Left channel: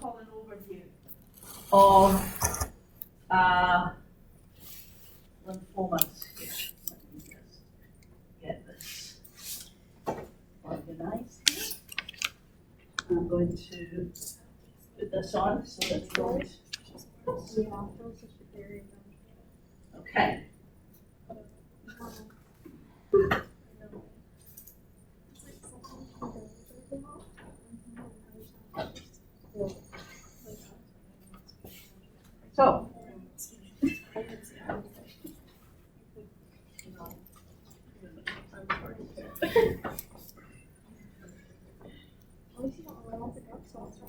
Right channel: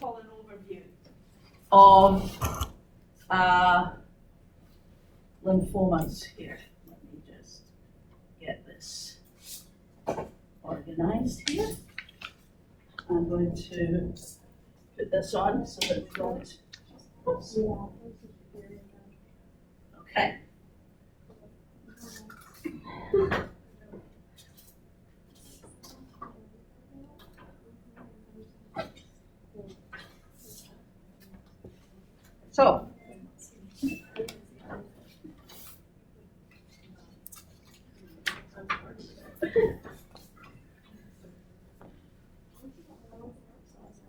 call an overview of lymphomas here. Let me just get this organized here. I'm going to put this on so that we don't. Okay. So,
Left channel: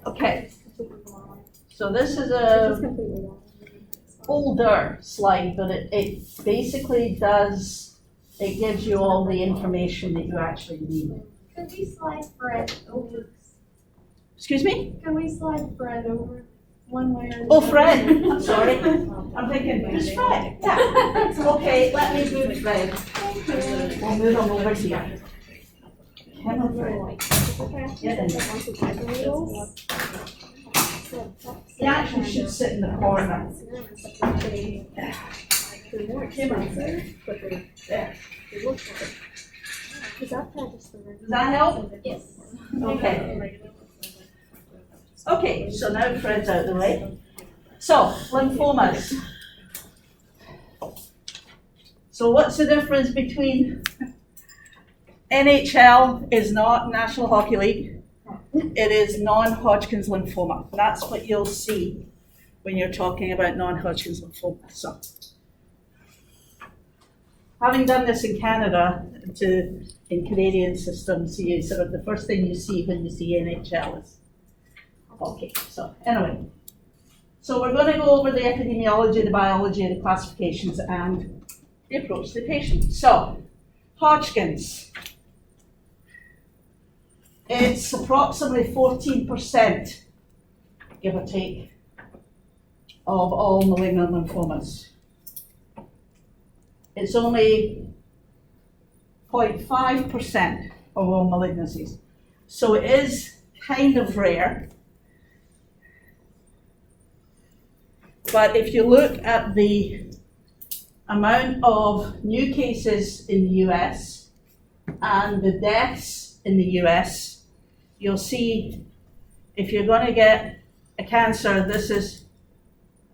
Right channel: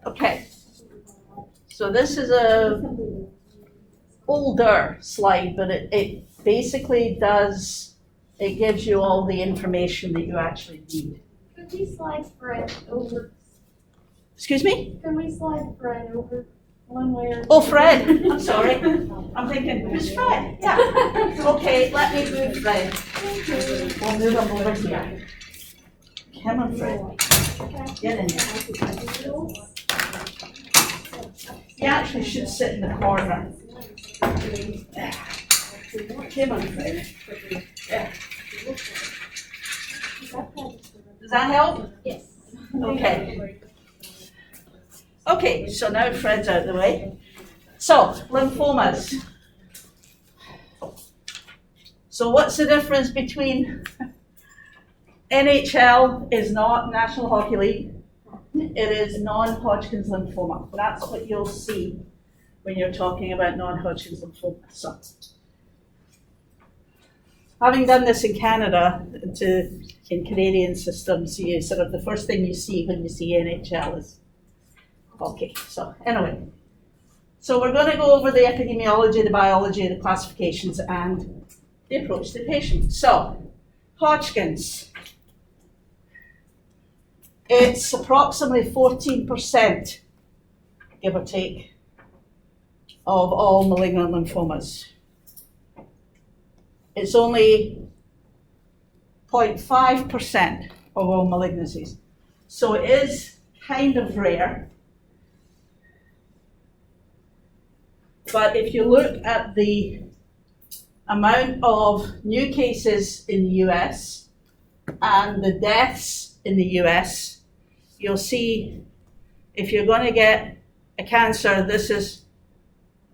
okay, so this is a older slide, but it basically does, it gives you all the information that you actually need. Could we slide Fred over? Excuse me? Can we slide Fred over one way or? Oh, Fred, I'm sorry. I'm thinking, who's Fred? Yeah. Okay, let me move Fred. We'll move him over here. Come on, Fred. Get in there. He actually should sit in the corner. There. Come on, Fred. There. Does that help? Yes. Okay. Okay, so now Fred's out of the way. So, lymphomas. So what's the difference between NHL is not National Hockey League. It is non-Hodgkin's lymphoma. That's what you'll see when you're talking about non-Hodgkin's lymphoma. So, having done this in Canada, in Canadian systems, you sort of the first thing you see when you see NHL is hockey. So anyway, so we're going to go over the epidemiology, the biology, the classifications, and the approach to the patient. So, Hodgkin's. It's approximately 14%, give or take, of all malignant lymphomas. It's only 0.5% of all malignancies. So it is kind of rare. But if you look at the amount of new cases in the US and the deaths in the US, you'll see if you're going to get a cancer, this is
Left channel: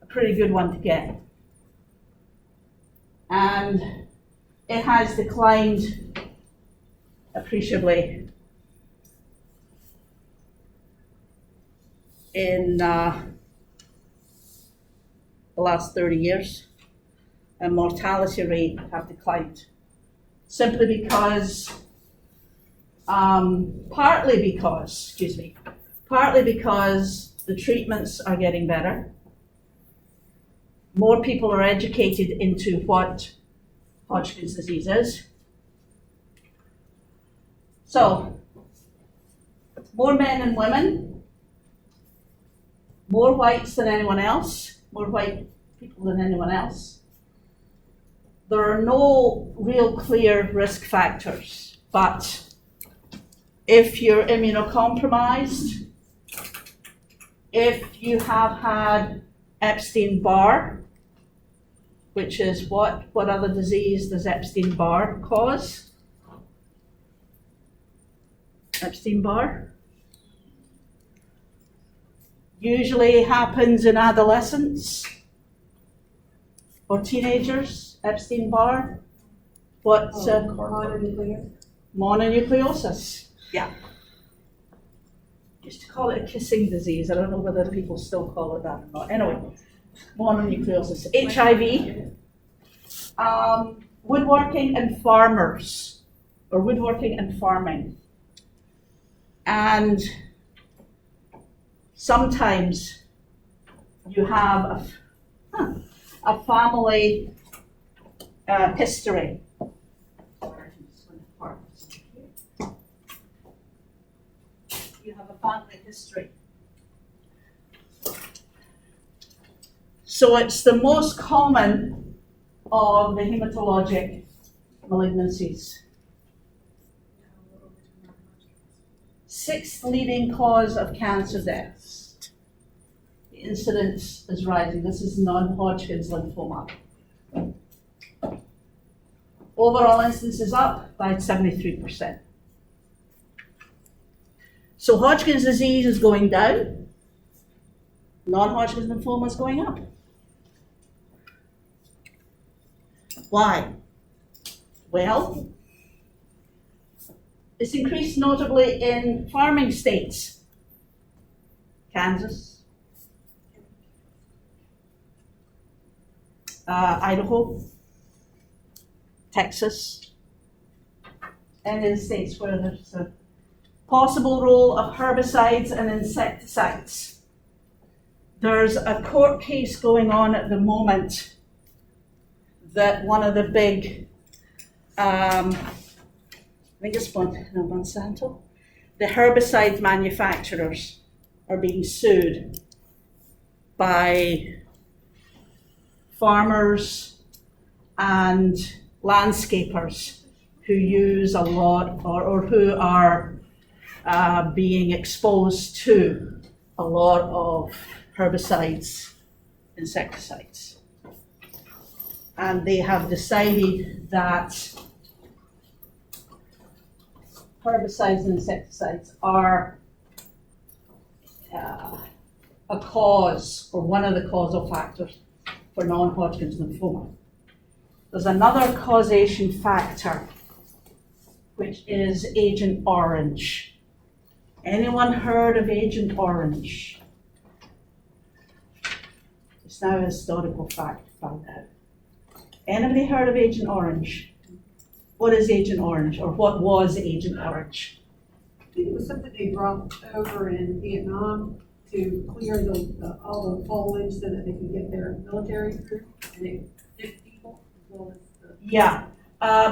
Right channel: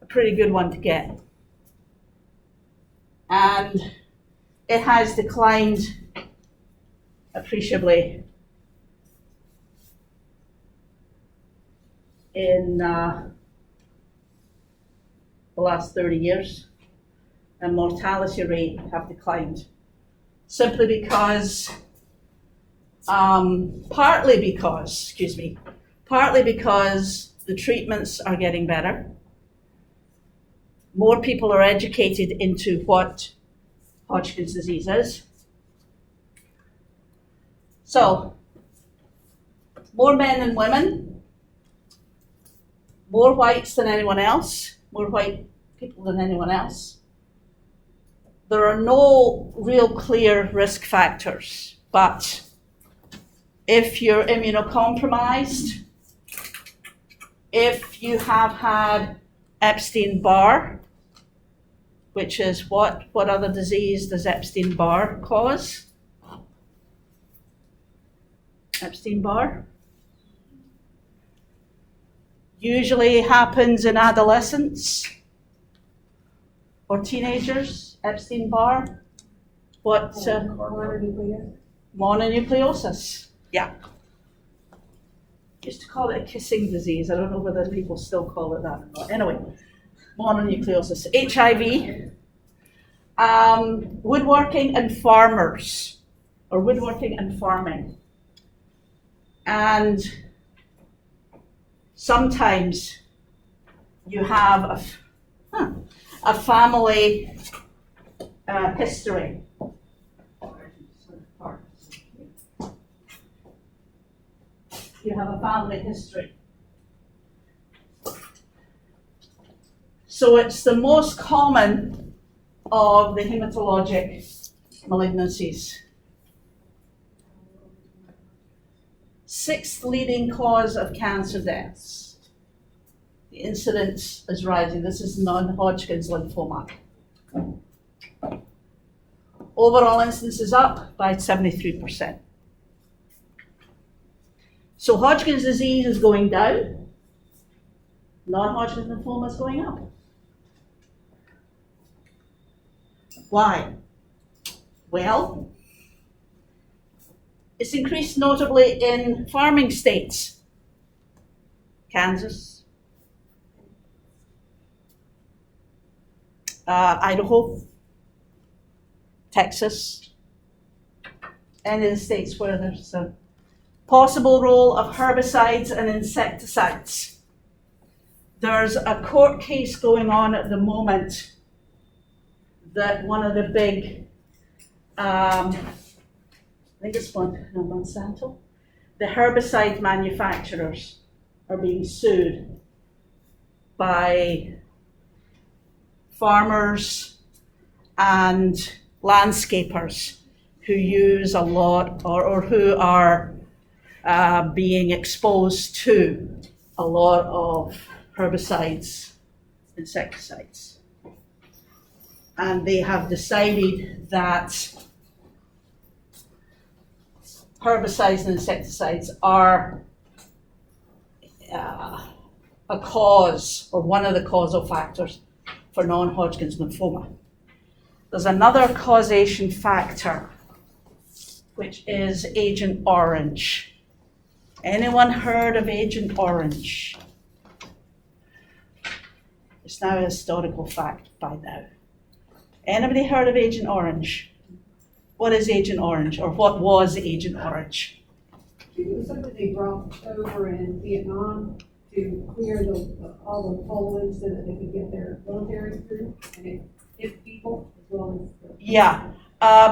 a pretty good one to get. And it has declined appreciably in the last 30 years, and mortality rate have declined simply because partly because the treatments are getting better. More people are educated into what Hodgkin's disease is. So, more men than women, more whites than anyone else, more white people than anyone else. There are no real clear risk factors, but if you're immunocompromised, if you have had Epstein-Barr, which is what other disease does Epstein-Barr cause? Epstein-Barr usually happens in adolescents or teenagers. Epstein-Barr, what? Mononucleosis. Yeah. Used to call it a kissing disease. I don't know whether people still call it that or not. Anyway, mononucleosis. HIV, woodworking and farmers, or woodworking and farming. And sometimes you have a family history. You have a family history. So it's the most common of the hematologic malignancies. 6th leading cause of cancer deaths. incidence is rising. This is non-Hodgkin's lymphoma. Overall incidence is up by 73%. So Hodgkin's disease is going down, non-Hodgkin's lymphoma is going up. Why? Well, it's increased notably in farming states. Kansas, Idaho, Texas, and in the states where there's a possible role of herbicides and insecticides. There's a court case going on at the moment that one of the big, I think it's Monsanto, the herbicide manufacturers are being sued by farmers and landscapers who use a lot or who are being exposed to a lot of herbicides, insecticides. And they have decided that herbicides and insecticides are a cause, or one of the causal factors for non-Hodgkin's lymphoma. There's another causation factor, which is Agent Orange. Anyone heard of Agent Orange? It's now a historical fact by now. Anybody heard of Agent Orange? What is Agent Orange, or what was Agent Orange? It was something they brought over in Vietnam to clear all the foliage so that they could get their military through, and it hit people as well as the... Yeah,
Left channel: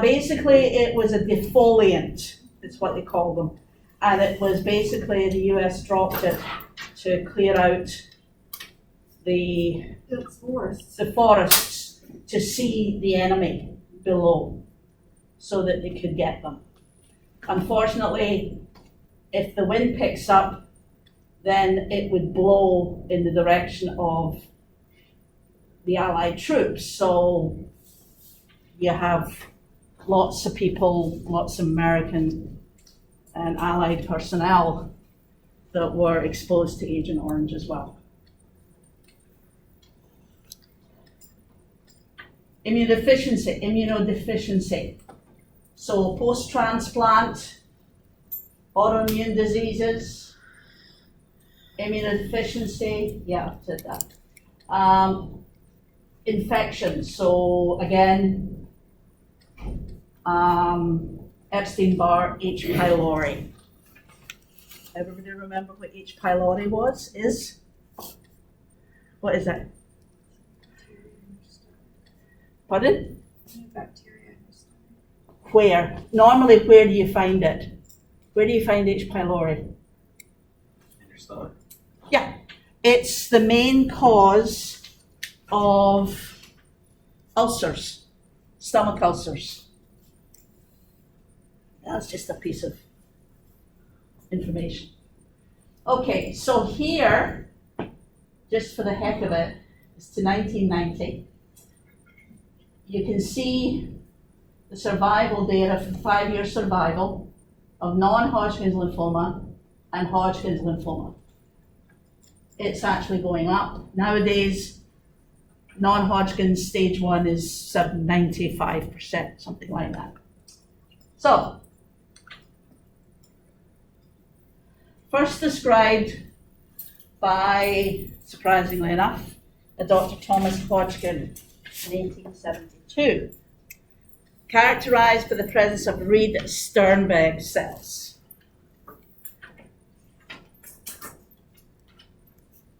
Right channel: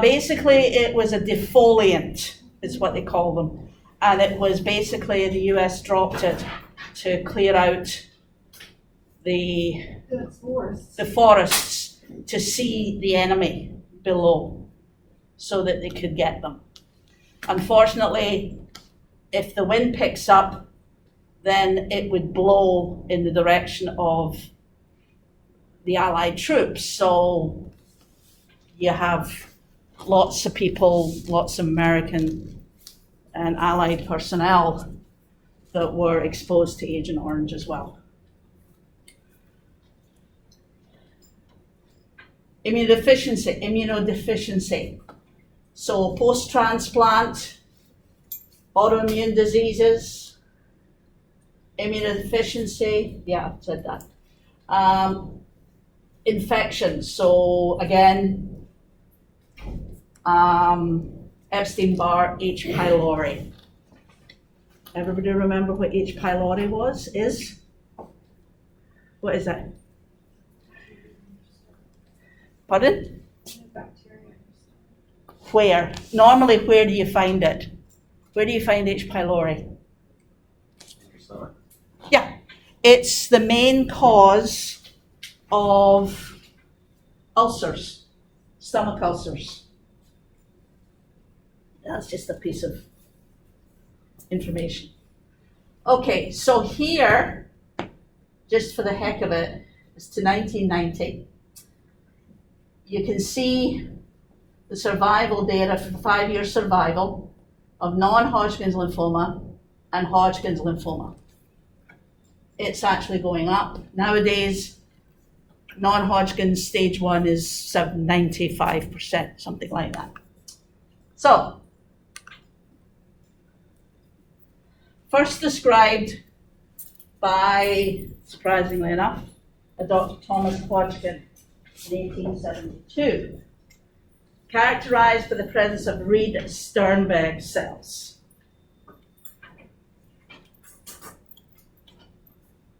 basically it was a defoliant, is what they call them. And it was basically the US dropped it to clear out the forests to see the enemy below so that they could get them. Unfortunately, if the wind picks up, then it would blow in the direction of the Allied troops. So you have lots of people, lots of American and Allied personnel that were exposed to Agent Orange as well. Immunodeficiency. So post-transplant, autoimmune diseases, immunodeficiency, yeah, I've said that. Infections, so again, Epstein-Barr, H. pylori. Everybody remember what H. pylori is? What is it? Pardon? Bacteria. Where? Normally, where do you find it? Where do you find H. pylori? In your stomach? Yeah, it's the main cause of ulcers, stomach ulcers. That's just a piece of information. Okay, so here, just for the heck of it, it's to 1990. You can see the survival data for the 5-year survival of non-Hodgkin's lymphoma and Hodgkin's lymphoma. It's actually going up. Nowadays, non-Hodgkin's stage 1 is 95%, something like that. So, first described by, surprisingly enough, a Dr. Thomas Hodgkin in 1872, characterized by the presence of Reed-Sternberg cells.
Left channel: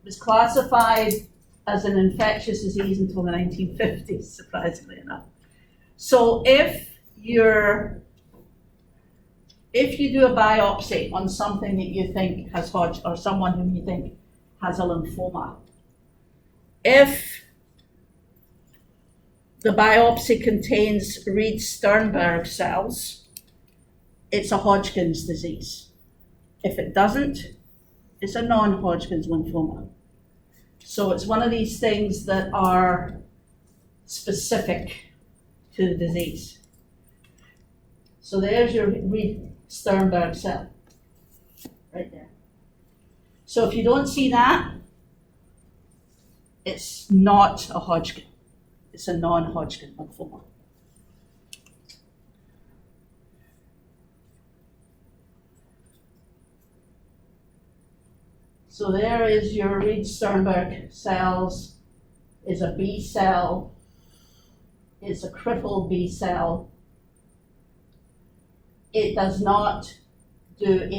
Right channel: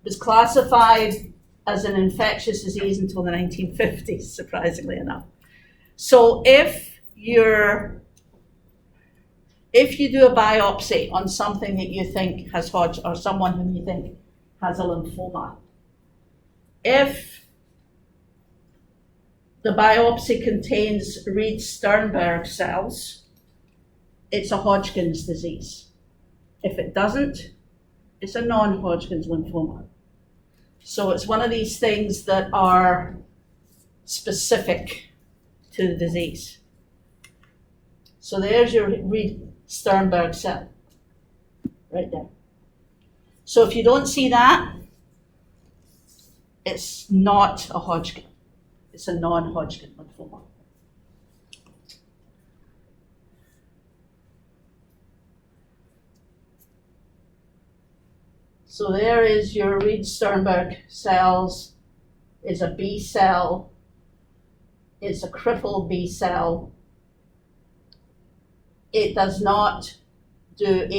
It was classified as an infectious disease until the 1950s, surprisingly enough. So if you do a biopsy on something that you think has Hodgkin, or someone whom you think has a lymphoma, if the biopsy contains Reed-Sternberg cells, it's a Hodgkin's disease. If it doesn't, it's a non-Hodgkin's lymphoma. So it's one of these things that are specific to the disease. So there's your Reed-Sternberg cell, right there. So if you don't see that, it's not a Hodgkin. It's a non-Hodgkin lymphoma. So there is your Reed-Sternberg cells, is a B cell, it's a crippled B cell. It does not do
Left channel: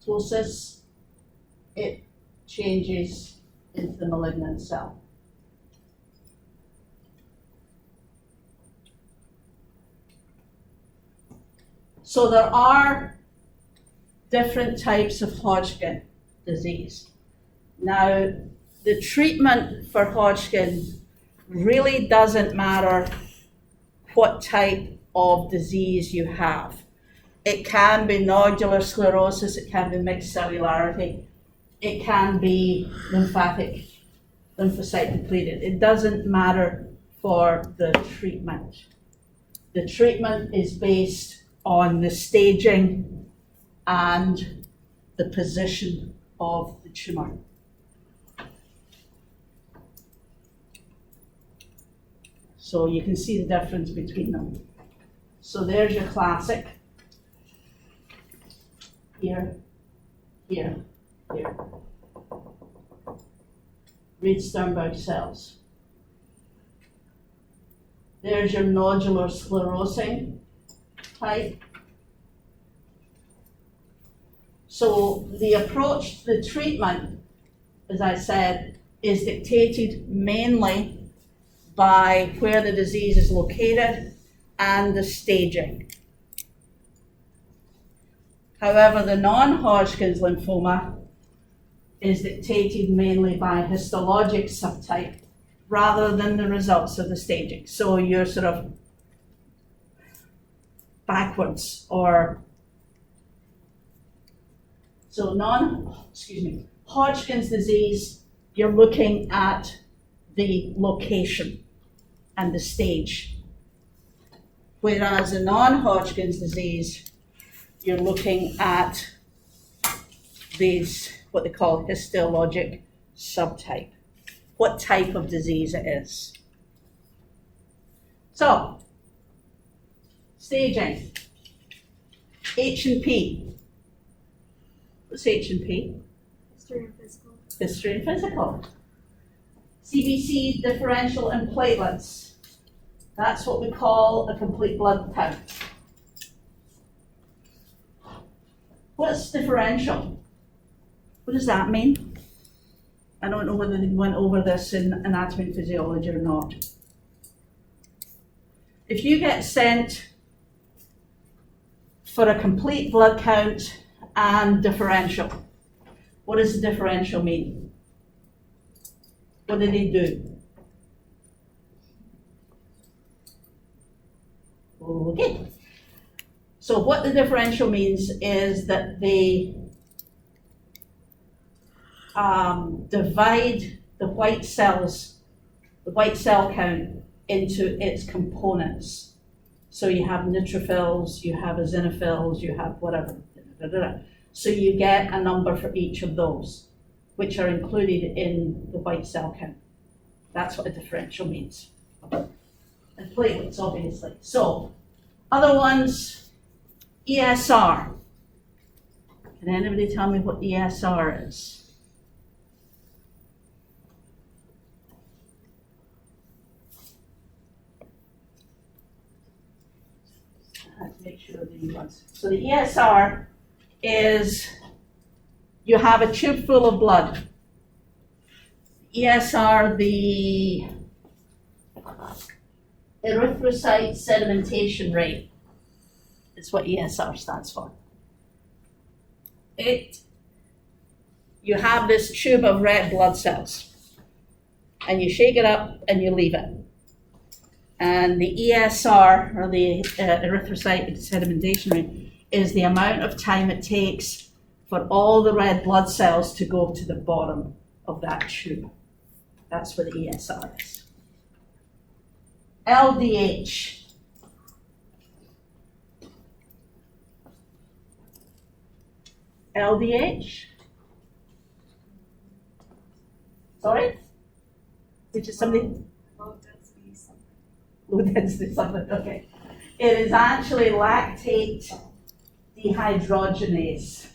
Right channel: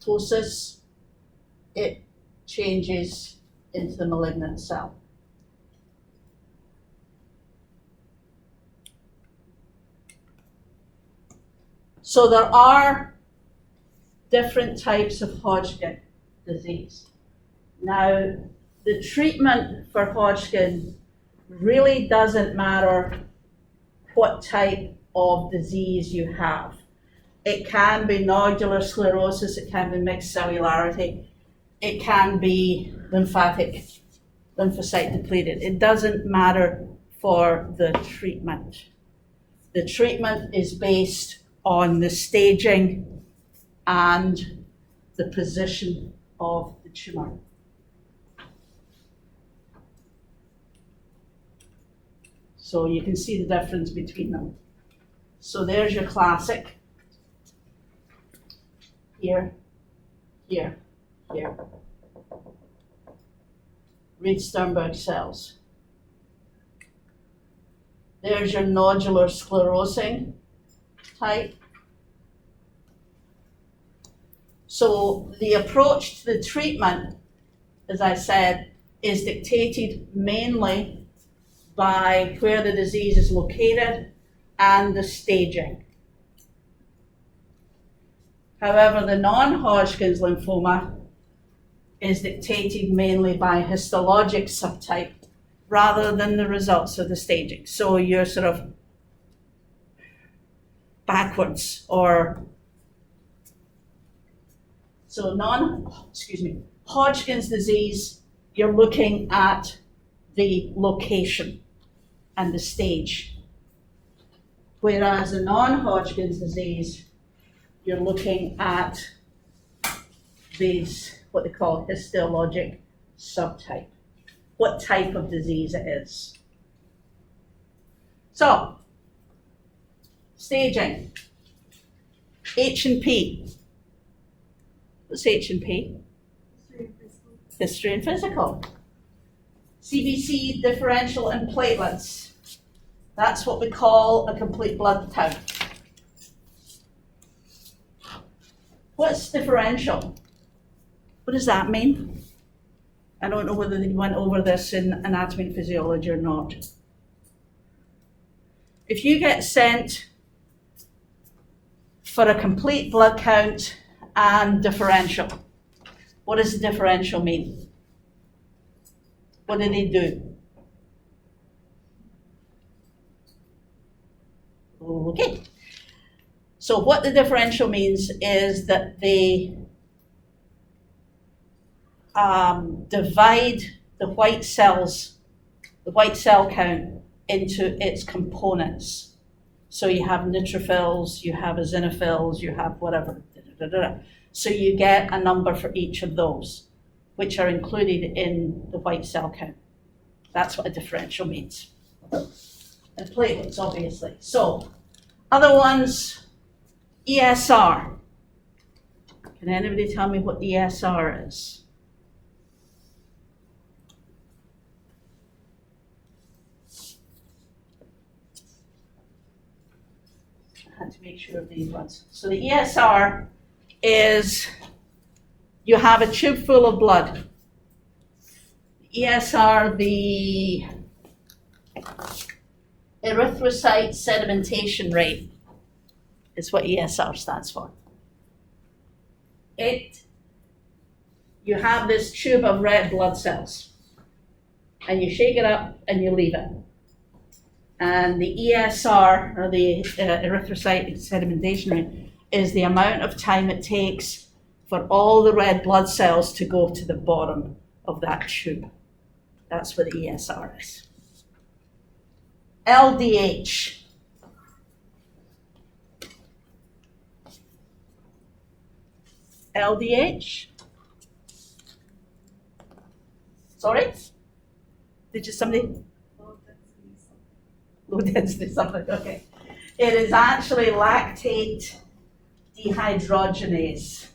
apoptosis. It changes into the malignant cell. So there are different types of Hodgkin disease. Now, the treatment for Hodgkin really doesn't matter what type of disease you have. It can be nodular sclerosis, it can be mixed cellularity, it can be lymphocyte depleted. It doesn't matter for the treatment. The treatment is based on the staging and the position of the tumor. So you can see the difference between them. So there's your classic. Here, here, here. Reed-Sternberg cells. There's your nodular sclerosing type. So the approach to the treatment, as I said, is dictated mainly by where the disease is located and the staging. However, the non-Hodgkin's lymphoma is dictated mainly by histologic subtype rather than the results of the staging. So you're sort of backwards, or so Hodgkin's disease, you're looking at the location and the stage. Whereas the non-Hodgkin's disease, you're looking at these, what they call histologic subtype, what type of disease it is. So, staging, H&P. What's H&P? History and physical. History and physical. CBC, differential, and platelets. That's what we call a complete blood count. What's differential? What does that mean? I don't know whether they went over this in anatomy and physiology or not. If you get sent for a complete blood count and differential, what does the differential mean? What do they do? Okay. So what the differential means is that they divide the white cells, the white cell count, into its components. So you have neutrophils, you have eosinophils, you have whatever. So you get a number for each of those, which are included in the white cell count. That's what a differential means. And platelets, obviously. So, other ones, ESR. Can anybody tell me what ESR is? I had to make sure of these ones. So the ESR is, you have a tube full of blood. ESR, the erythrocyte sedimentation rate, is what ESR stands for. You have this tube of red blood cells, and you shake it up and you leave it. And the ESR, or the erythrocyte sedimentation rate, is the amount of time it takes for all the red blood cells to go to the bottom of that tube. That's what the ESR is. LDH. LDH? Sorry? Did you somebody? Low density something, okay. It is actually lactate dehydrogenase.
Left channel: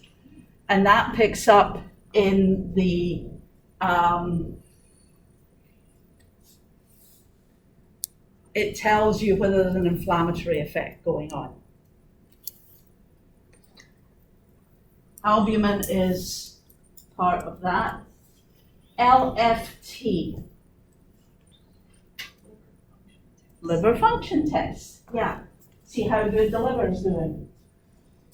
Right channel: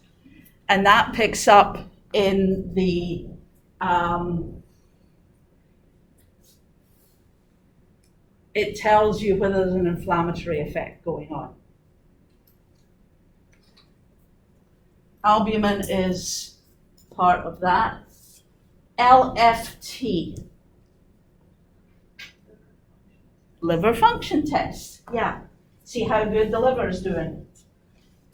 And that picks up in the it tells you whether there's an inflammatory effect going on. Albumin is part of that. LFT. Liver function test, yeah. See how good the liver is doing.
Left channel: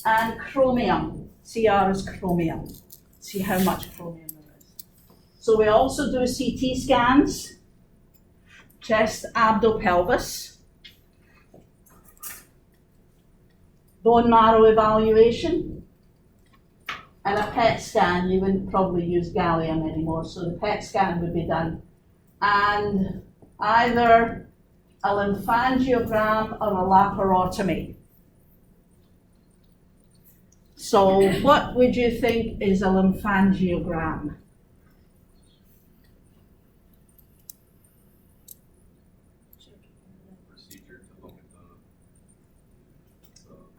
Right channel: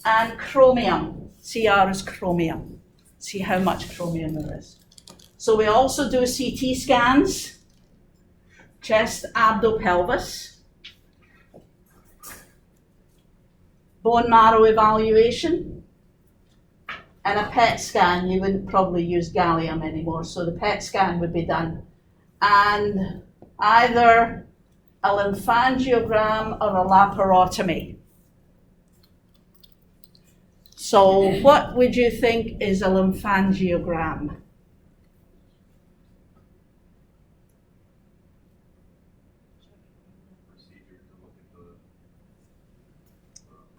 And chromium, CR is chromium. See how much chromium there is. So we also do CT scans, chest, abdo, pelvis, bone marrow evaluation, and a PET scan. You wouldn't probably use gallium anymore, so the PET scan would be done. And either a lymphangiogram or a laparotomy. So what would you think is a lymphangiogram? Procedure to look at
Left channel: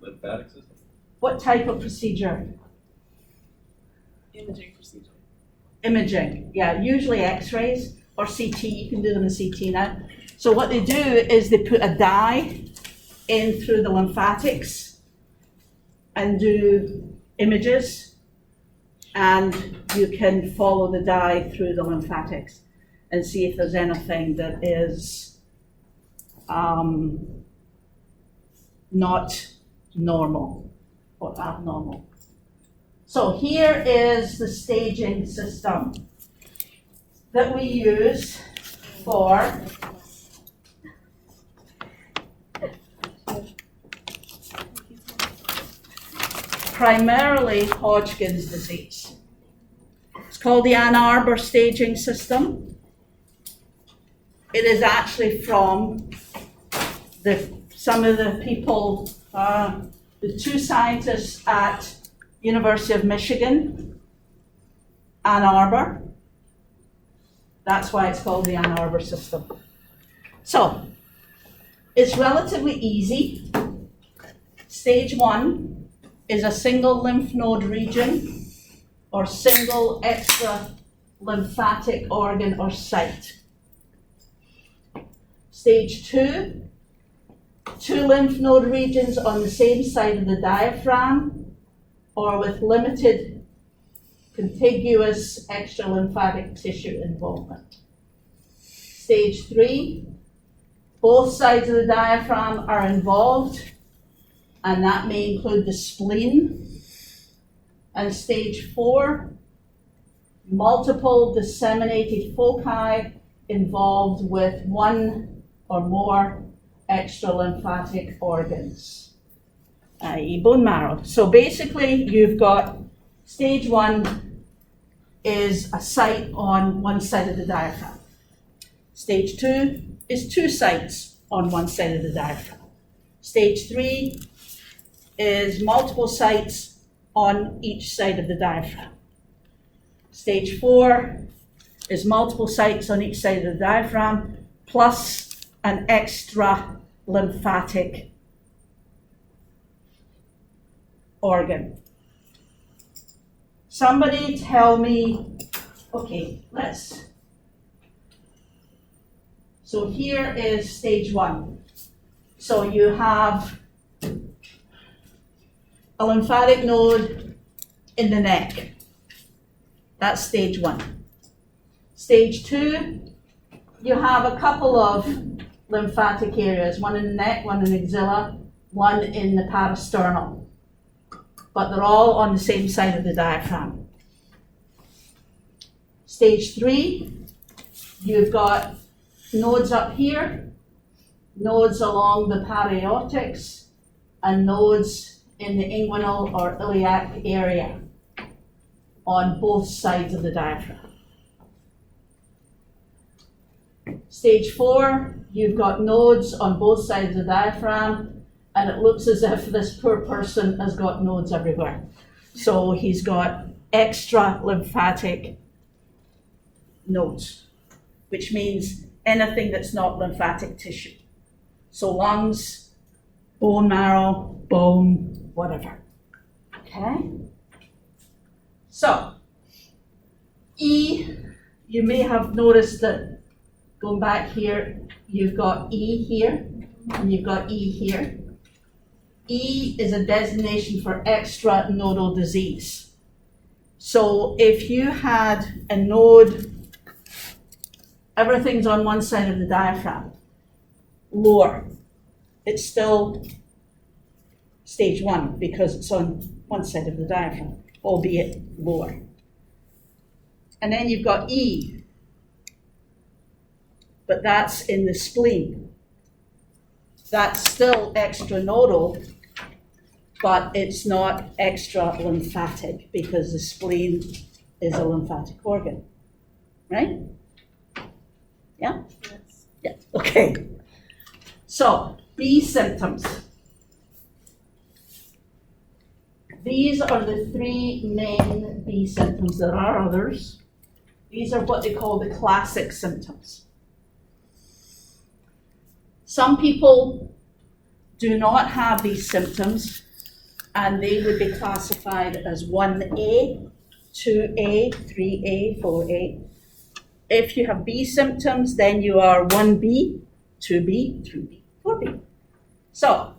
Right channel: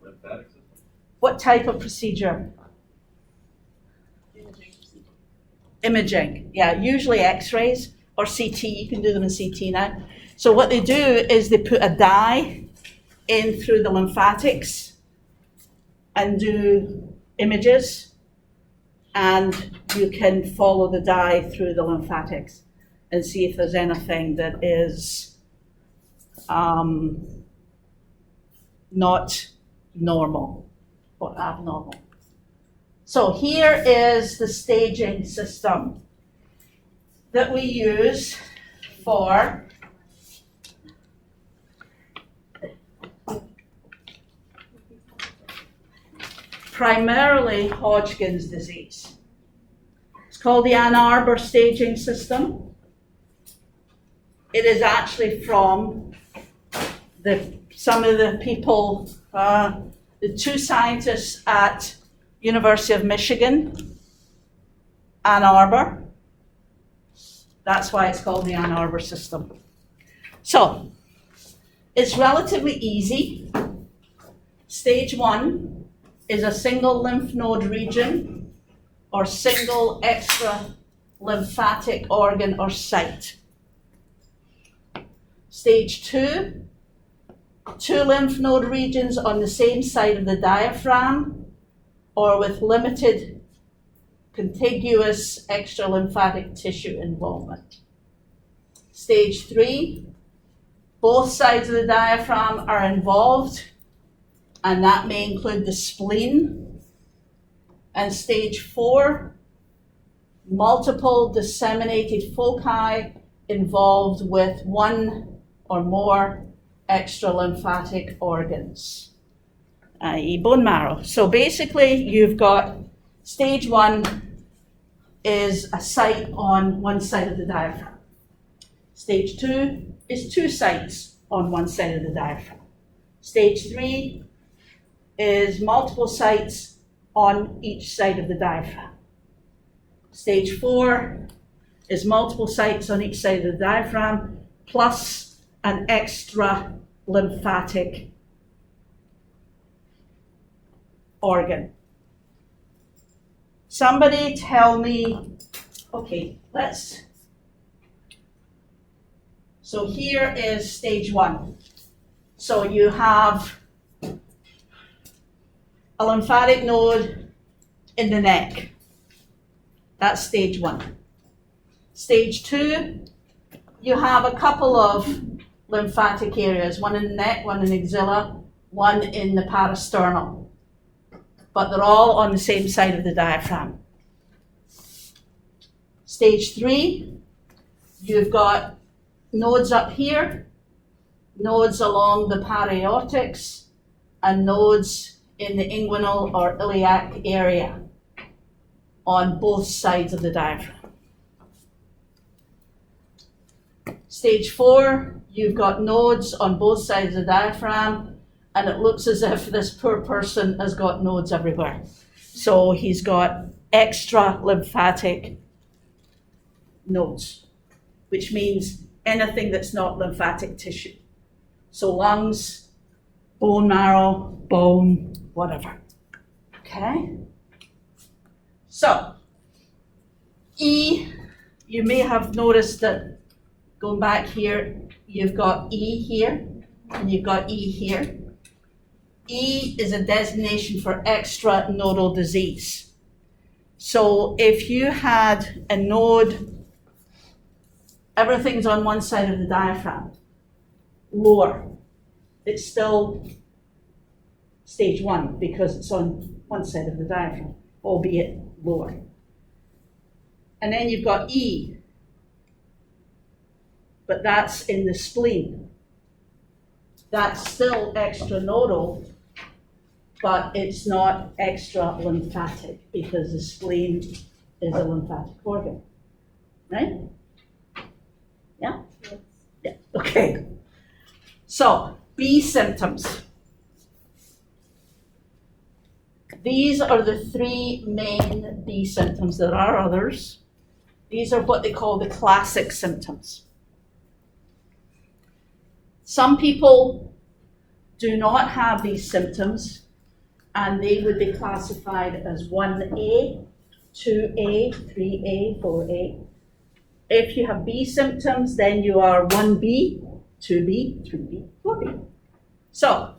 the lymphatic system. What type of procedure? Imaging procedure. Imaging, yeah, usually x-rays or CT, you can do them in CT now. So what they do is they put a dye in through the lymphatics and do images, and you can follow the dye through the lymphatics and see if there's anything that is not normal or abnormal. So here is the staging system that we use for primarily Hodgkin's disease. It's called the Ann Arbor staging system. It is actually from some of the people, the two scientists at University of Michigan, Ann Arbor. That's why it's called the Ann Arbor system. So, it's relatively easy. Stage 1 is a single lymph node region or single extra lymphatic organ or site. Stage 2, 2 lymph node regions on the same side of the diaphragm or with limited contiguous extra lymphatic tissue involvement. Stage 3, both sides of the diaphragm are involved, and that may include the spleen. And stage 4, multiple disseminated foci involved with 1 or more extra lymphatic organs, i.e. bone marrow. So basically you've got stage 1 is a site on one side of the diaphragm. Stage 2 is 2 sites on one side of the diaphragm. Stage 3 is multiple sites on each side of the diaphragm. Stage 4 is multiple sites on each side of the diaphragm plus an extra lymphatic organ. Somebody tell me, okay, so here is stage 1. So you have a lymphatic node in the neck. That's stage 1. Stage 2, you have a couple of lymphatic areas, one in the neck, one in the axilla, one in the parasternal. But they're all on the same side of the diaphragm. Stage 3, you've got nodes up here, nodes along the paraortics, and nodes in the inguinal or iliac area on both sides of the diaphragm. Stage 4, you've got nodes on both sides of the diaphragm, and it looks as if this poor person has got nodes everywhere. So he's got extra lymphatic nodes, which means anything that's not lymphatic tissue. So lungs, bone marrow, bone, whatever. Okay? So, E, you may have noticed that going back here, you've got E here, and you've got E here. E is a designation for extranodal disease. So if you had a node, everything's on one side of the diaphragm, lower, it's still stage 1 because it's on one side of the diaphragm, albeit lower. And then you've got E, but that's in the spleen. That's still extranodal, but it's not extra lymphatic because the spleen is a lymphatic organ, right? Yeah? Yes. Yeah, okay. So, B symptoms. These are the 3 main B symptoms. There are others. These are what they call the classic symptoms. Some people do not have these symptoms, and they would be classified as 1A, 2A, 3A, 4A. If you have B symptoms, then you are 1B, 2B, 3B, 4B. So,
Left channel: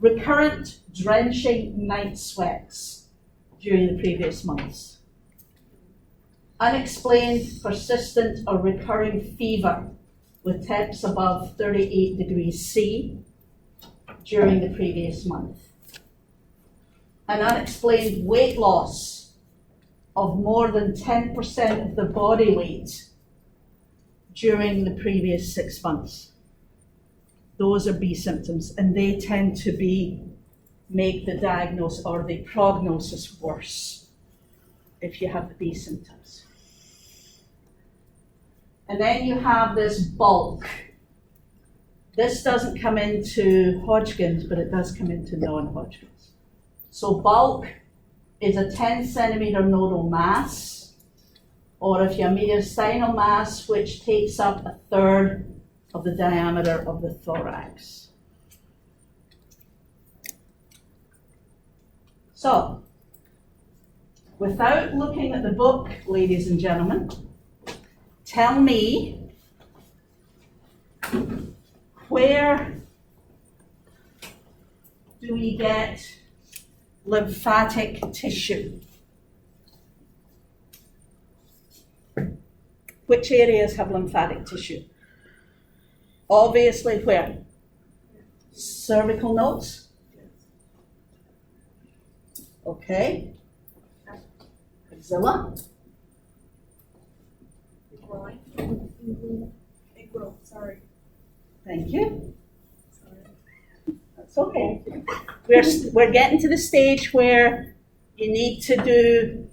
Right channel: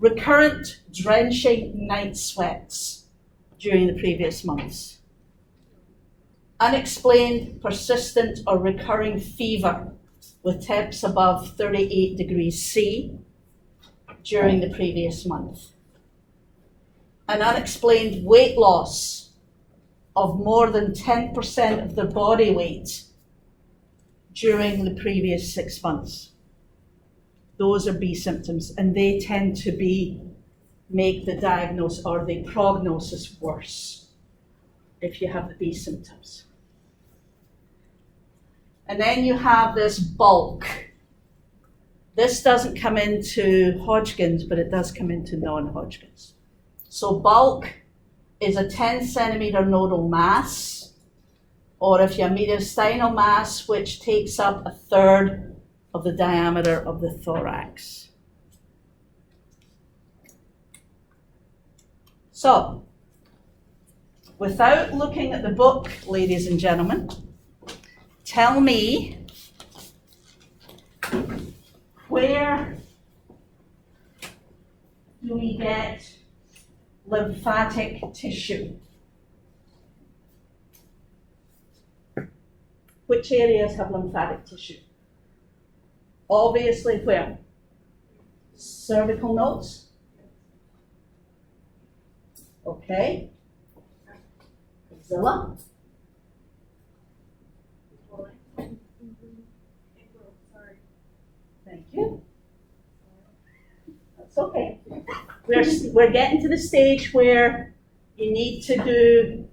recurrent drenching night sweats during the previous months. Unexplained, persistent, or recurring fever with temps above 38 degrees C during the previous month. An unexplained weight loss of more than 10% of the body weight during the previous 6 months. Those are B symptoms, and they tend to make the diagnosis or the prognosis worse if you have the B symptoms. And then you have this bulk. This doesn't come into Hodgkin's, but it does come into non-Hodgkin's. So bulk is a 10 centimeter nodal mass, or if you have mediastinal mass, which takes up 1/3 of the diameter of the thorax. So, without looking at the book, ladies and gentlemen, tell me where do we get lymphatic tissue? Which areas have lymphatic tissue? Obviously where? Cervical nodes? Okay. Axilla? Sorry. Thank you. That's okay. We're getting to the stage where you need to do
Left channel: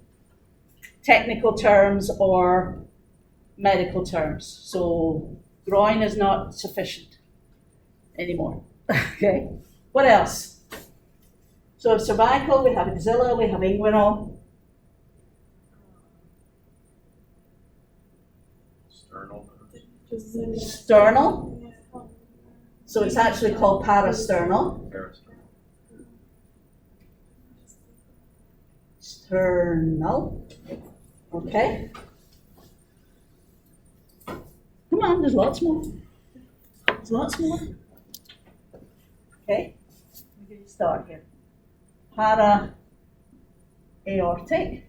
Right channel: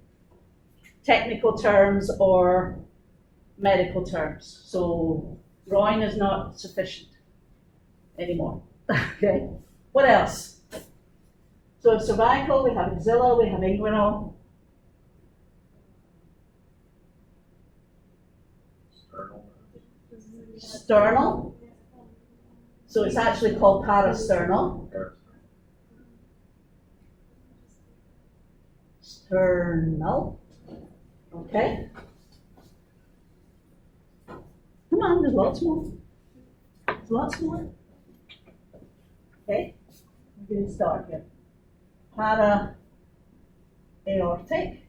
technical terms or medical terms. So groin is not sufficient anymore. Okay. What else? So cervical, we have axilla, we have inguinal. Sternal. So it's actually called parasternal. Sternal. Okay. Come on, there's lots more. There's lots more. Okay. We're going to start here. Para aortic.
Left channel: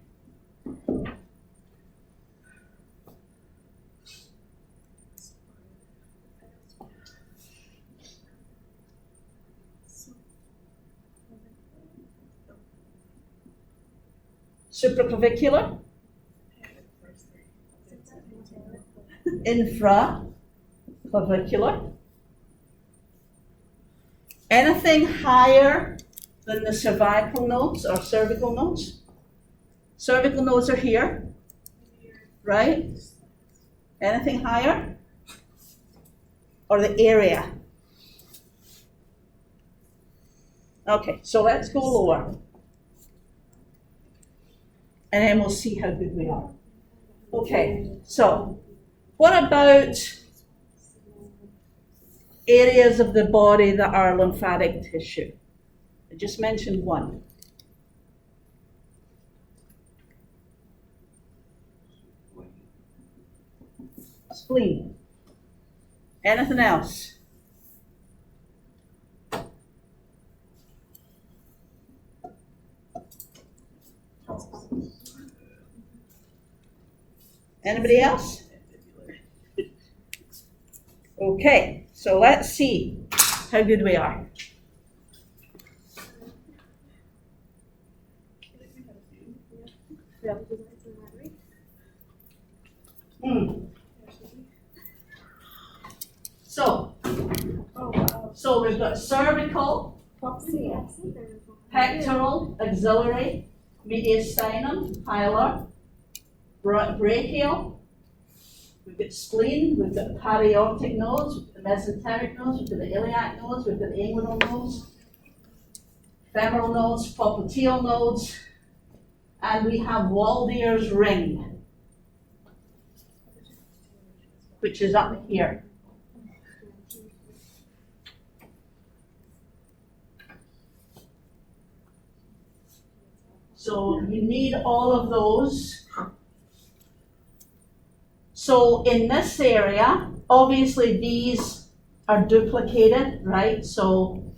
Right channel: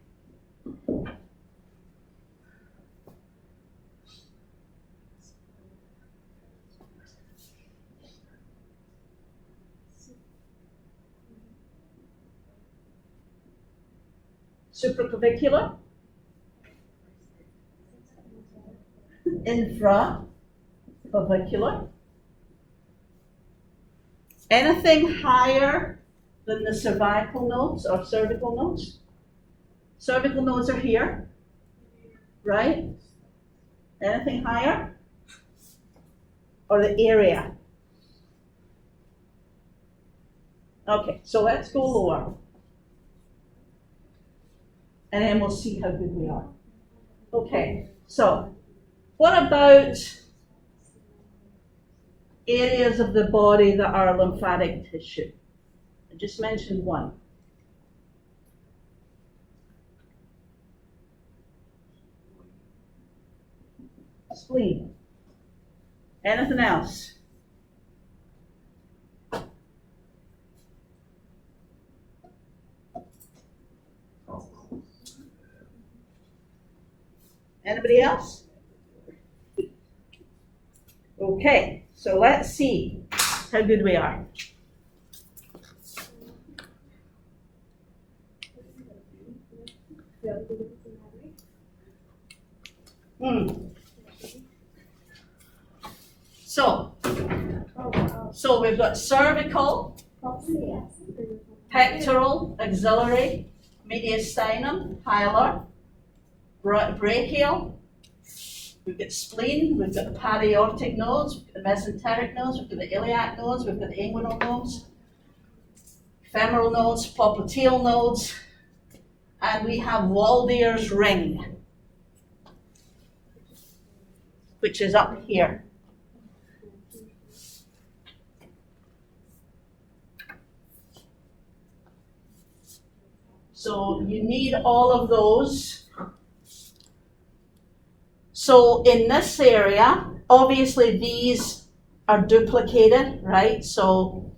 Supraclavicular, infraclavicular. Anything higher than the cervical nodes or cervical nodes? Cervical nodes are here, right? Anything higher? Or the area? Okay, so let's go lower. And then we'll see how good we are. Okay, so what about areas of the body that are lymphatic tissue? I just mentioned one. Spleen. Anything else? Anybody else? Okay, so let's see how good we are. So we've got cervical, pectoral, axillary, mediastinum, hilar, brachial. We've got spleen, we've got paraortic nodes, we've got the mesenteric nodes, we've got the iliac nodes, we've got the inguinal nodes, femoral nodes, popliteal nodes, and we have Waldeyer's ring, which is up here. So you need all of those. So in this area, obviously these are duplicated, right? So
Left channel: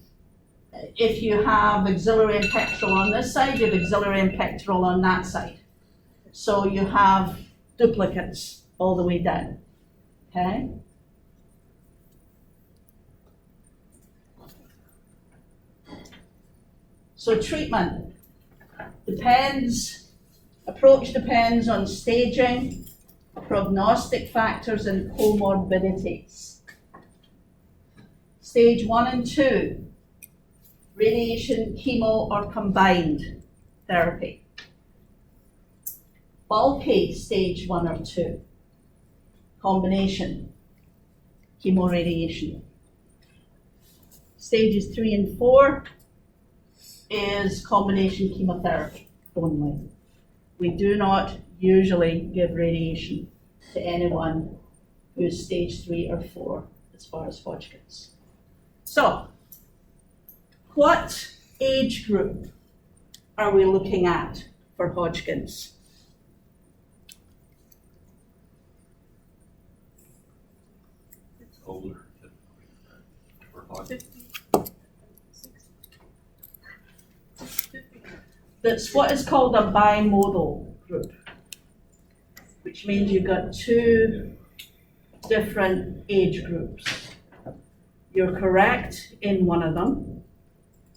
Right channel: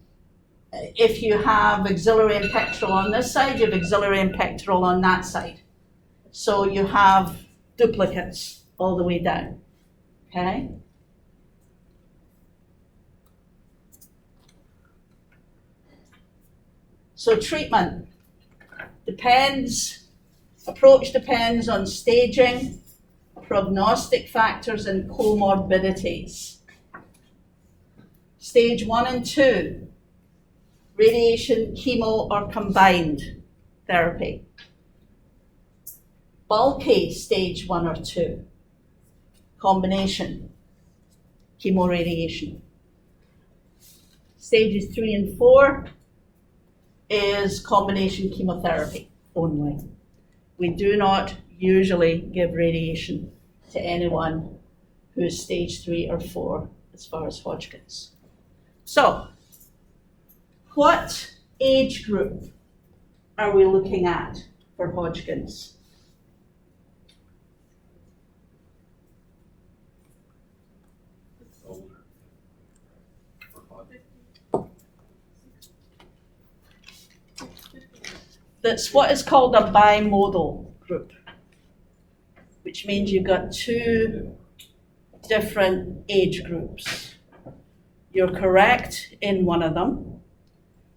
if you have axillary and pectoral on this side, you have axillary and pectoral on that side. So you have duplicates all the way down, okay? So treatment approach depends on staging, prognostic factors, and comorbidities. Stage 1 and 2, radiation, chemo, or combined therapy. Bulky stage 1 or 2, combination, chemoradiation. Stages 3 and 4 is combination chemotherapy only. We do not usually give radiation to anyone who's stage 3 or 4 as far as Hodgkin's. So, what age group are we looking at for Hodgkin's? Older, for Hodgkin's. That's what is called a bimodal group, which means you've got two different age groups. You're correct in one of them,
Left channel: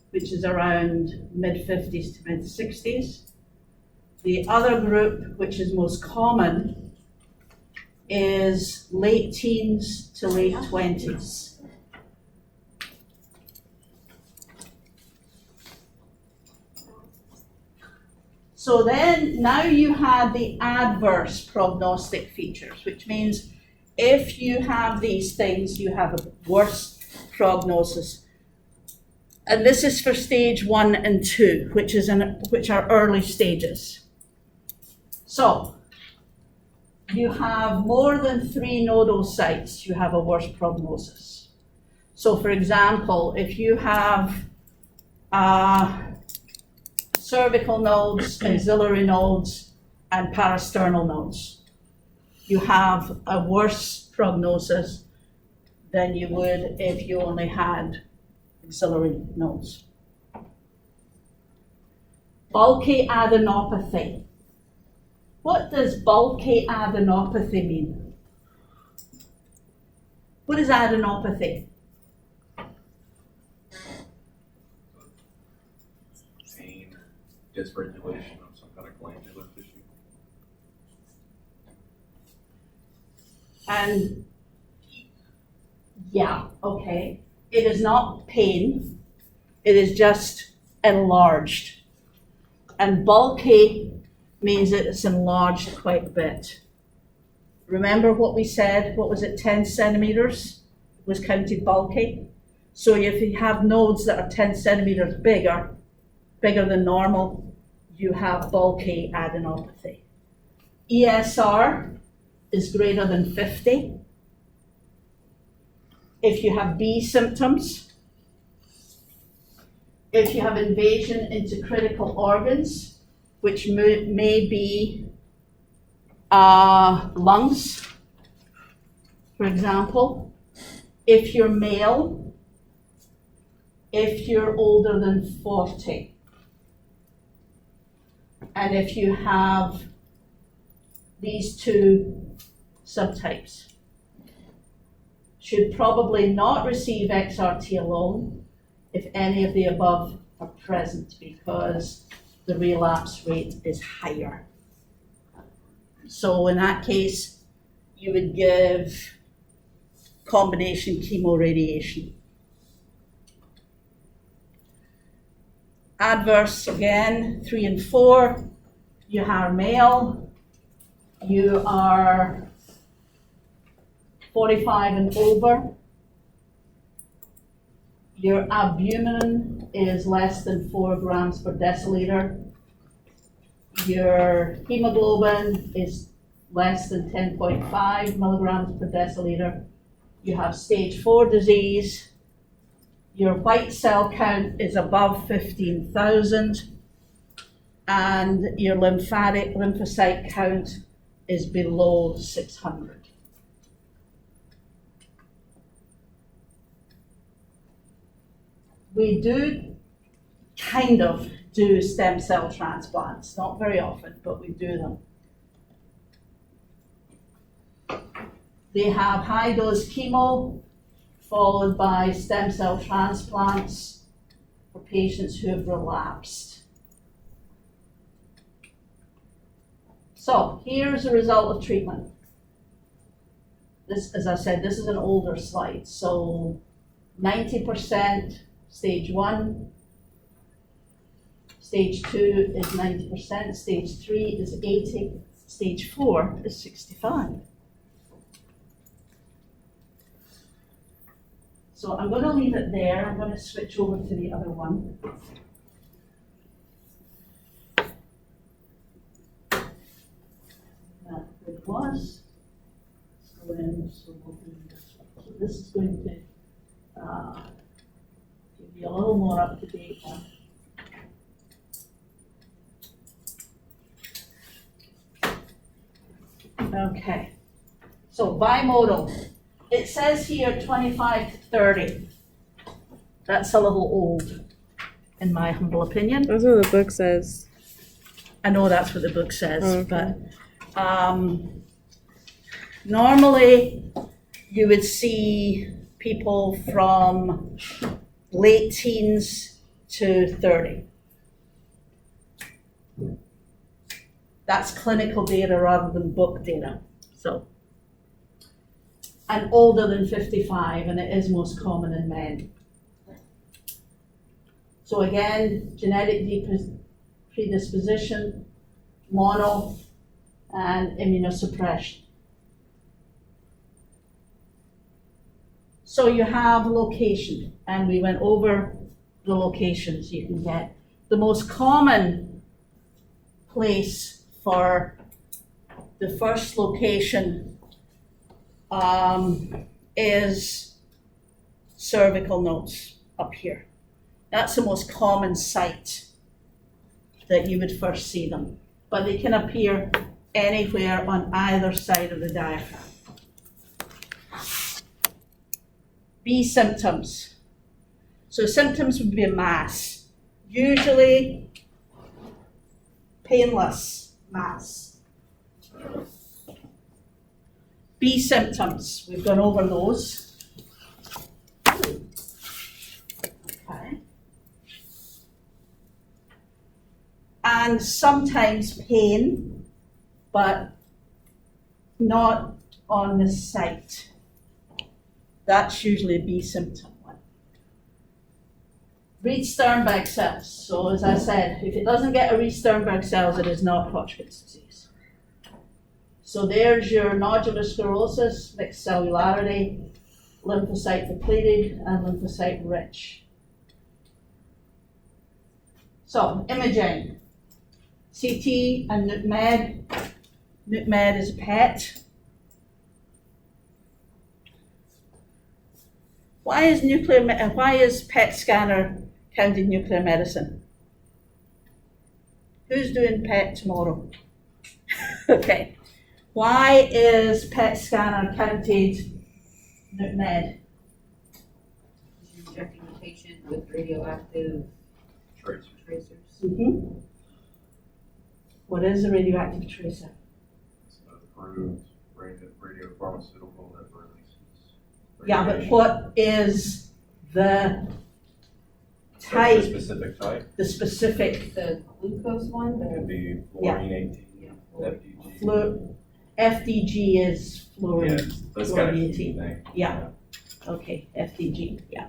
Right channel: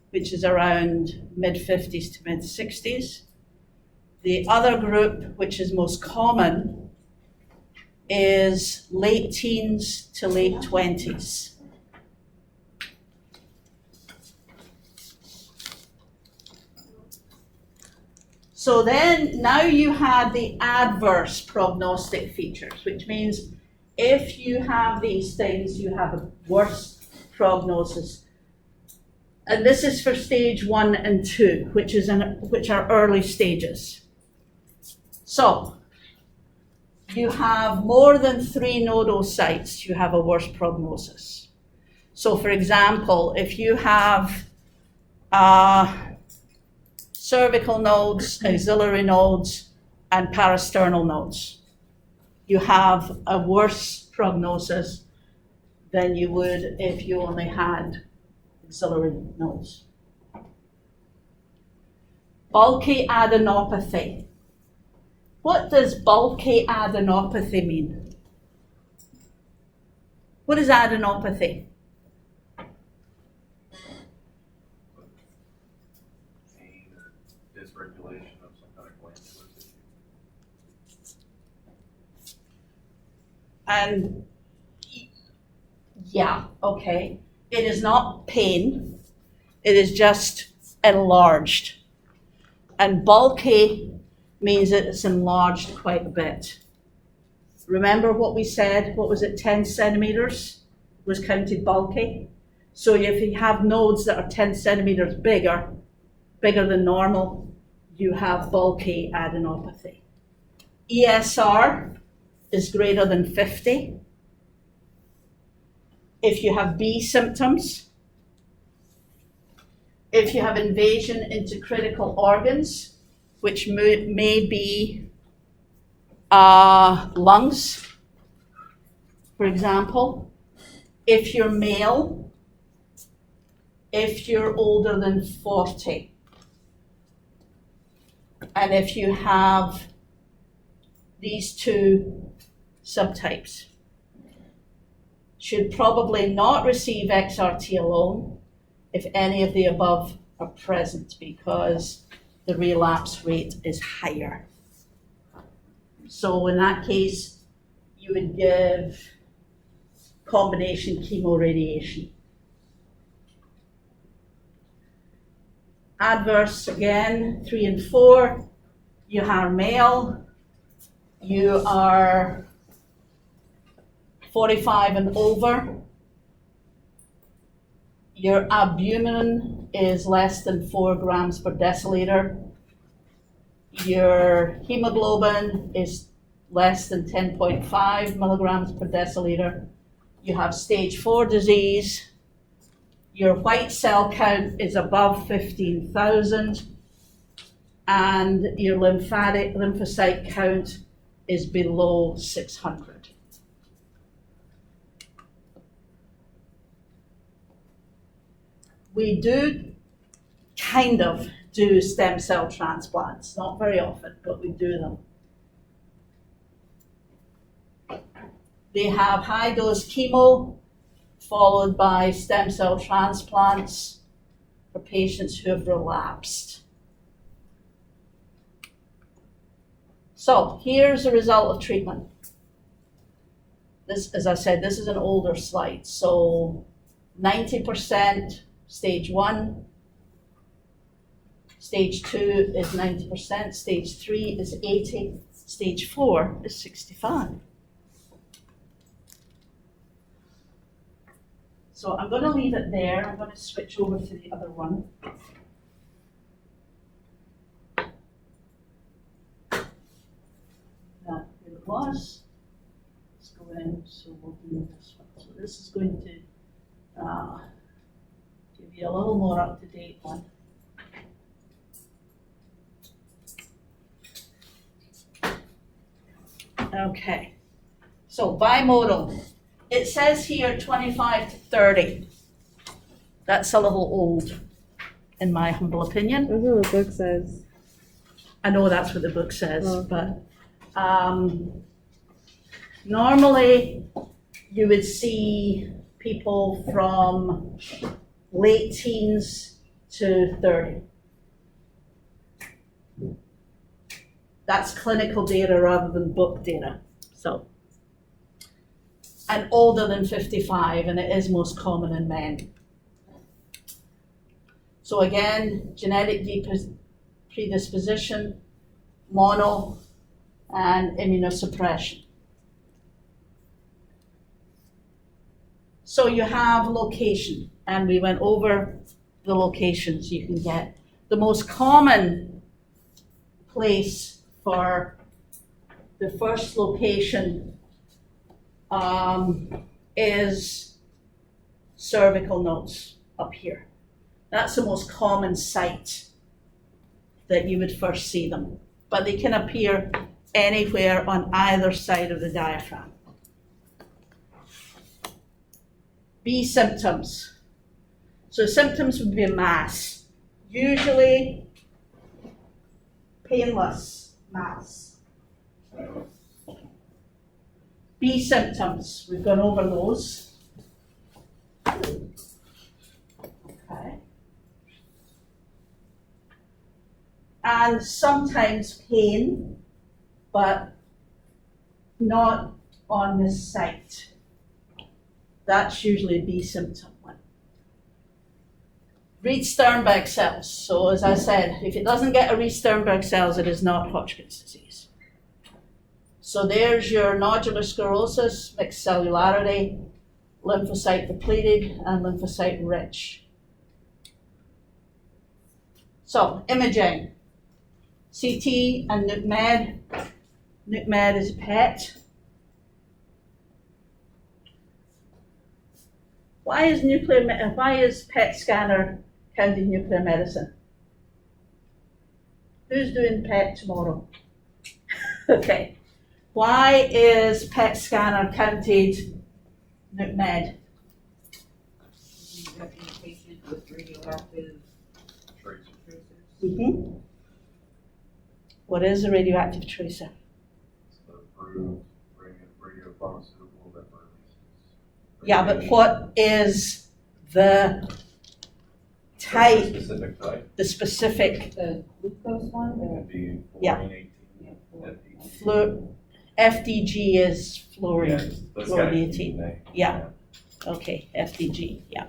which is around mid-50s to mid-60s. The other group, which is most common, is late teens to late 20s. So then, now you had the adverse prognostic features, which means if you have these things, you have a worse prognosis. And this is for stage 1 and 2, which are early stages. So, you have more than 3 nodal sites, you have a worse prognosis. So for example, if you have cervical nodes, axillary nodes, and parasternal nodes, you have a worse prognosis than you would if you only had axillary nodes. Bulky adenopathy. What does bulky adenopathy mean? What is adenopathy? Pain or dysregulation of some kind of glandular tissue. And yeah, okay. It is not pain, it is just enlarged. And bulky means it's enlarged quite a bit. Remember what we said, what was it, 10 centimeters was counted bulky? So if you have nodes that are 10 centimeters bigger than normal, you have bulky adenopathy. ESR is greater than 50. If you have B symptoms, if you have invasion into critical organs, which may be lungs, for example, if you're male, if you're older than 40, and if you have these two subtypes. Should probably not receive XRT alone if any of the above are present, because the relapse rate is higher. So in that case, you would give combination chemoradiation. Adverse, again, 3 and 4, you are male, you are 45 and over, your albumin is less than 4 grams per deciliter, your hemoglobin is less than 10.5 milligrams per deciliter, you have stage 4 disease, your white cell count is above 15,000, and your lymphocyte count is below 600. We do kind of do stem cell transplants, not very often, but we do them. They have high dose chemo followed by stem cell transplants for patients who have relapsed. So here's the result of treatment. This, as I said, this is an older slide. So 90% stage 1, stage 2 is 90%, stage 3 is 80, stage 4 is 65. So I'm going to leave it there. I'm going to switch over to the other one. That it was. Let's go in, so we'll do this one. So this is going to give you a little more up-to-date one. Okay, so bimodal. It says here 25 to 30. That's a little old, in my humble opinion. That's what the book says. I know that's what the book says, Okay. but normally you would see people from late teens to 30. That's clinical data rather than book data. So, and older than 55, and it is most common in men. So again, genetic predisposition, mono, and immunosuppression. So you have location, and we went over the locations you can get. The most common place for the first location is cervical nodes up here. That's the most common site that you would first see them, but they can appear anywhere on either side of the diaphragm. B symptoms. So symptoms would be a mass, usually painless mass. B symptoms, we've gone over those. Okay. And sometimes pain, but not on the site. That's usually a B symptom. Reed-Sternberg cells. So as I said, if it doesn't get a Reed-Sternberg cells, it is not Hodgkin's disease. So there's your nodular sclerosis, mixed cellularity, lymphocyte depleted, and lymphocyte rich. So, imaging. CT and nuc med. Nuc med is a PET. Why is PET scanner counted nuclear medicine? Who's doing PET tomorrow? Okay. Why is PET scanner counted nuc med? Injecting a patient with radioactive Tracers. tracers. What is a radioactive tracer? It's an approved radiopharmaceutical that releases. Yeah, but radiation. what is the That's a type, specific type, the specific The glucose one, it the, could be Yeah. fluorine 18, yeah, FDG. FDG is fluorine? Yeah, that's got a key fluorine. thing. Yeah. Okay, FDG, yeah.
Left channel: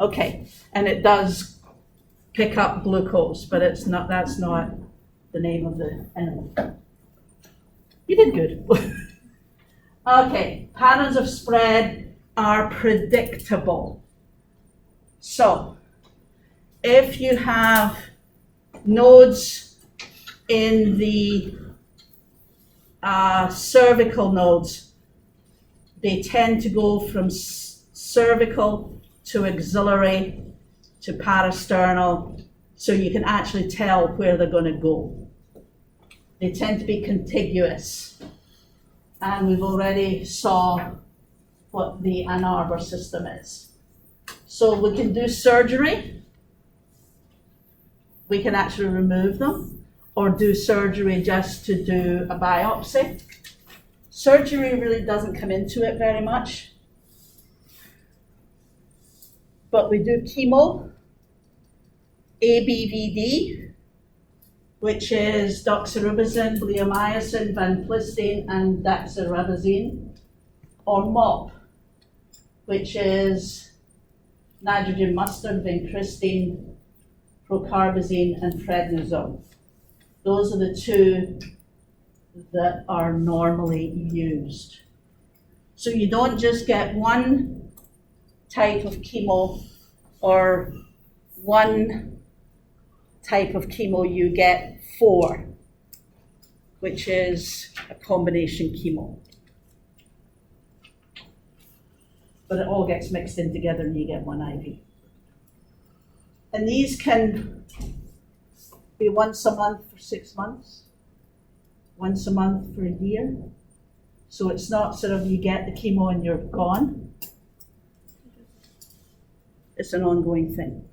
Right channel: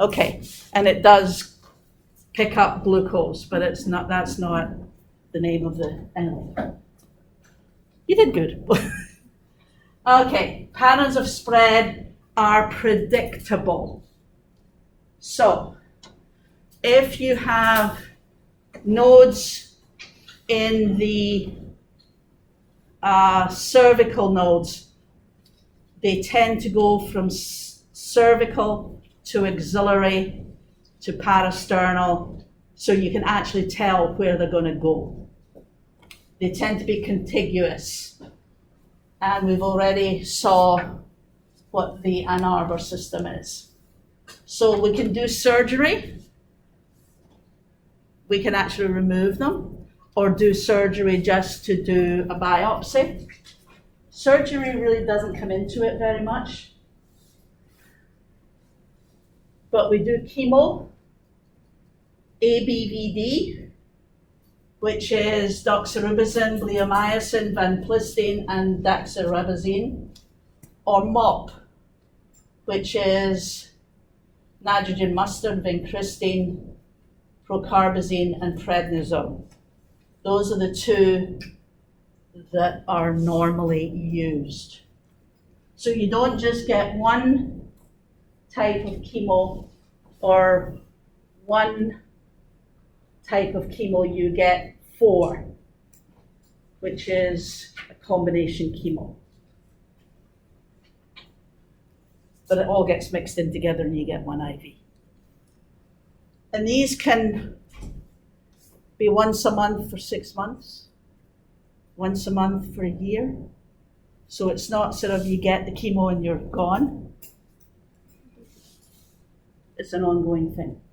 Okay, and it does pick up glucose, but it's not, that's not the name of the animal. You did good. Okay, patterns of spread are predictable. So, if you have nodes in the cervical nodes, they tend to go from cervical to axillary to parasternal, so you can actually tell where they're going to go. They tend to be contiguous, and we've already saw what the Ann Arbor system is. So we can do surgery. We can actually remove them, or do surgery just to do a biopsy. Surgery really doesn't come into it very much. But we do chemo, ABVD, which is doxorubicin, bleomycin, vanplicine, and daxorubicin, or MOP, which is nitrogen mustard, vincristine, procarbazine, and prednisone. Those are the two that are normally used. So you don't just get one type of chemo or one type of chemo, you get 4, which is a combination chemo. But it all gets mixed in together and you get one IV. And these can be once a month for 6 months, once a month for a year. So it's not sort of you get the chemo and you're gone. It's an ongoing thing.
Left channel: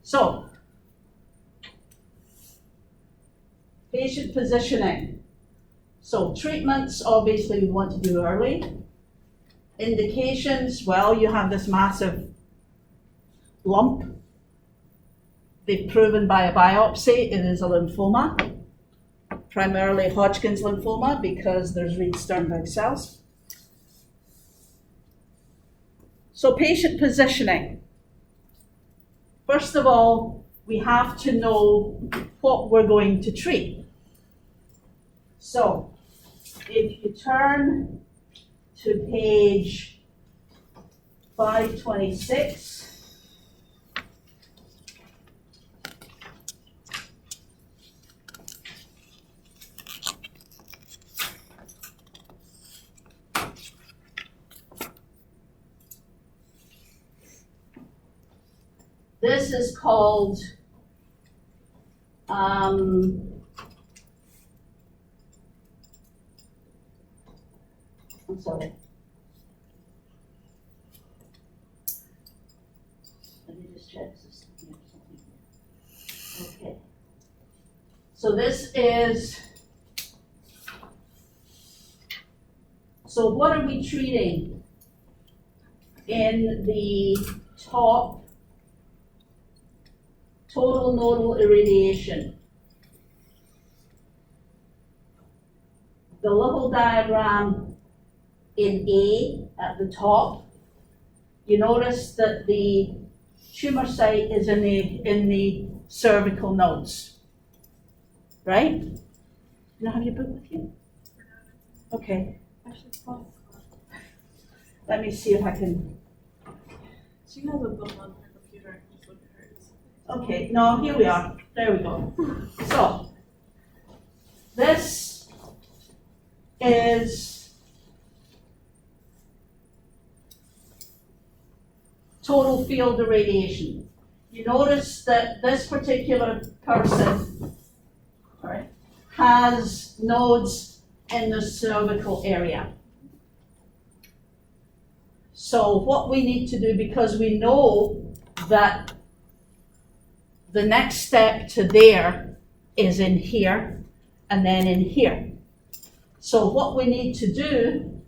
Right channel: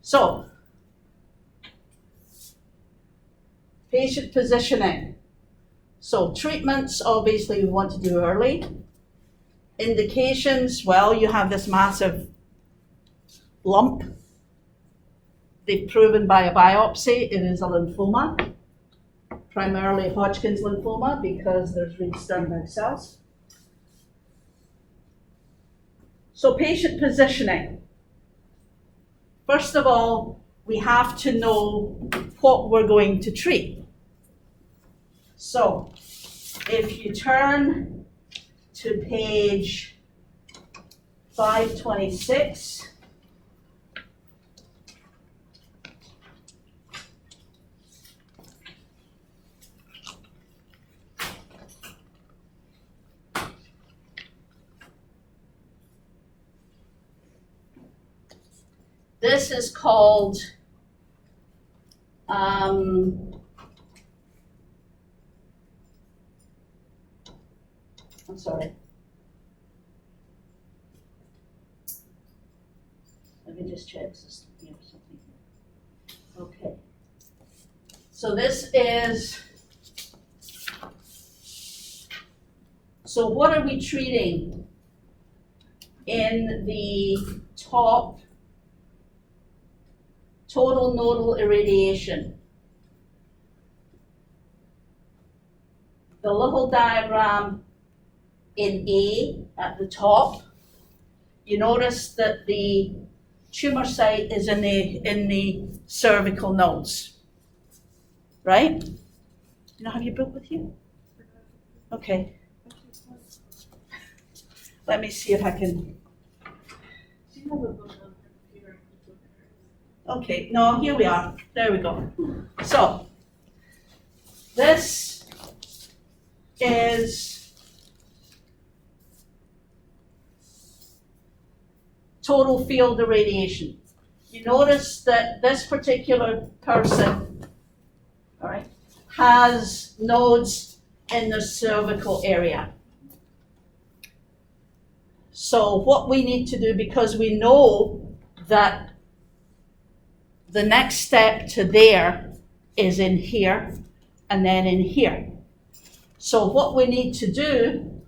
So, patient positioning. So treatments, obviously we want to do early. Indications, well, you have this massive lump. They've proven by a biopsy it is a lymphoma, primarily Hodgkin's lymphoma because there's Reed-Sternberg cells. So patient positioning. First of all, we have to know what we're going to treat. So if you turn to page 526, this is called I'm sorry. Let me just check this here or something. Okay. So this is, so what are we treating in the top? Total nodal irradiation. The little diagram in A at the top, you notice that the tumor site is in the cervical nodes, right? You don't have your book with you? Okay, let me see if I can, She has a book on her computer, I can just look at hers. okay, no, here we are, there we go. So, this is total field irradiation. You notice that this particular person, all right, has nodes in the cervical area. So what we need to do, because we know that the next step to there is in here and then in here. So what we need to do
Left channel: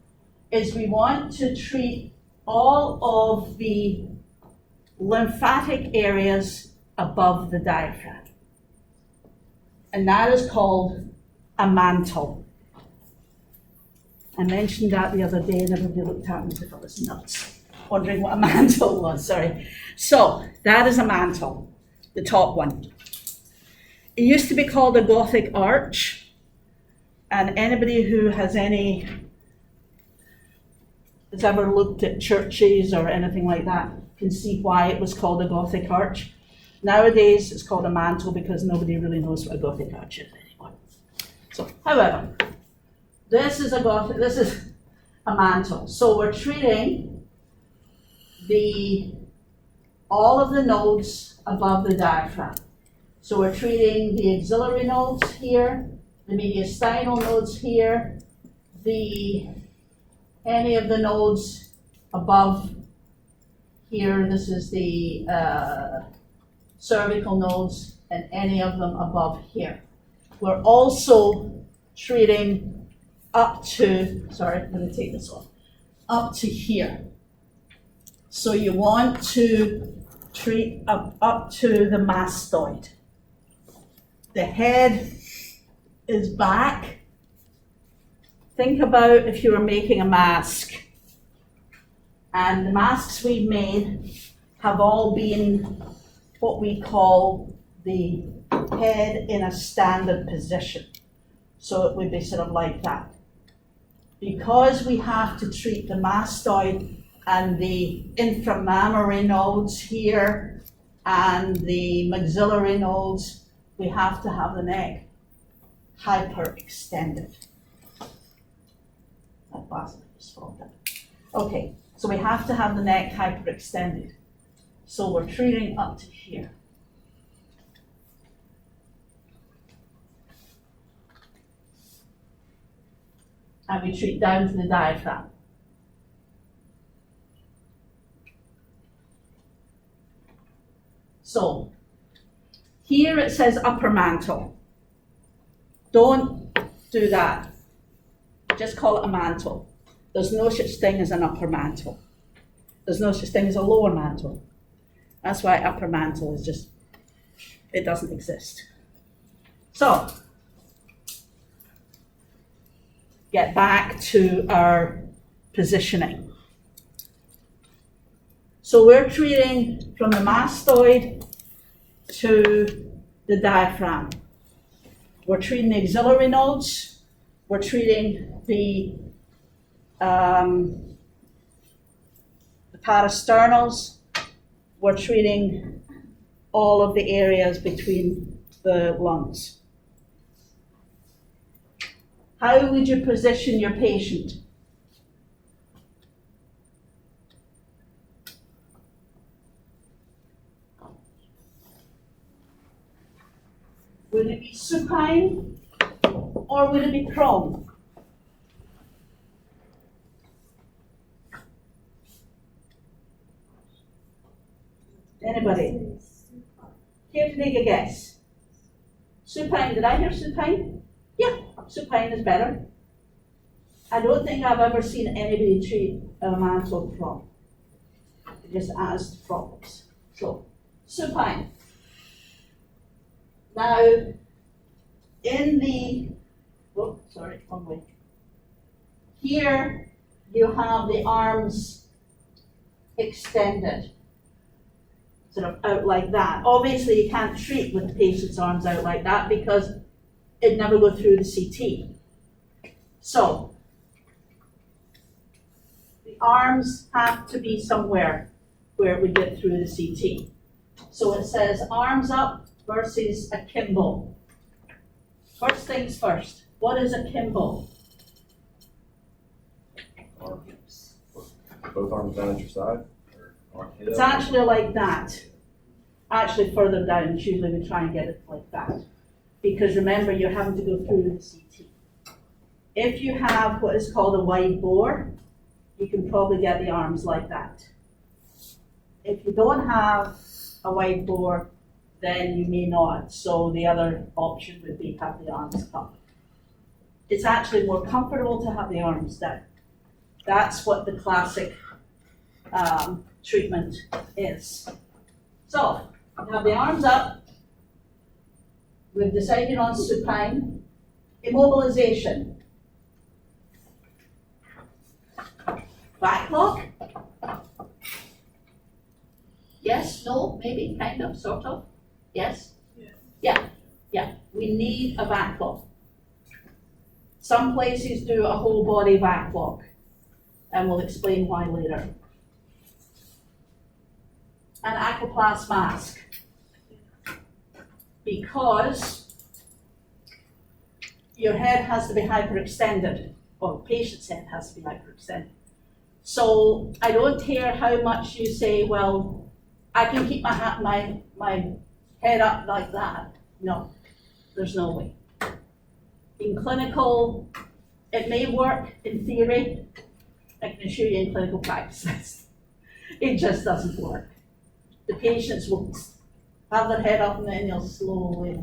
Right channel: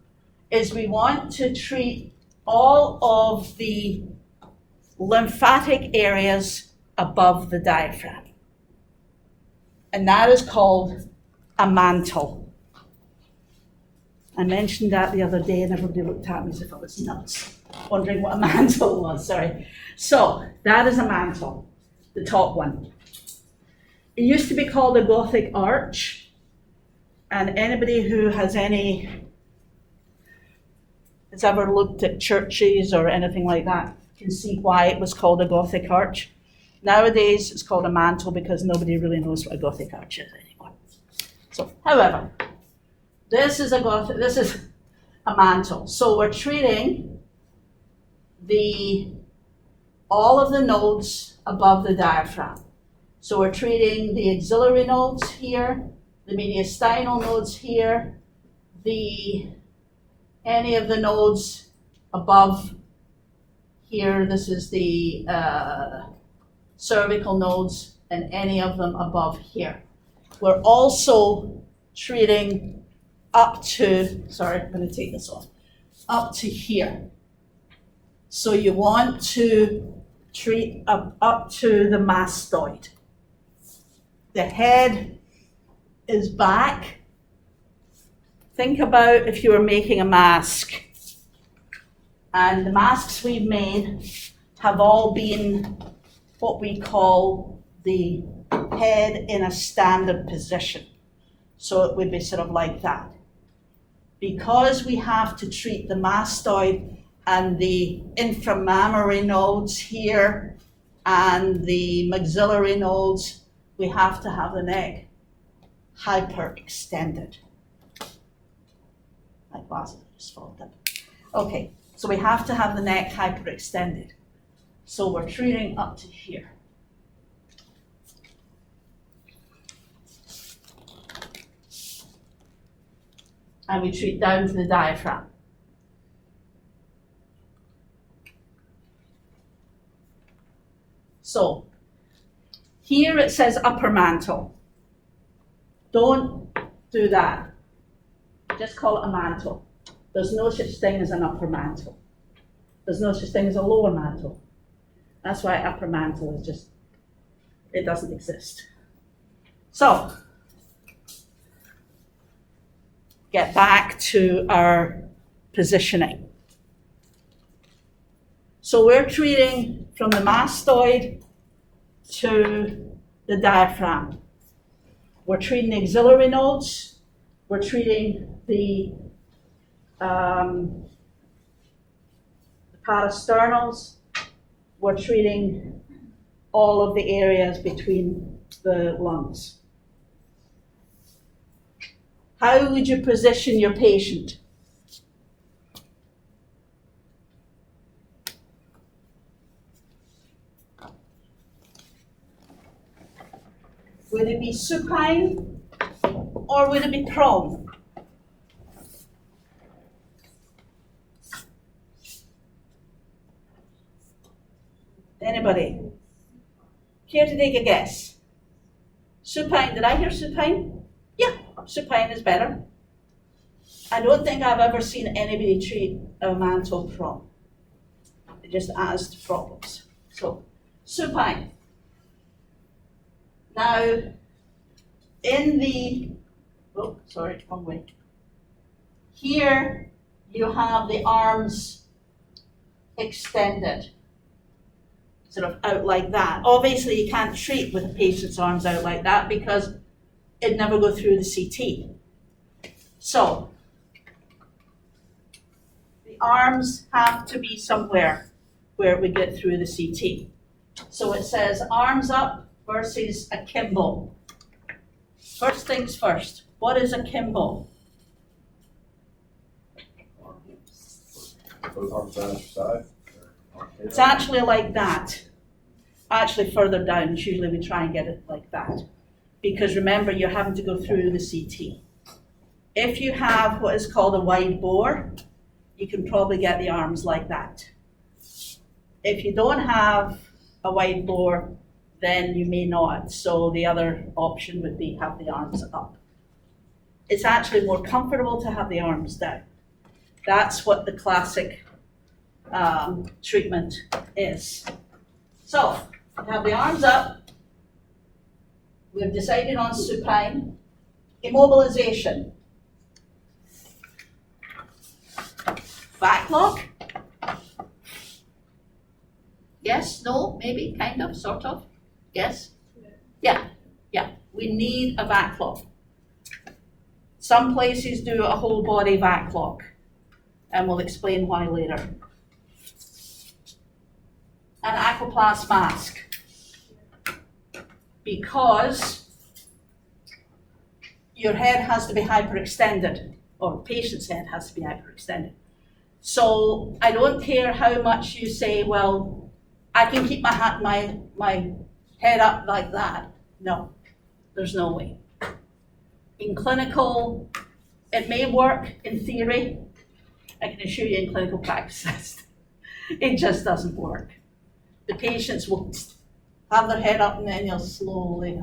is we want to treat all of the lymphatic areas above the diaphragm. And that is called a mantle. I mentioned that the other day and everybody looked at me as if I was nuts, wondering what a mantle was, sorry. So, that is a mantle, the top one. It used to be called a Gothic arch, and anybody who has ever looked at churches or anything like that can see why it was called a Gothic arch. Nowadays, it's called a mantle because nobody really knows what a Gothic arch is anymore. So, however, this is a mantle. So we're treating all of the nodes above the diaphragm. So we're treating the axillary nodes here, the mediastinal nodes here, any of the nodes above here. This is the cervical nodes, and any of them above here. We're also treating up to, sorry, I'm going to take this off, up to here. So you want to treat up to the mastoid. The head is back. Think about if you were making a mask, and the masks we've made have all been what we call the head in a standard position. So it would be sort of like that. Because we have to treat the mastoid and the inframammary nodes here and the maxillary nodes, we have to have the neck hyperextended. Like Basil just folded. Okay, so we have to have the neck hyperextended. So we're treating up to here. And we treat down to the diaphragm. So, here it says upper mantle. Don't do that. Just call it a mantle. There's no such thing as an upper mantle. There's no such thing as a lower mantle. That's why upper mantle is just, it doesn't exist. So, get back to our positioning. So we're treating from the mastoid to the diaphragm. We're treating the axillary nodes. We're treating the parasternals. We're treating all of the areas between the lungs. How would you position your patient? Would it be supine or would it be prone? Anybody? Care to take a guess? Supine, did I hear supine? Yeah, supine is better. I don't think I've ever seen anybody treat a mantle prone. It just adds to problems. So, supine. Now, wrong way. Here, you have the arms extended, sort of out like that. Obviously, you can't treat with the patient's arms out like that because it'd never go through the CT. So, the arms have to be somewhere where we get through the CT. So it says arms up versus akimbo. First things first, what is akimbo? Both arms down at your side? Or on It's hip? actually like that. Actually further down, usually we try and get it like that. Because remember, you're having to go through the CT. If you have what is called a wide bore, you can probably get the arms like that. If you don't have a wide bore, then you may not. So the other option would be have the arms up. It's actually more comfortable to have the arms down. That's what the classic treatment is. So, we have the arms up. We've decided on supine. Immobilization. Back lock? Yes, no, maybe, kind of, sort of? Yes? Yeah, we need a back lock. Some places do a whole body back lock, and we'll explain why later. An aquaplast mask. Because your head has to be hyperextended, or patient's head has to be hyperextended. So I don't care how much you say, well, I can keep my head up like that. No, there's no way. In clinical, it may work in theory. I can assure you in clinical practice, it just doesn't work. The patients will have their head up and then you'll slowly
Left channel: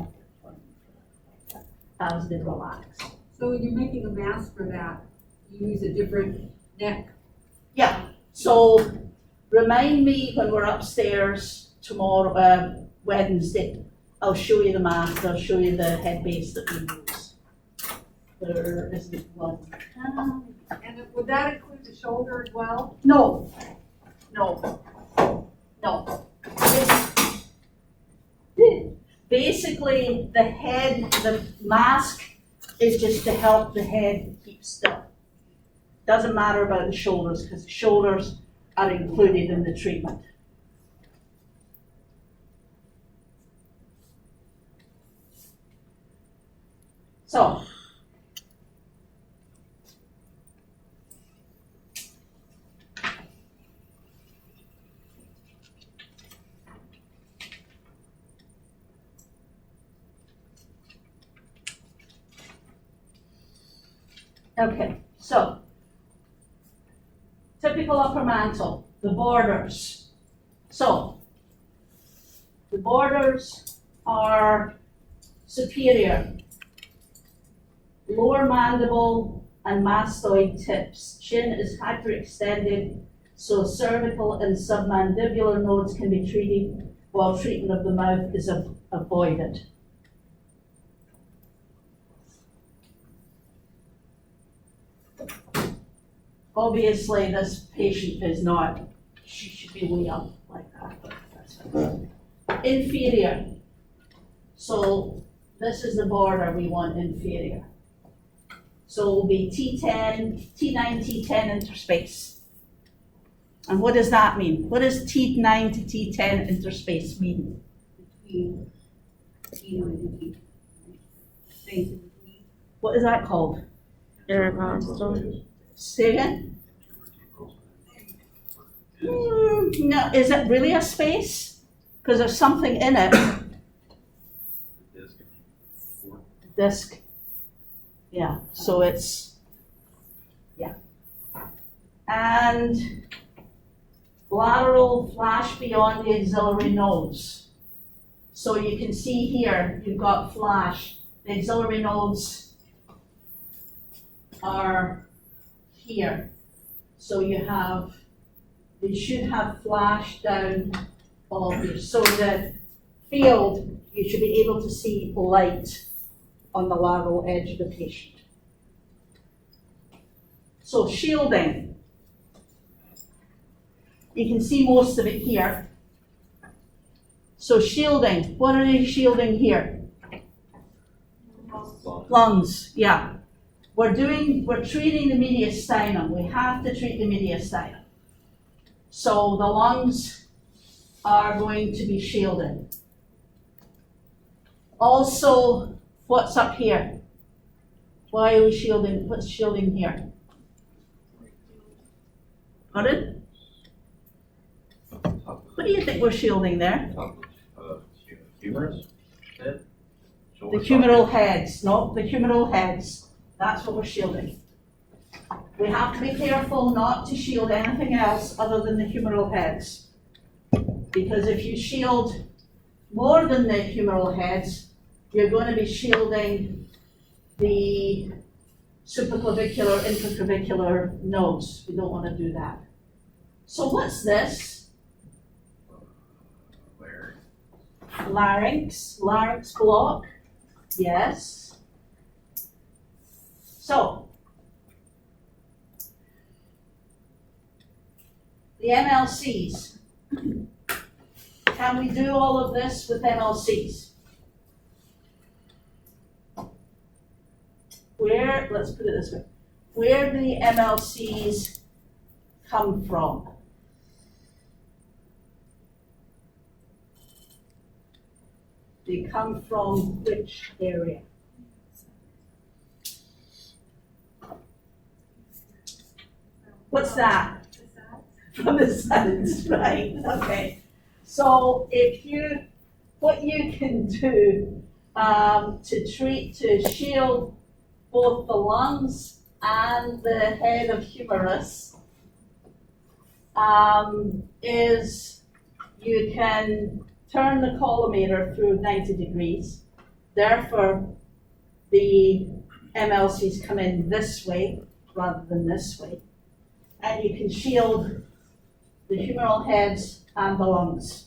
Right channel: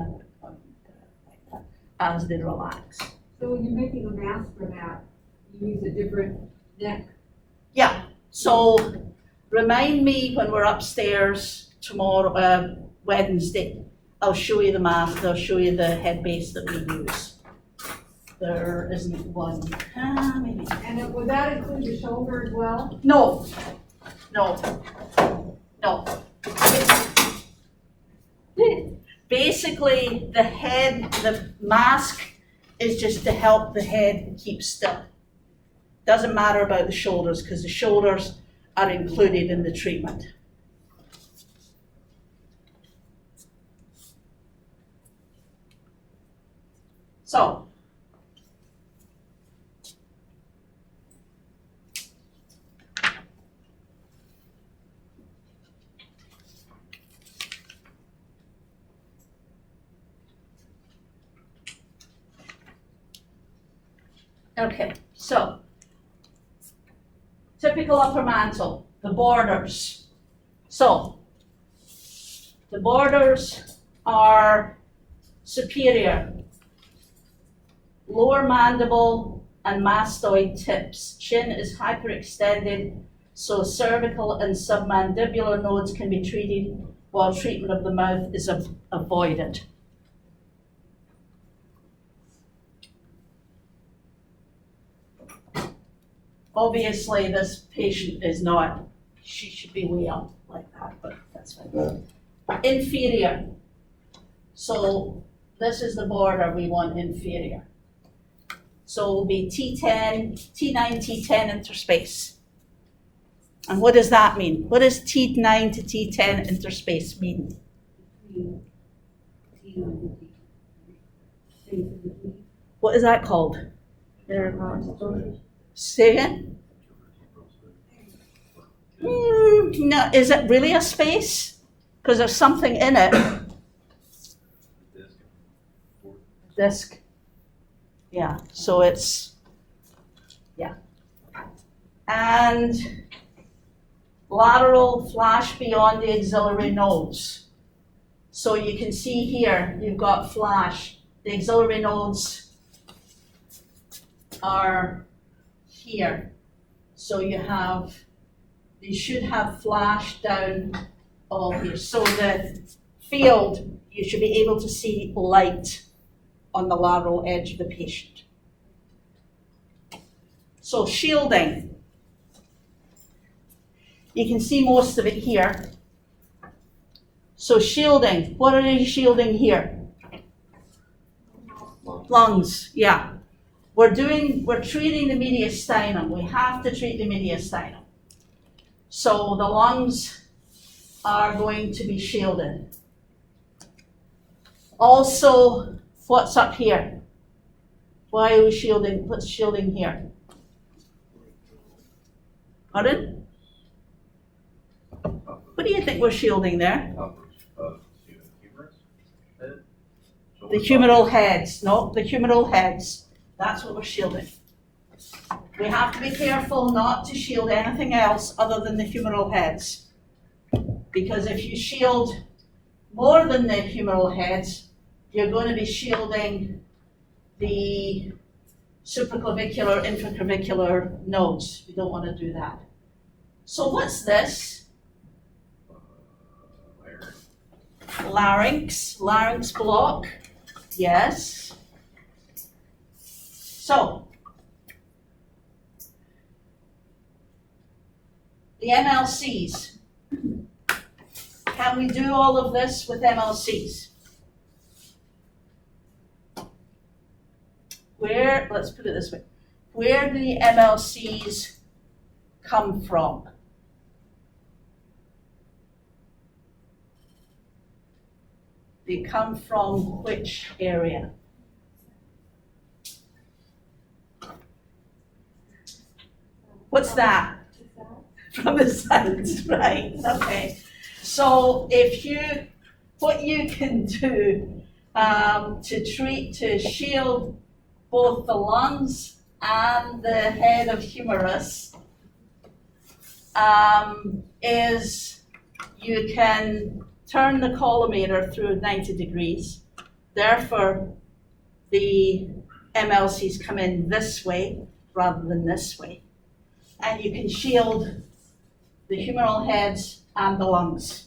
as they relax. So when you're making a mask for that, you use a different neck. Yeah, so remind me when we're upstairs tomorrow, Wednesday. I'll show you the mask, I'll show you the head base that we use. There isn't one, maybe. And would that include the shoulder as well? No. Basically, the head, the mask is just to help the head keep still. Doesn't matter about the shoulders because the shoulders are included in the treatment. So, okay, so typical upper mantle, the borders. So the borders are superior, lower mandible and mastoid tips. Chin is hyperextended, so cervical and submandibular nodes can be treated while treatment of the mouth is avoided. Obviously, this patient is not, she should be way up like that, but that's fine. Inferior. So this is the border we want inferior. So it will be T10, T9, T10 interspace. And what does that mean? What does T9 to T10 interspace mean? Between T9 and T. Space in between. What is that called? Say again? No, is it really a space? Because there's something in it. Disc. Yeah, so it's, yeah. And lateral flash beyond the axillary nodes. So you can see here, you've got flash. The axillary nodes are here. So you have, they should have flash down all here. So the field, you should be able to see light on the lateral edge of the patient. So shielding. You can see most of it here. So shielding, what are you shielding here? Lungs, yeah. We're treating the mediastinum. We have to treat the mediastinum. So the lungs are going to be shielded. Also, what's up here? Why are we shielding? What's shielding here? Pardon? What do you think we're shielding there? Top of, humerus head? So The we're humeral talking- heads, no, the humeral heads. That's what we're shielding. We have to be careful not to shield anything else other than the humeral heads. Because if you shield more than the humeral heads, you're going to be shielding the supraclavicular, infraclavicular nodes. We don't want to do that. So what's this? Where? Larynx block, yes. So, the MLCs. Can we do all of this with MLCs? Let's put it this way, where do the MLCs come from? They come from which area? What's that? From the sides, right, okay. So what you can do to shield both the lungs and the head of humerus is you can turn the collimator through 90 degrees. Therefore, the MLCs come in this way rather than this way. And you can shield the humeral heads and the lungs.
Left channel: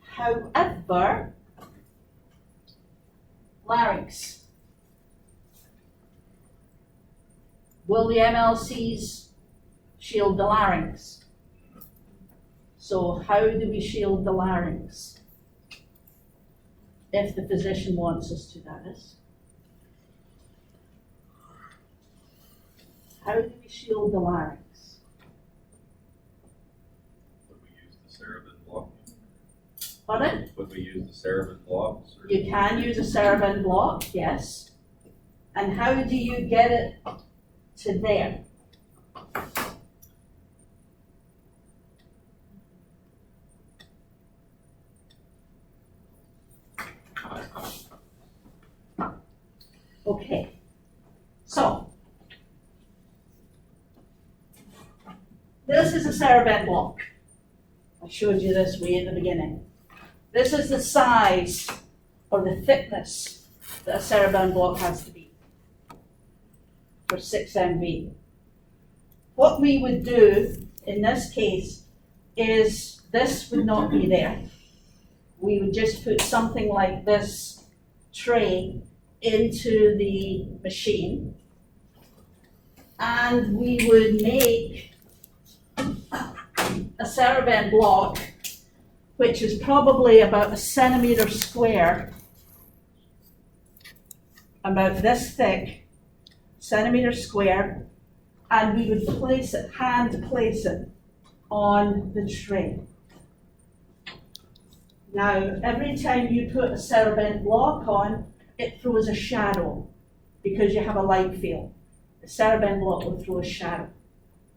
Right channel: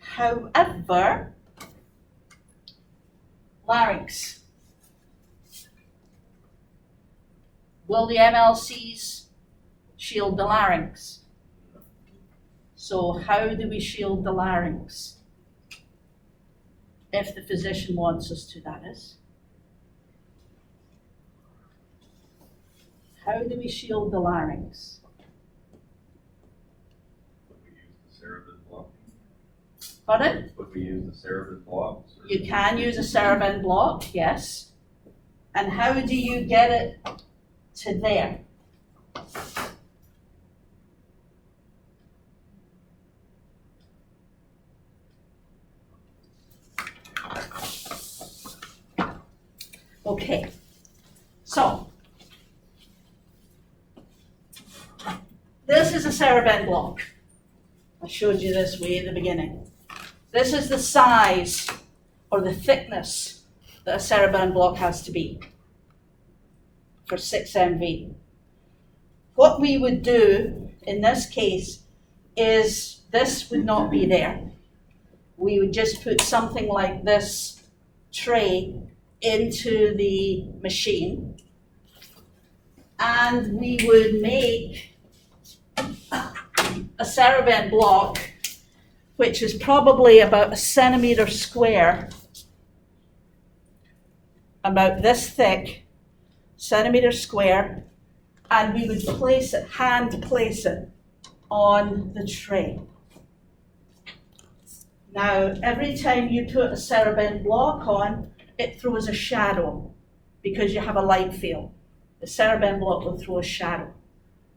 However, larynx. Will the MLCs shield the larynx? So how do we shield the larynx? If the physician wants us to, that is. How do we shield the larynx? Would we use the Cerebin block? Pardon? Would we use the Cerebin blocks? Or- You can use a Cerebin block, yes. And how do you get it to there? Okay, so this is a Cerebin block. I showed you this way in the beginning. This is the size or the thickness that a Cerebin block has to be for 6 MV. What we would do in this case is this would not be there. We would just put something like this tray into the machine, and we would make a Cerebin block which is probably about 1 centimeter square, about this thick, centimeter square, and we would hand place it on the tray. Now, every time you put a Cerebin block on, it throws a shadow because you have a light field. The Cerebin block will throw a shadow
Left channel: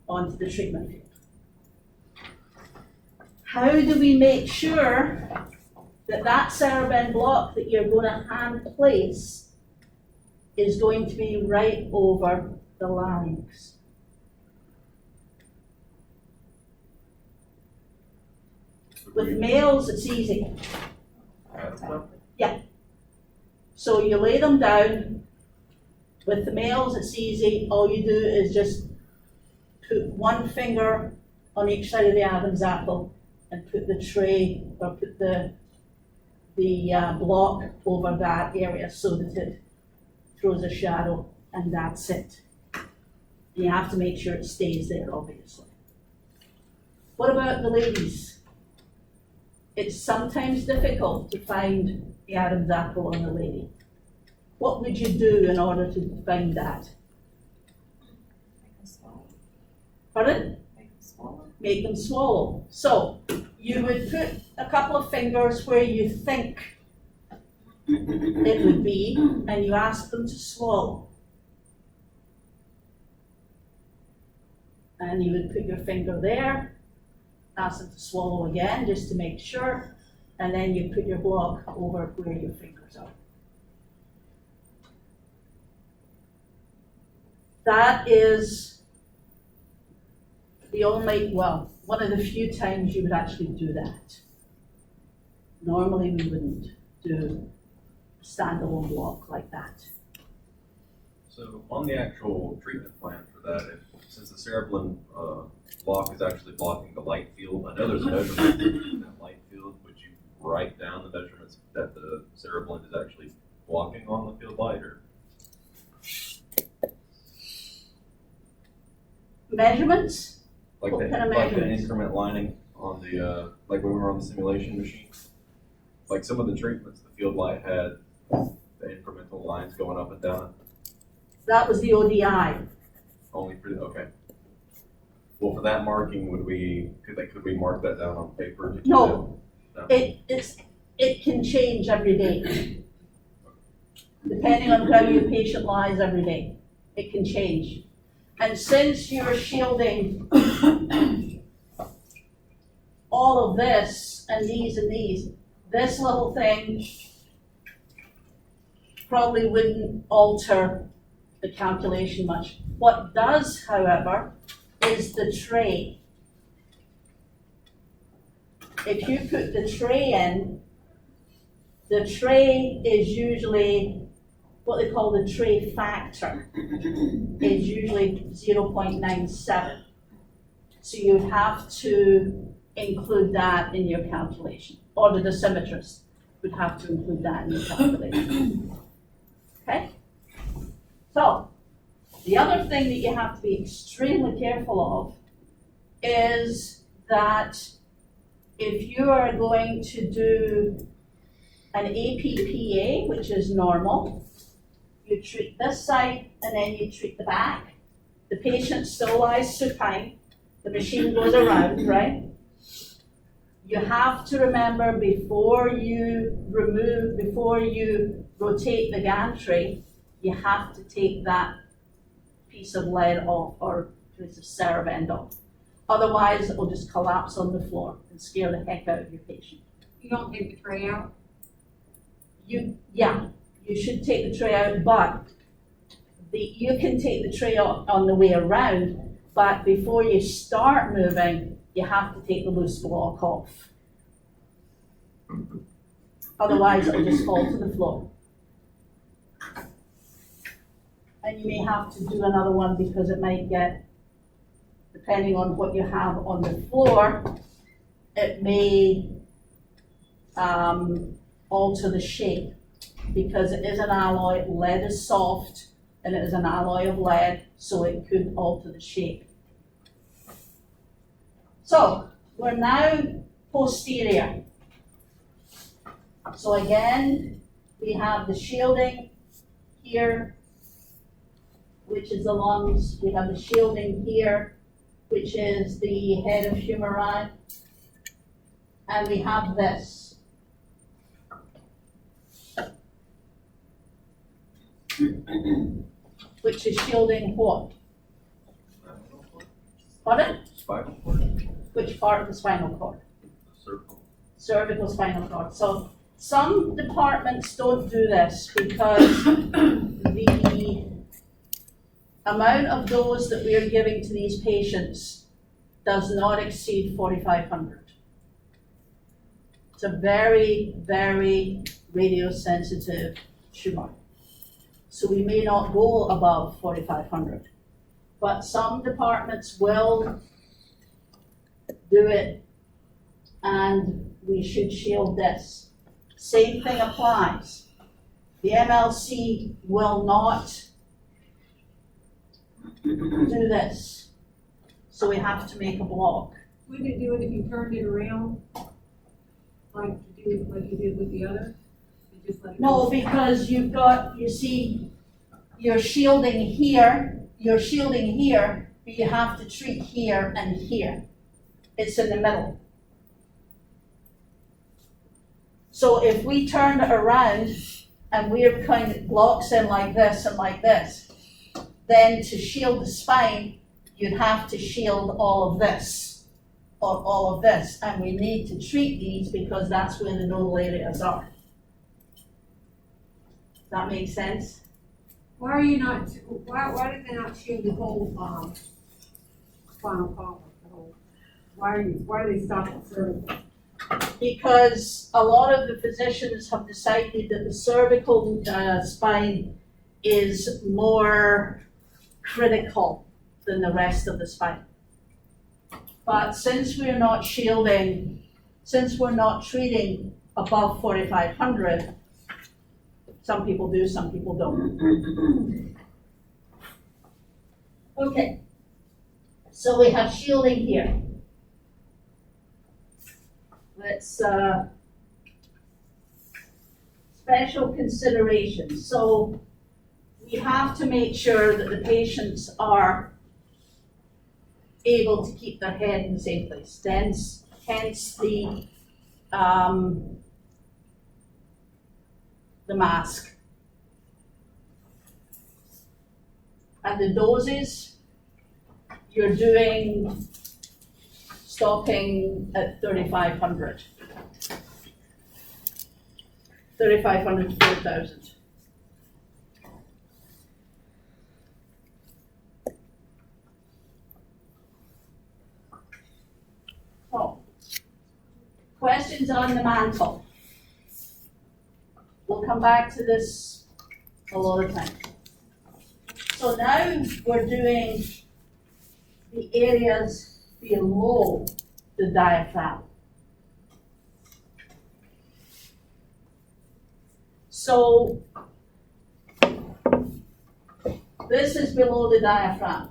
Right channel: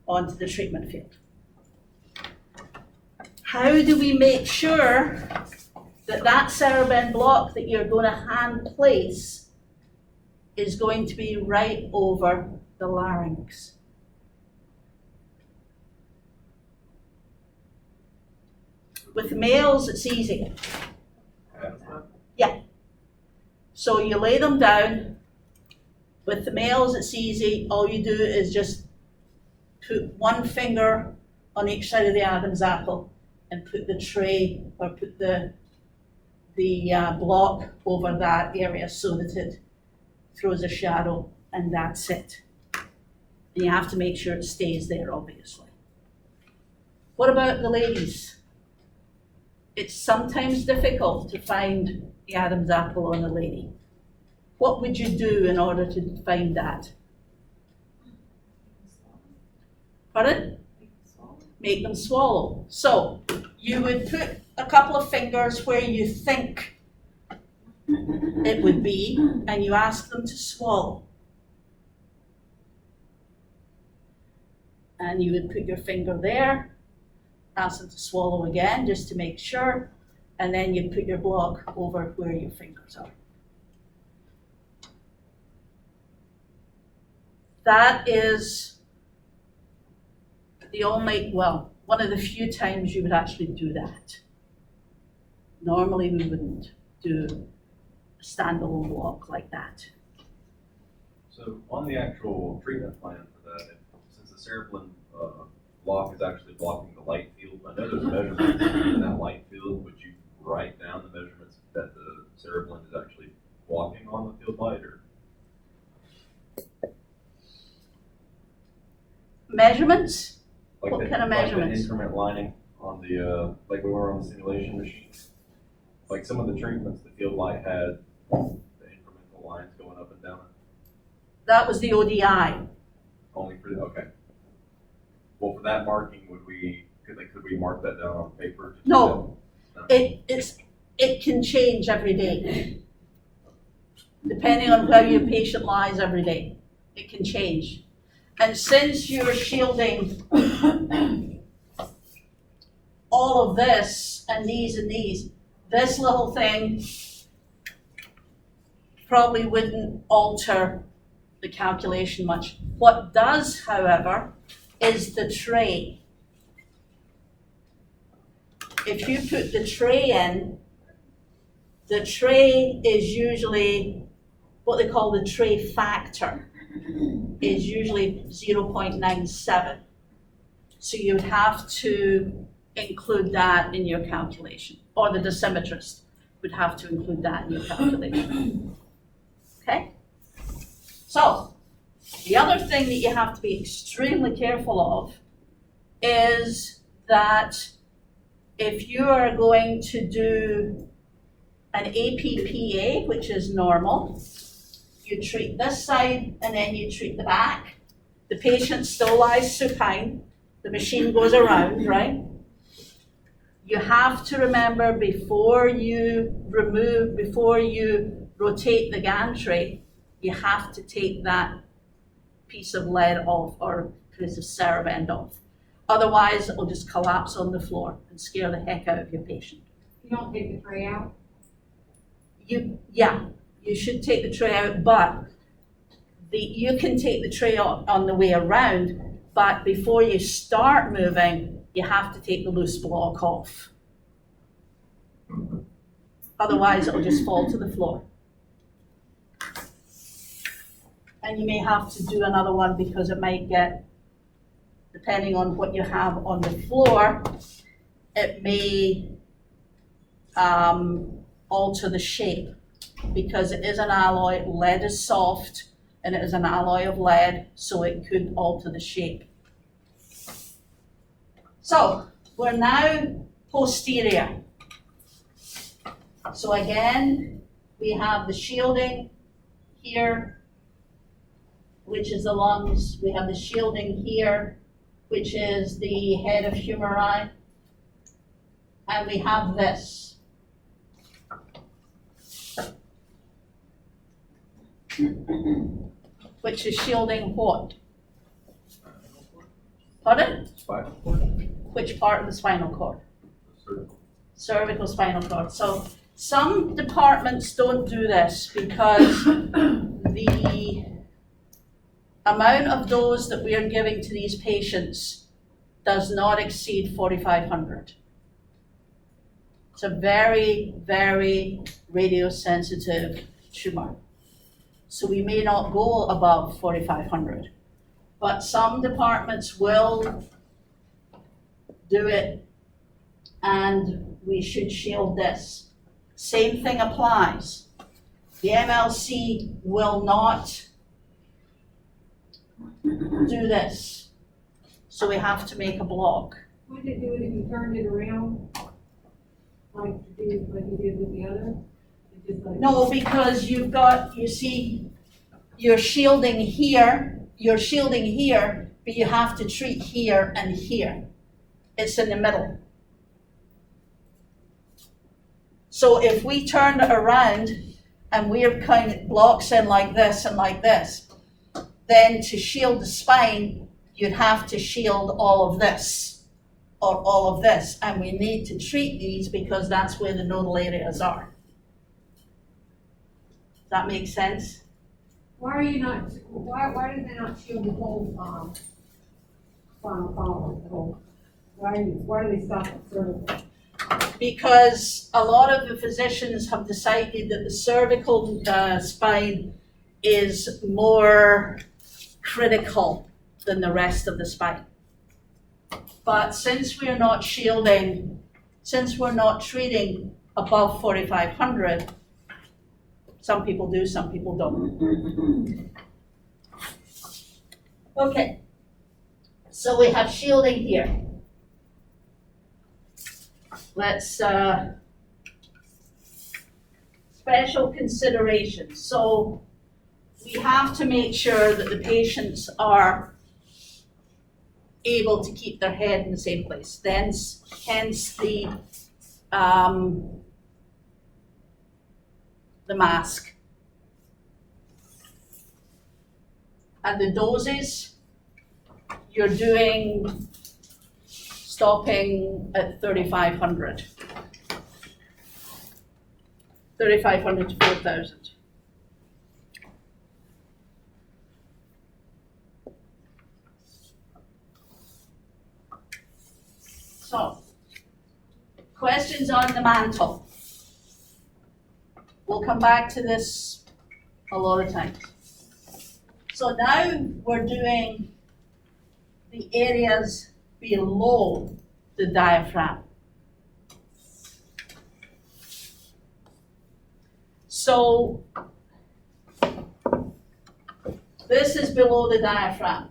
onto the treatment field. How do we make sure that that Cerebin block that you're going to hand place is going to be right over the larynx? With males, it's easy. Yeah. So you lay them down. With the males, it's easy. All you do is just put one finger on each side of the Adam's apple and put the tray or put the block over that area so that it throws a shadow, and that's it. And you have to make sure it stays there, obviously. What about the ladies? It's sometimes difficult to find the Adam's apple on a lady. What would you do in order to find that? Pardon? Make them swallow. So you would put a couple of fingers where you think it would be, and you ask them to swallow. And you would put your finger there, ask them to swallow again, just to make sure, and then you put your block over where your fingers are. That is the only, well, one of the few times you would actually do that. Normally we wouldn't do a standalone block like that. So on the actual treatment plan for that, since the cereblin block is actually blocking the light field, I know there's measurements in that light field. Would you write down the measurements that the cereblin is actually blocking on the field light, or? Measurements? Like What the, kind of like the measurements? increment lining on the, like when we were on the simulation machine. Like some of the treatments, the field light had the incremental lines going up and down, That was the ODI. only for, okay. Well, for that marking, could we mark that down on paper? No. No. It can change every day. Depending on where your patient lies every day, it can change. And since you're shielding all of this and these, this little thing probably wouldn't alter the calculation much. What does, however, is the tray. If you put the tray in, the tray is usually what they call the tray factor, is usually 0.97. So you would have to include that in your calculation, or the dosimetrist would have to include that in your calculation. Okay? So, the other thing that you have to be extremely careful of is that if you are going to do an APPA, which is normal, you treat this side and then you treat the back. The patient still lies supine, the machine goes around, right? You have to remember before you rotate the gantry, you have to take that piece of lead off or piece of CERV end off. Otherwise, it will just collapse on the floor and scare the heck out of your patient. You don't take the tray out? You should take the tray out, but you can take the tray out on the way around, but before you start moving, you have to take the loose block off. Otherwise, it will just fall to the floor. And you may have to do another one because it might get, depending on what you have on the floor, it may alter the shape because it is an alloy, lead is soft, and it is an alloy of lead, so it could alter the shape. So, we're now posterior. So again, we have the shielding here, which is the lungs. We have the shielding here, which is the head of humeri. And we have this. Which is shielding what? Pardon? Spinal cord? Which part of the spinal cord? Cervical. Cervical spinal cord. So some departments don't do this because the amount of dose that we are giving to these patients does not exceed 4,500. It's a very, very radiosensitive tumor. So we may not go above 4,500, but some departments will do it, and we should shield this. Same thing applies. The MLC will not do this, so we have to make a block. Would it do it if you turned it around? Like you did with the other? Did just let it No, go? because you've got, you see, you're shielding here, but you have to treat here and here. It's in the middle. So if we turned it around and we're kind of blocks in like this and like this, then to shield the spine, you'd have to shield all of this or all of this. And we need to treat these because that's where the nodal areas are. Does that make sense? Why are you not, why did they not shield the whole, spinal column, the whole? Why do they stop at cervical? Because a lot of the physicians have decided that the cervical spine is more critical than the rest of the spine. But since we're not shielding, since we're not treating above 4,500, some people do, some people don't. Okay, so we have shielding here. Let's, special considerations. So we have to make sure that the patients are able to keep their head in the same place. Hence the mask. And the doses, you're doing stopping at 3,500. 3,500 to 4,000. So, questions on the mantle. We'll come back to this a lot of times. So now we're doing the areas below the diaphragm. So this is below the diaphragm.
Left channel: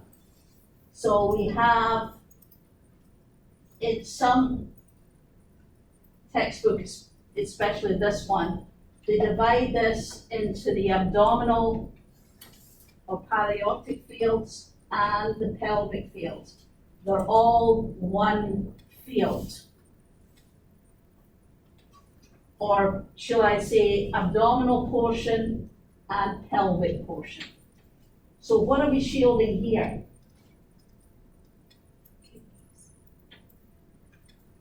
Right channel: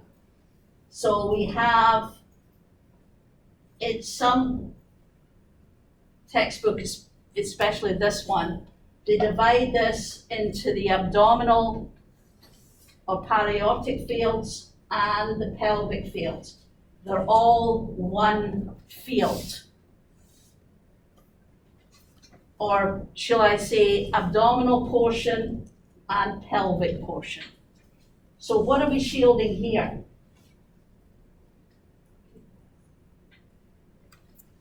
So we have, in some textbooks, especially this one, they divide this into the abdominal or paraortic fields and the pelvic fields. They're all one field. Or shall I say abdominal portion and pelvic portion. So what are we shielding here?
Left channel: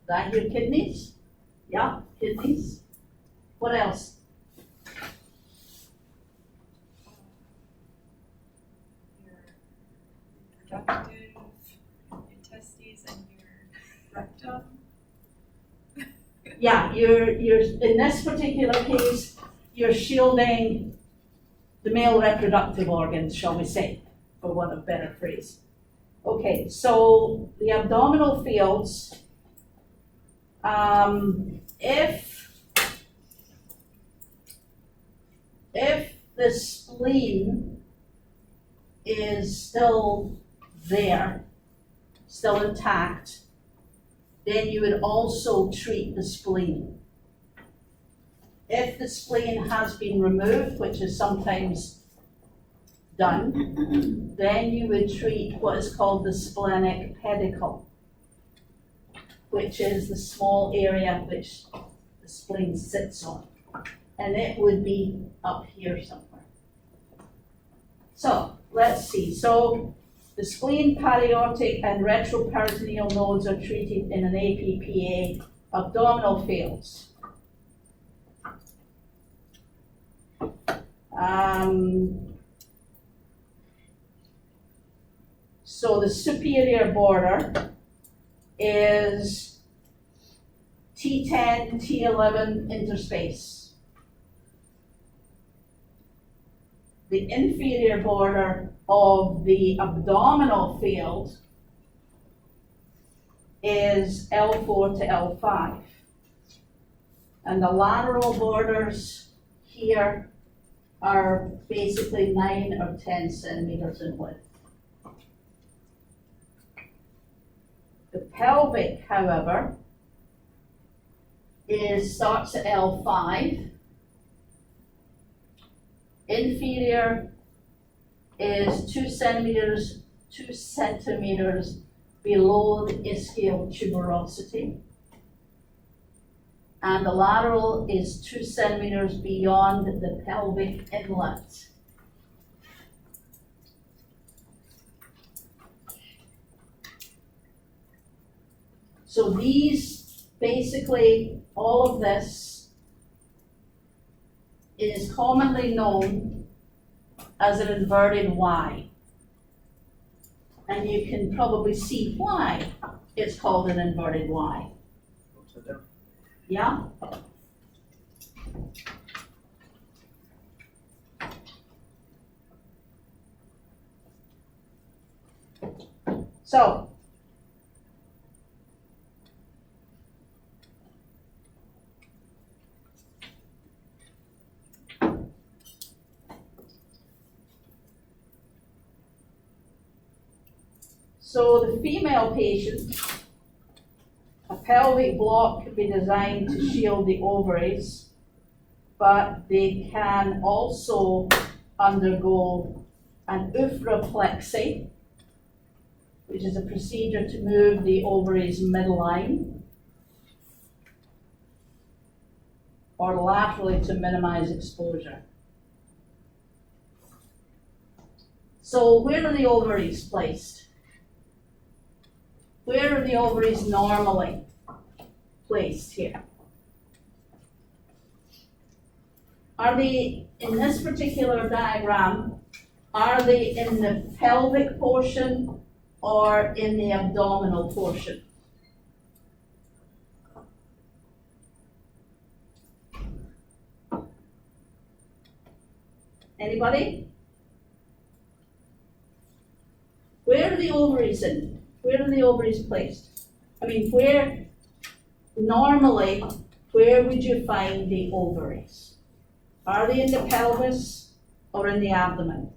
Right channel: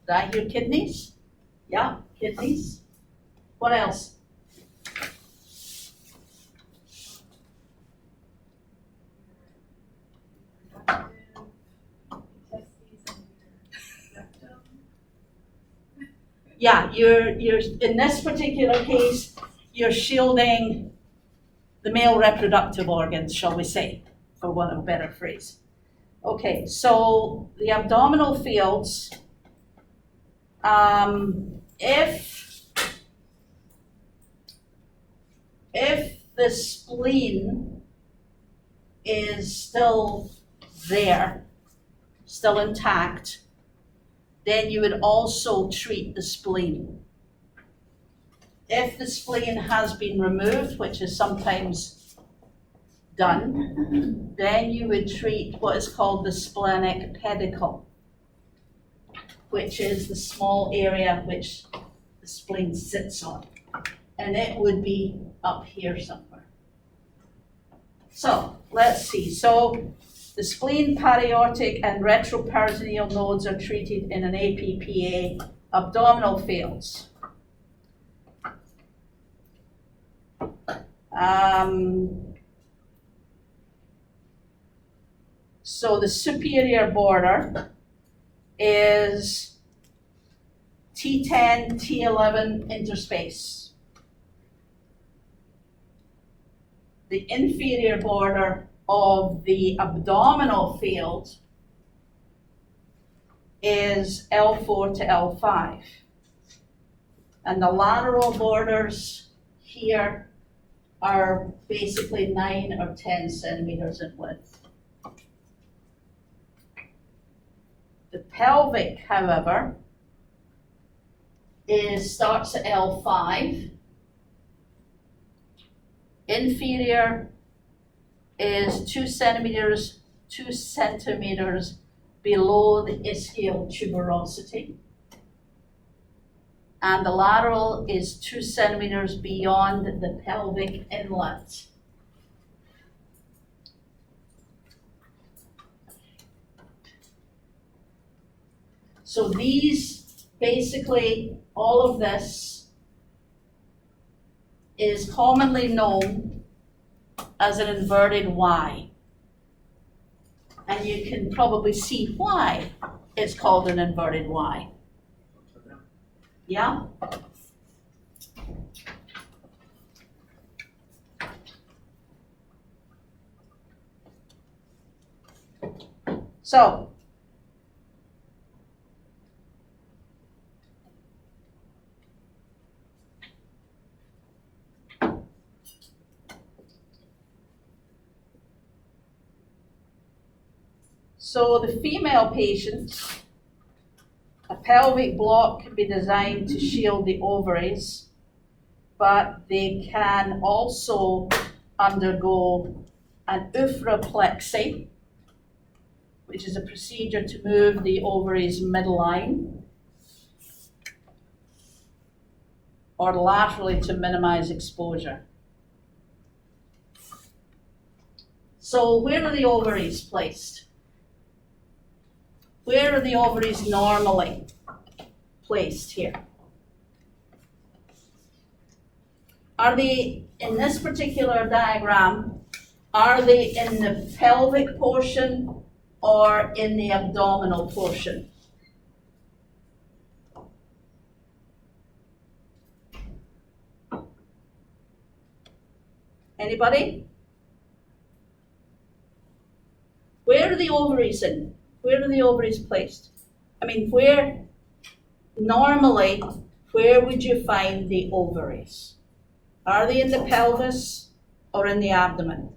Did I hear kidneys? Yeah, kidneys. What else? Your reproductive intestines and your rectum. Yeah, you're in this particular case, you're shielding the male reproductive organs, shall we say, for want of a better phrase. Okay, so the abdominal fields, if the spleen is still there, still intact, then you would also treat the spleen. If the spleen has been removed, which is sometimes done, then you would treat what is called the splenic pedicle, which is the small area which the spleen sits on. And it would be up here somewhere. So let's see. So the spleen, paraortic, and retroperitoneal nodes are treated in an APPA abdominal fields. So the superior border is T10, T11 interspace. The inferior border of the abdominal field is L4 to L5. And the lateral borders here are basically 9 or 10 centimeters in width. The pelvic, however, starts at L5 inferior is 2 centimeters below the ischial tuberosity. And the lateral is 2 centimeters beyond the pelvic inlet. So these, basically, all of this is commonly known as an inverted Y. And you can probably see why it's called an inverted Y. Upside down. Yeah? So, the female patient, a pelvic block can be designed to shield the ovaries, but they can also undergo an oophoreplexy, which is a procedure to move the ovaries midline, or laterally to minimize exposure. So where are the ovaries placed? Where are the ovaries normally placed here? Are they, in this particular diagram, are they in the pelvic portion or in the abdominal portion? Anybody? Where are the ovaries in? Where are the ovaries placed? I mean, where would you find the ovaries? Are they in the pelvis or in the abdomen?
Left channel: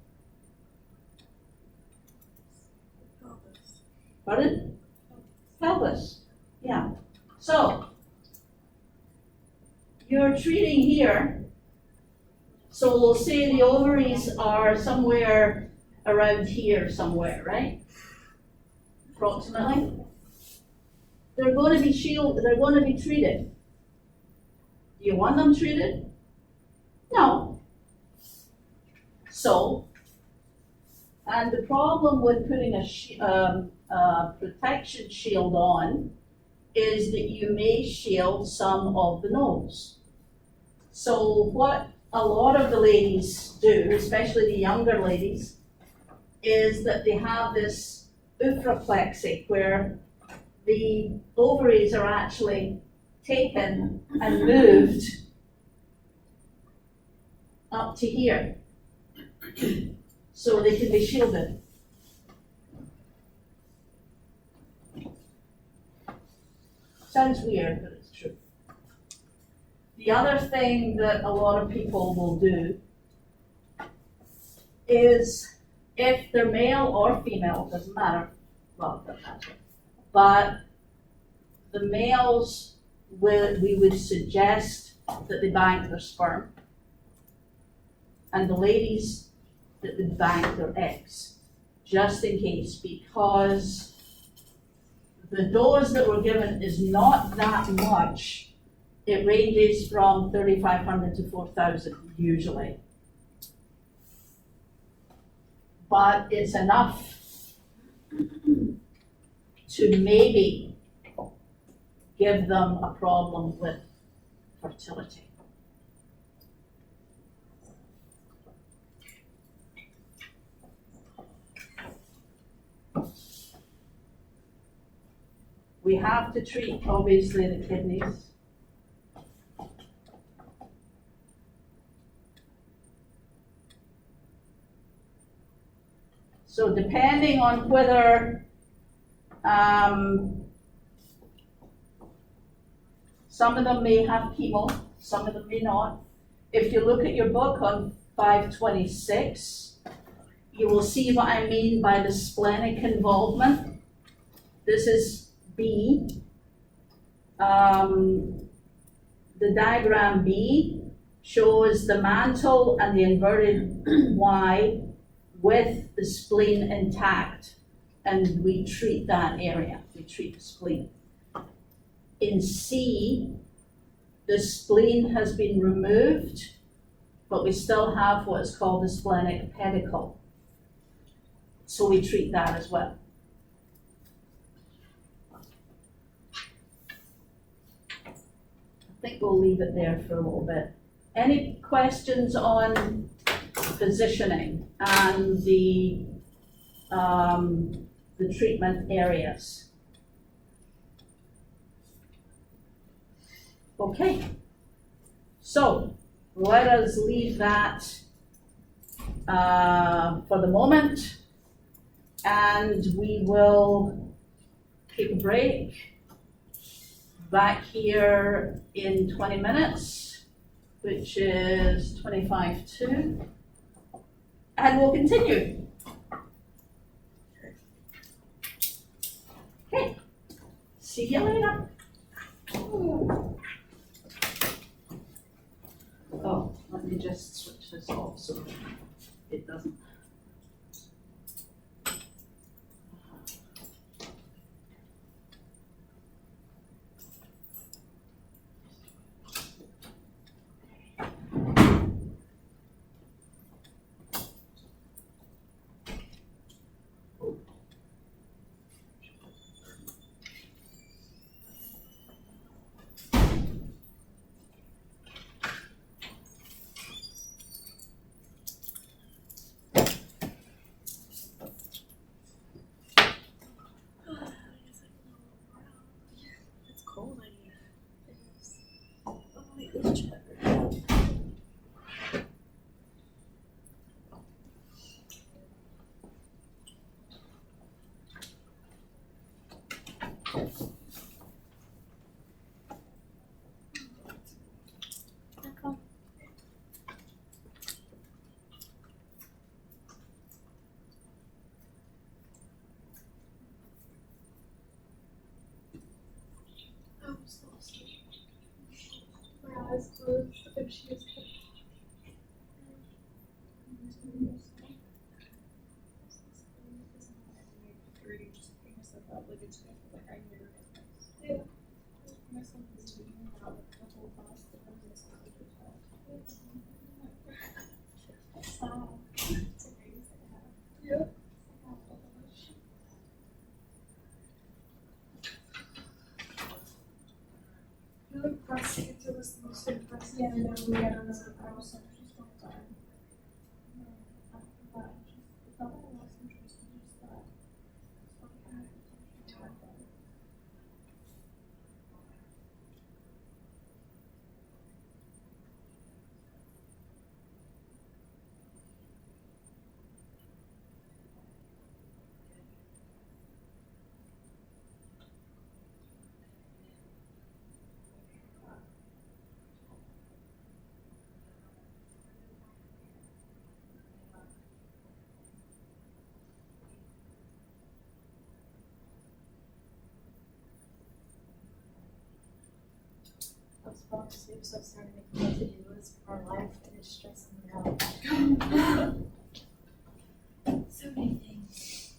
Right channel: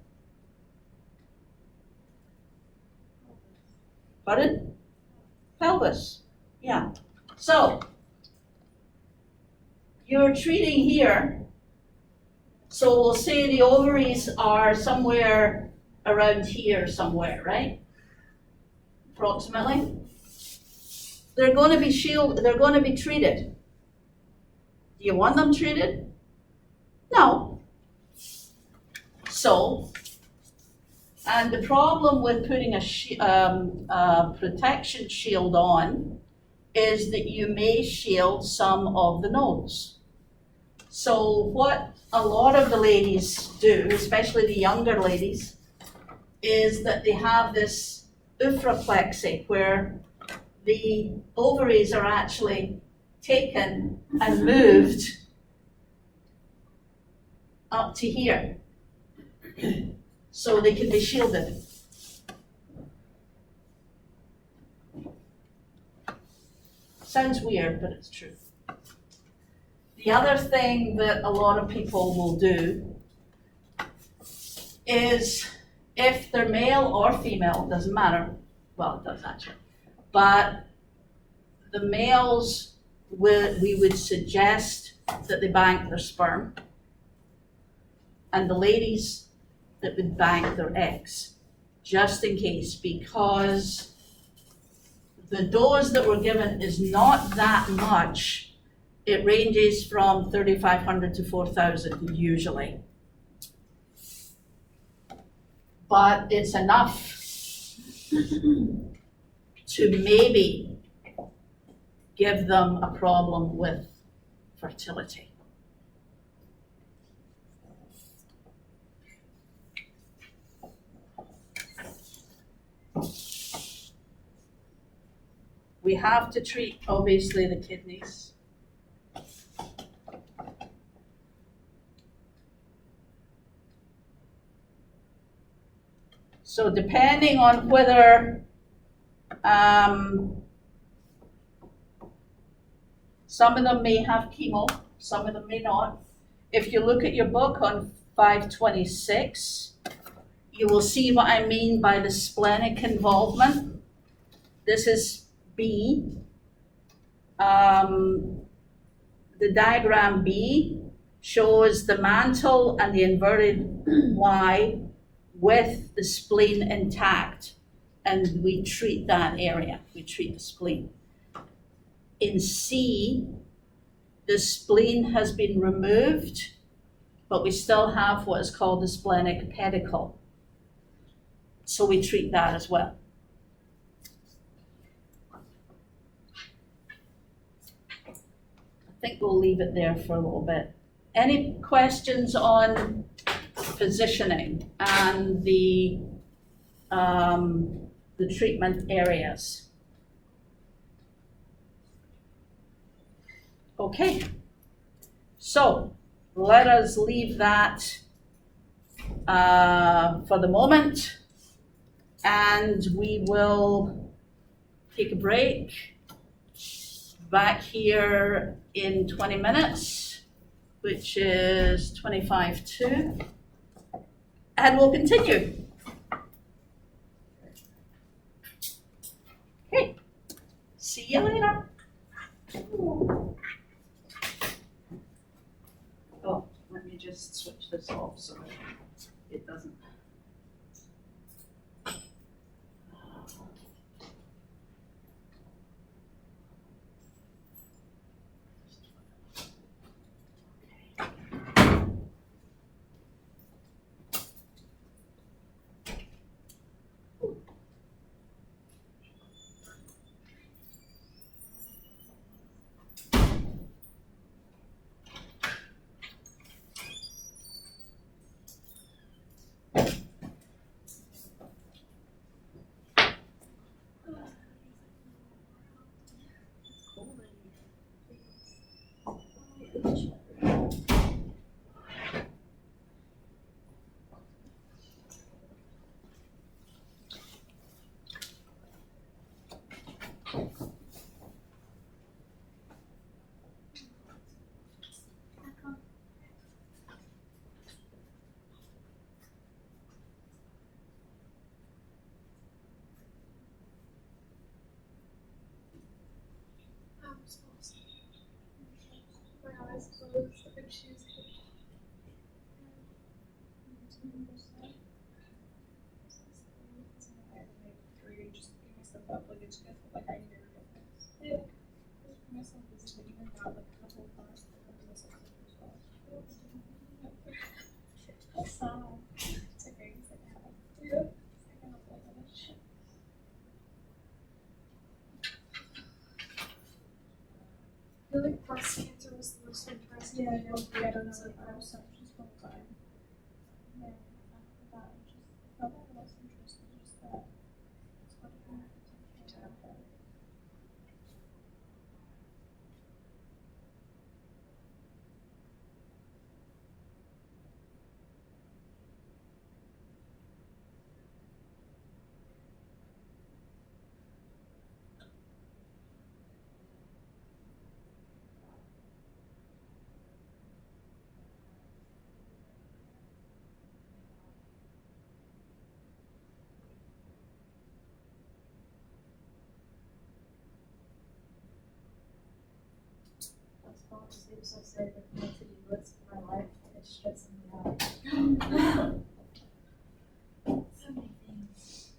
Pardon? Pelvis, yeah. So, you're treating here, so we'll say the ovaries are somewhere around here somewhere, right? Approximately. They're going to be they're going to be treated. Do you want them treated? No. So, and the problem with putting a protection shield on is that you may shield some of the nose. So what a lot of the ladies do, especially the younger ladies, is that they have this oophoreplexy where the ovaries are actually taken and moved up to here so they can be shielded. Sounds weird, but it's true. The other thing that a lot of people will do is, if they're male or female, it doesn't matter, well, it does actually, but the males, we would suggest that they bank their sperm, and the ladies that would bank their eggs, just in case, because the dose that we're given is not that much. It ranges from 3,500 to 4,000 usually. But it's enough to maybe give them a problem with fertility. We have to treat, obviously, the kidneys. So depending on whether some of them may have chemo, some of them may not. If you look at your book on 526, you will see what I mean by the splenic involvement. This is B. The diagram B shows the mantle and the inverted Y with the spleen intact. And we treat that area, we treat the spleen. In C, the spleen has been removed, but we still have what is called the splenic pedicle. So we treat that as well. I think we'll leave it there for a little bit. Any questions on positioning and the treatment areas? Okay, so let us leave that for the moment, and we will take a break. Back here in 20 minutes, which is 25 to, and we'll continue. Okay, see you later. Oh, let me just switch this off so it doesn't. It's cold in here. Oh, wait, let's check. I'm so scared. My eyes closed and she was just pick myself up like it's good, like I knew it. Yeah. Just put myself busy figuring out like the whole class that comes to myself as well. That's sad. It's okay, it's like I have. Yeah. It's like I have all that much. I feel like breast cancer was the most interesting. Yeah, I know. We got another person. She's from time. Yeah, after that, I thought that was interesting. Just that. It's what I had to talk about. I was falling asleep, so I started making a to-do list for our life, and it's stressing me out. So many things.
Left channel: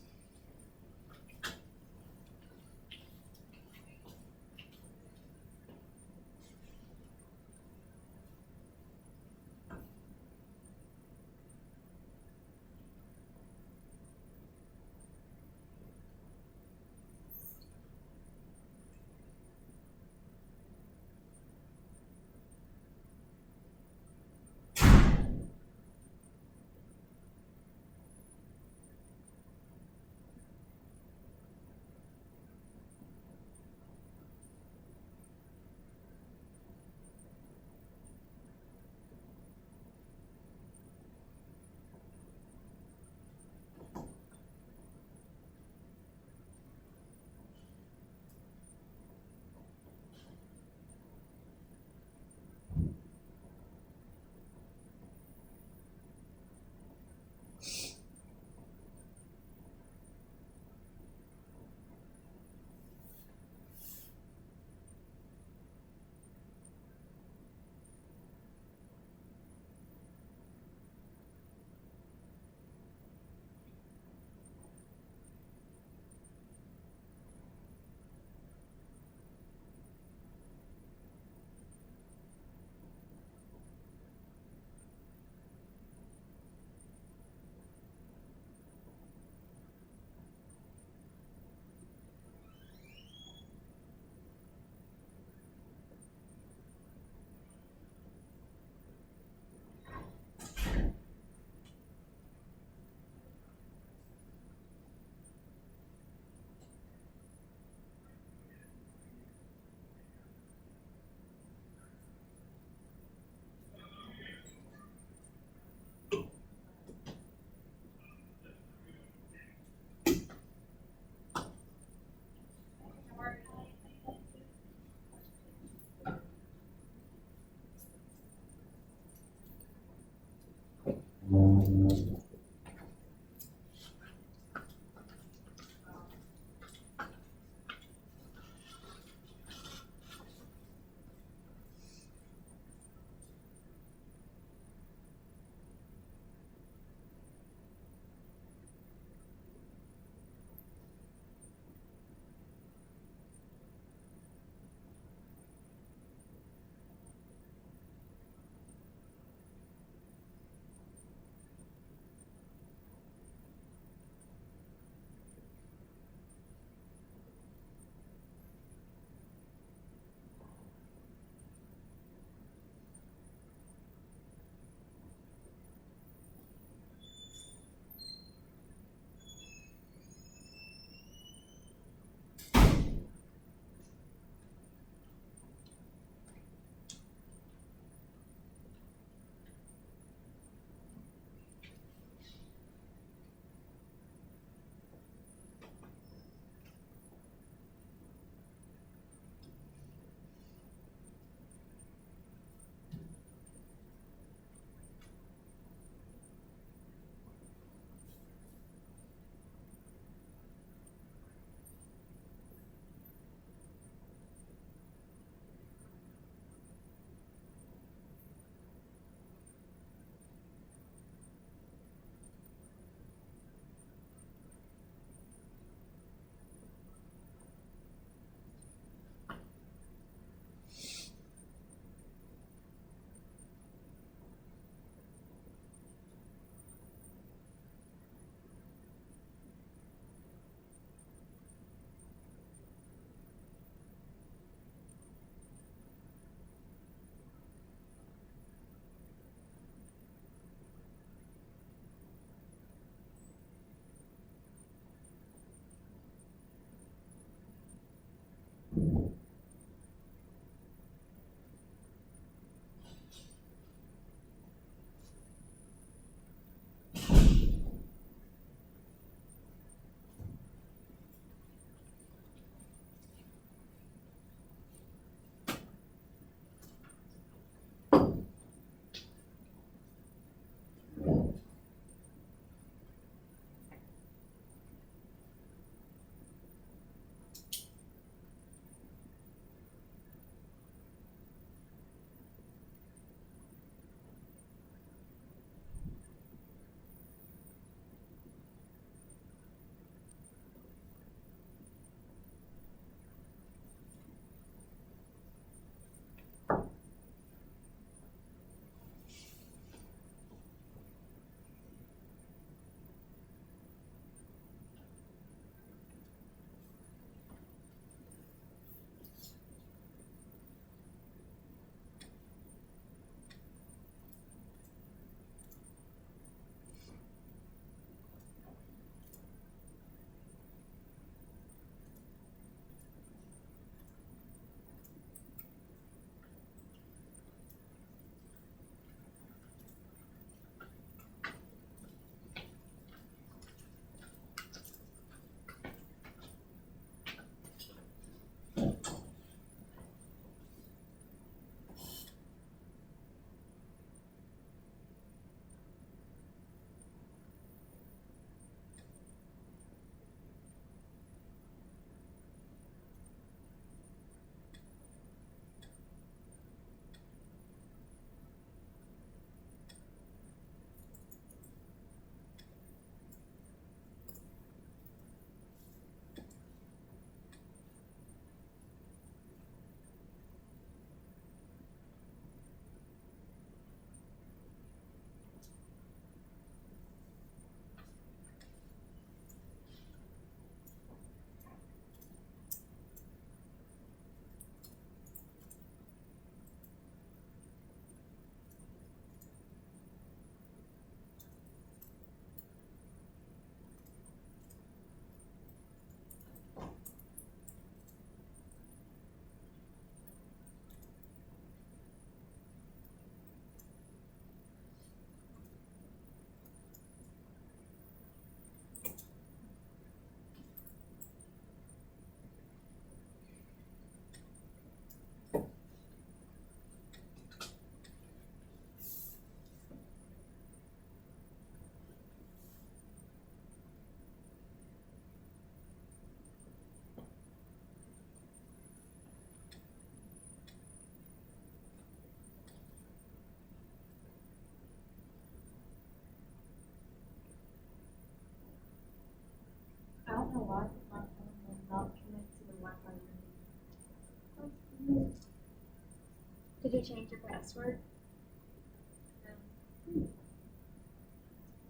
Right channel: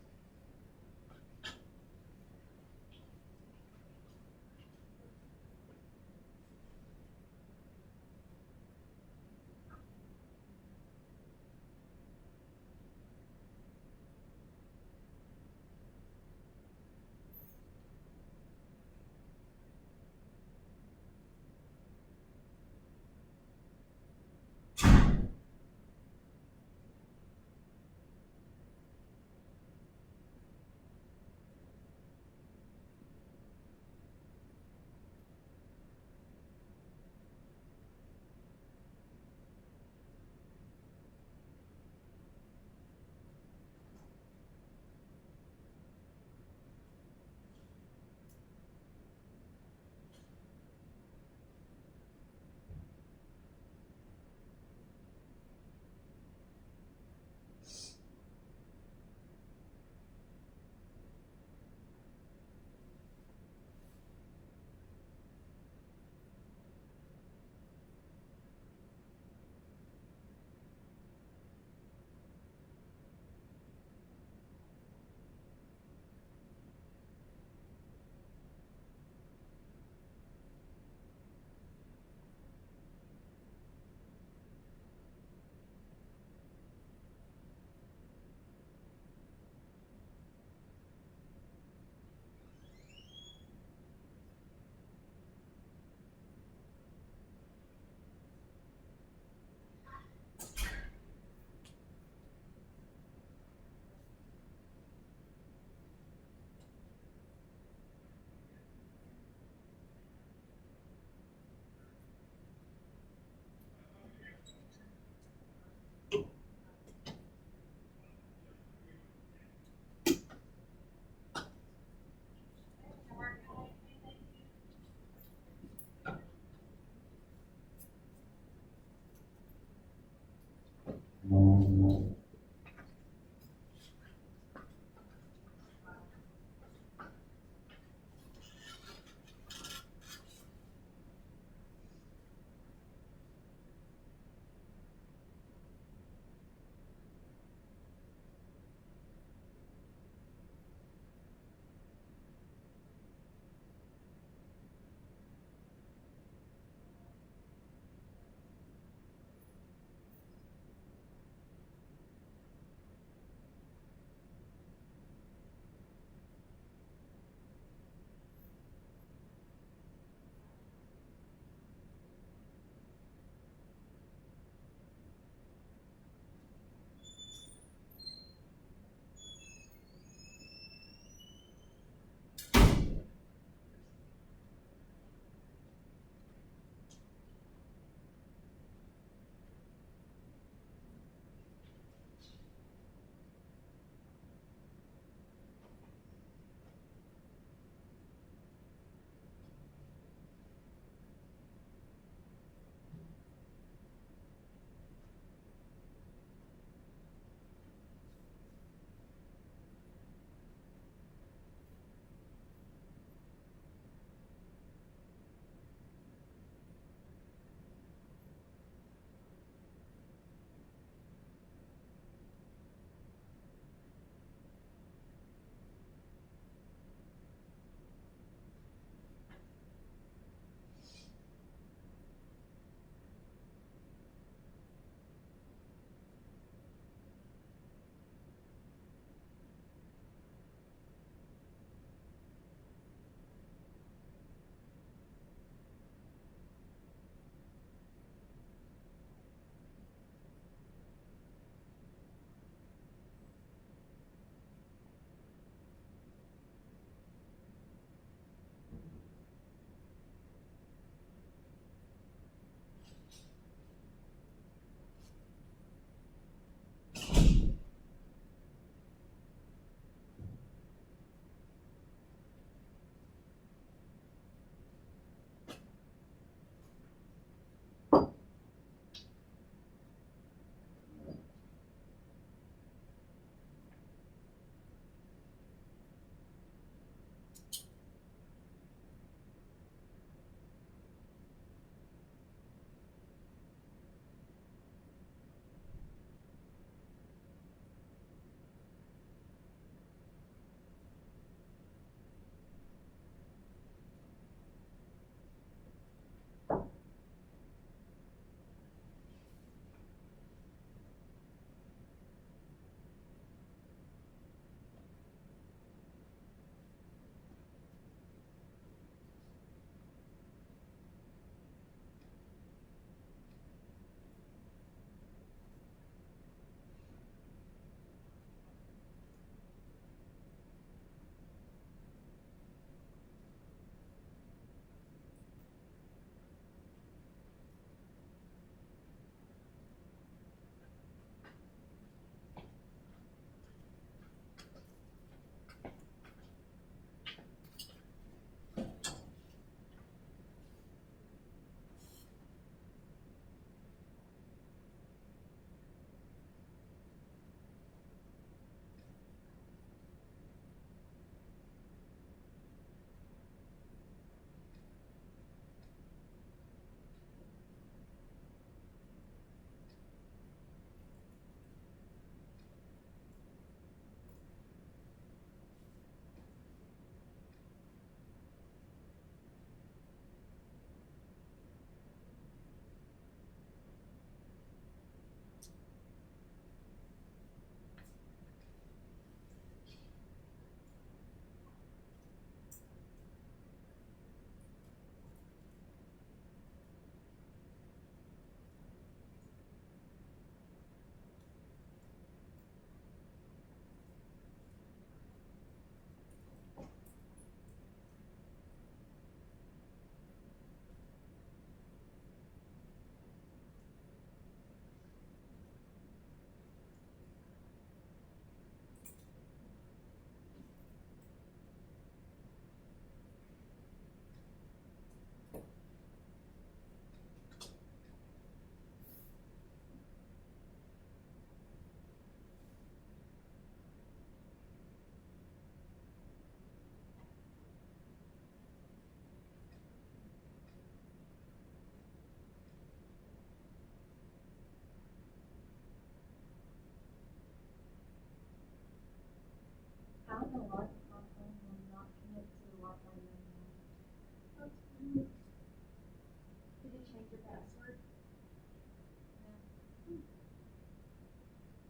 password.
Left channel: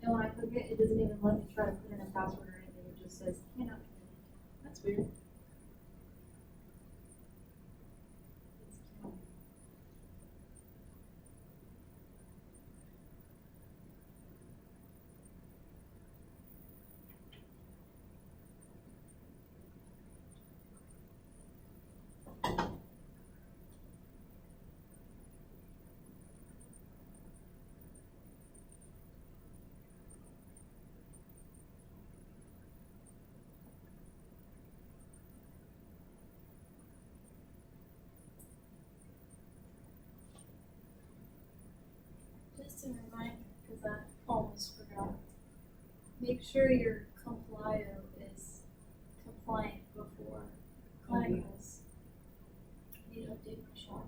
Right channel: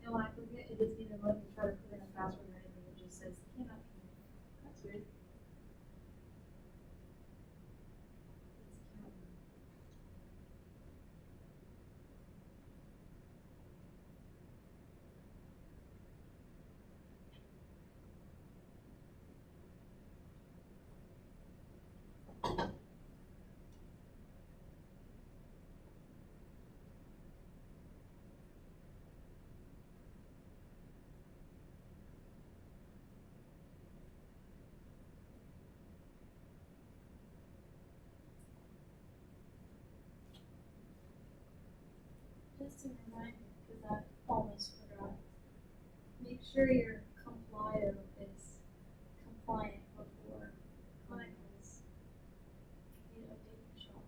And when I click it, it doesn't even let me try to put in a password or anything, it just says cannot connect. That's weird. Just a reminder, because I almost forgot. Make sure your Complio is compliant before clinicals. Need to update my shot.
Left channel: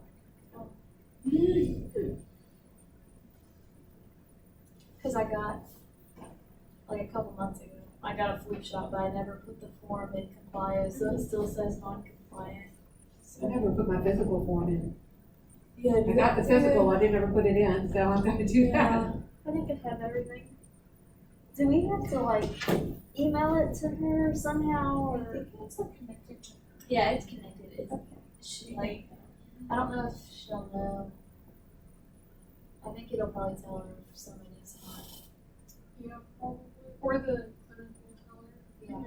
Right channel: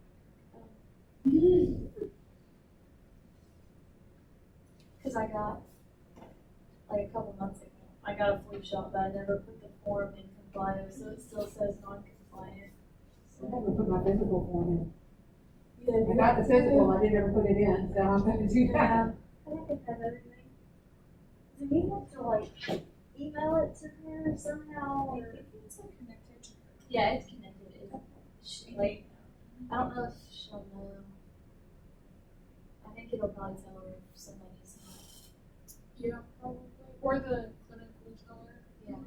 Because I got, like a couple months ago, I got a flu shot, but I never put the form in Complio, so it still says non-compliant. I never put my physical form in. Yeah, I got the physical, I didn't ever put it in, so I'm gonna do that. Yeah, I think it had everything. Do we have to like email it to her somehow I or? think it's like connected to. Yeah, it's connected. She like, I don't know if she'll know. I think it'll probably tell her if somebody's not. Yeah, probably, or the clinic will tell her. Yeah.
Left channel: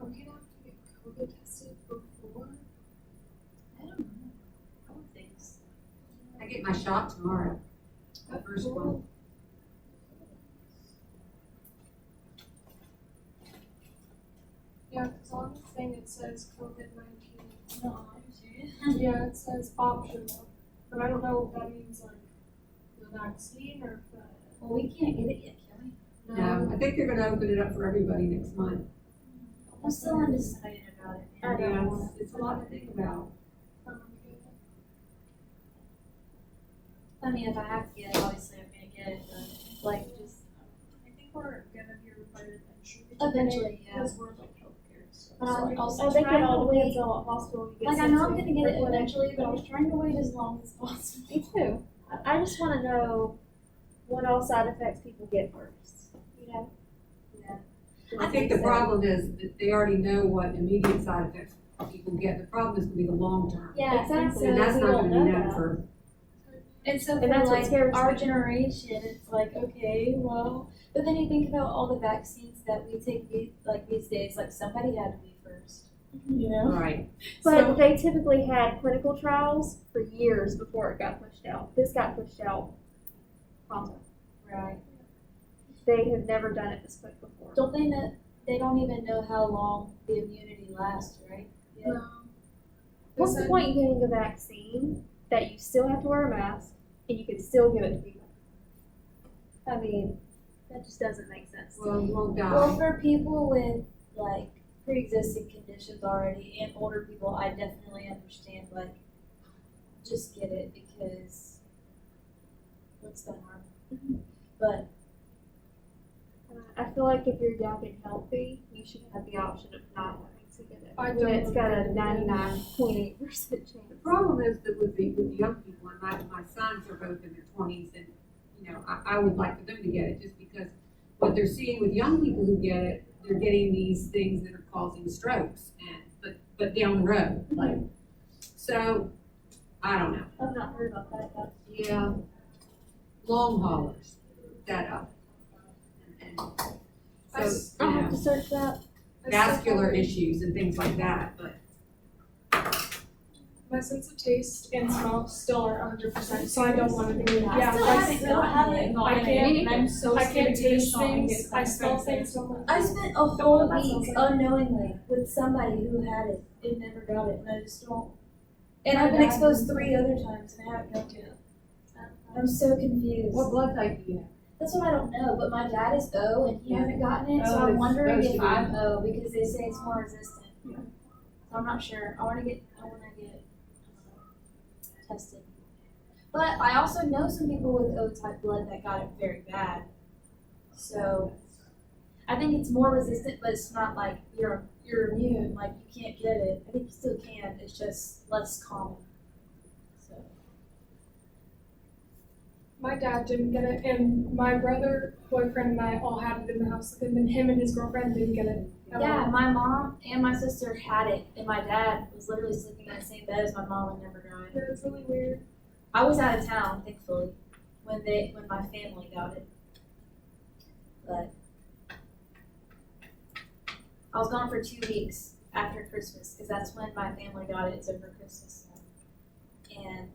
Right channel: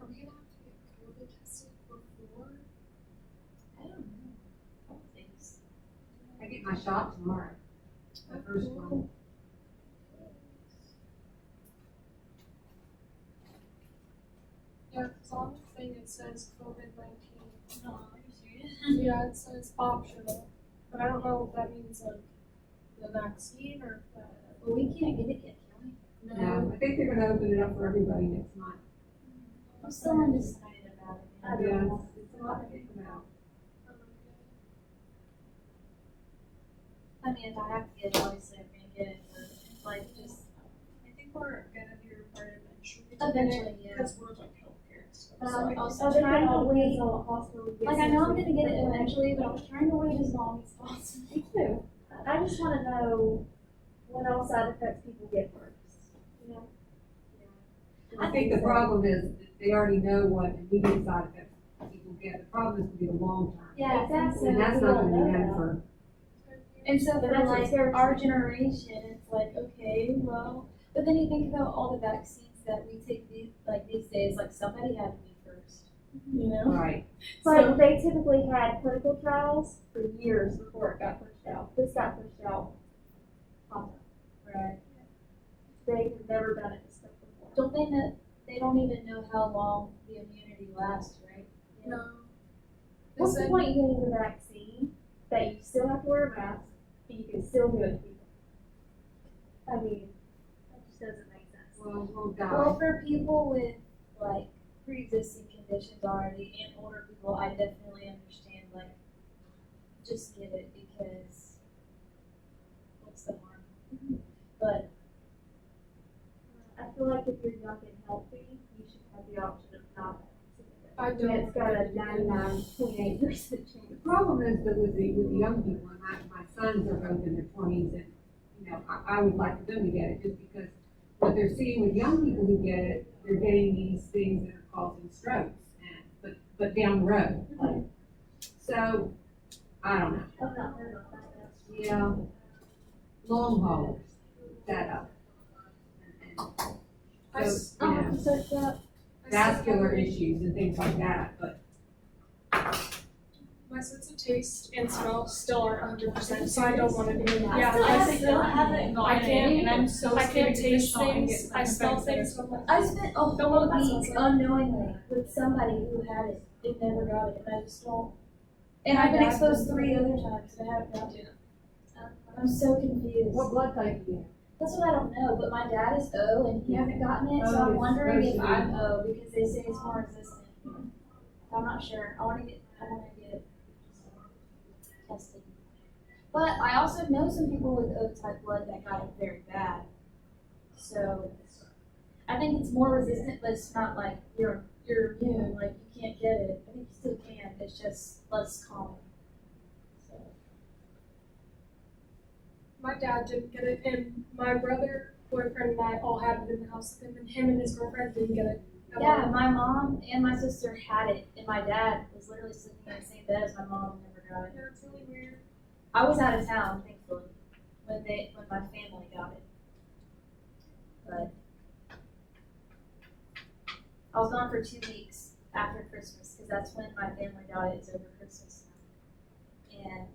Are we gonna have to get COVID tested before? I don't know. I don't think so. I get my shot tomorrow, the first one. Yeah, cause on the thing it says COVID-19. No, are you serious? Yeah, it says optional, but I don't know if that means like the vaccine or if that. Well, we can't get it yet, can we? No, I think they're gonna open it up for everybody next month. I'm still undecided about it, man. I Yeah, know. it's a lot to think about. I mean, if I have to get it, obviously I'm gonna get it, but like just I think we're gonna be required eventually. eventually, yeah. Because we're like healthcare and stuff. But so I I'll guess- try I think it to all wait. depends on what hospital you get Like I sent know I'm to. gonna get it For clinic. eventually, but I was trying to wait as long as possible. Me too. I just wanna know what all side effects people get first, you know? I think the problem is that they already know what immediate side effects people get. The problem is gonna be the long term. Yeah, Exactly. And that's we not don't gonna be know known that. for, And so And for that's what like scares our me. generation, it's like, okay, well, but then you think about all the vaccines that we take these days, like somebody had to be first, you know? right. But So- they typically had clinical trials for years before it got pushed out. This got pushed out pronto. Right. They have never done it this quick before. Don't they know, they don't even know how long the immunity lasts, right? Yeah. No. They What's the said- point in getting a vaccine that you still have to wear a mask and you can still give it to people? I mean, that just doesn't make sense. Well, you won't die. Well, for people with like pre-existing conditions already and older people, I definitely understand, like, just get it because what's the harm? But I feel like if you're young and healthy, you should have the option of not wanting to get it. I When it's don't got a agree with that. 99.8% chance. The problem is that with the young people, and my sons are both in their twenties, and you know, I would like for them to get it, just because what they're seeing with young people who get it, they're getting these things that are causing strokes, and, but down the road, like, so, I don't know. I've not heard about that yet. Yeah, long haulers, that up. And so, I'll you have to know, search that. vascular issues and things like that, but My sense of taste and smell still aren't 100%, so I don't want to do that. I still haven't gotten I can't, it, and I'm so I scared can't to give it a taste shot and things, get I smell infected. things, so I'm like, I spent a Don't whole want that week smells like- unknowingly with somebody who had it and never got it, and I just don't. And I've been My dad exposed did. 3 other times and I haven't gotten it. I'm so confused. what blood type do you have? That's what I don't know, but my dad is O and he Yeah. hasn't gotten it, so Oh, I'm it's wondering supposed if to be. I'm O because they say it's more resistant. So I'm not sure. I wanna get tested. But I also know some people with O type blood that got it very bad. So I think it's more resistant, but it's not like you're immune, like you can't get it. I think you still can, it's just less common. So my dad didn't get it, and my brother, boyfriend, and I all had it in the house with him, and him and his girlfriend didn't get it. at yeah, all. my mom and my sister had it, and my dad was literally sleeping in the same bed as my mom and never got it. Yeah, it's really weird. I was out of town, thankfully, when my family got it. But I was gone for 2 weeks after Christmas, because that's when my family got it, it's over Christmas. And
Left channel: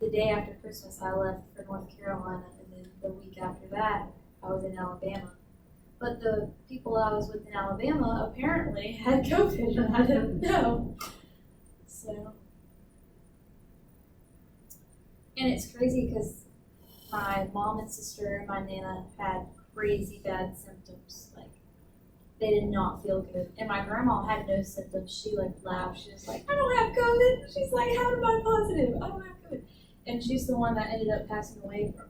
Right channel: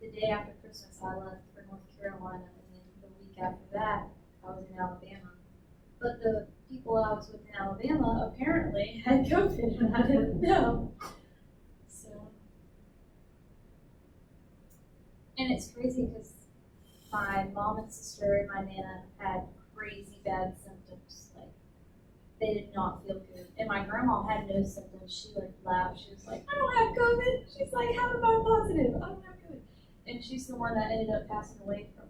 the day after Christmas, I left for North Carolina, and then the week after that, I was in Alabama. But the people I was with in Alabama apparently had COVID, and I didn't know. So. And it's crazy because my mom and sister and my nana had crazy bad symptoms. Like, they did not feel good. And my grandma had no symptoms. She like laughed. She was like, I don't have COVID. She's like, how am I positive? I don't have COVID. And she's the one that ended up passing away from.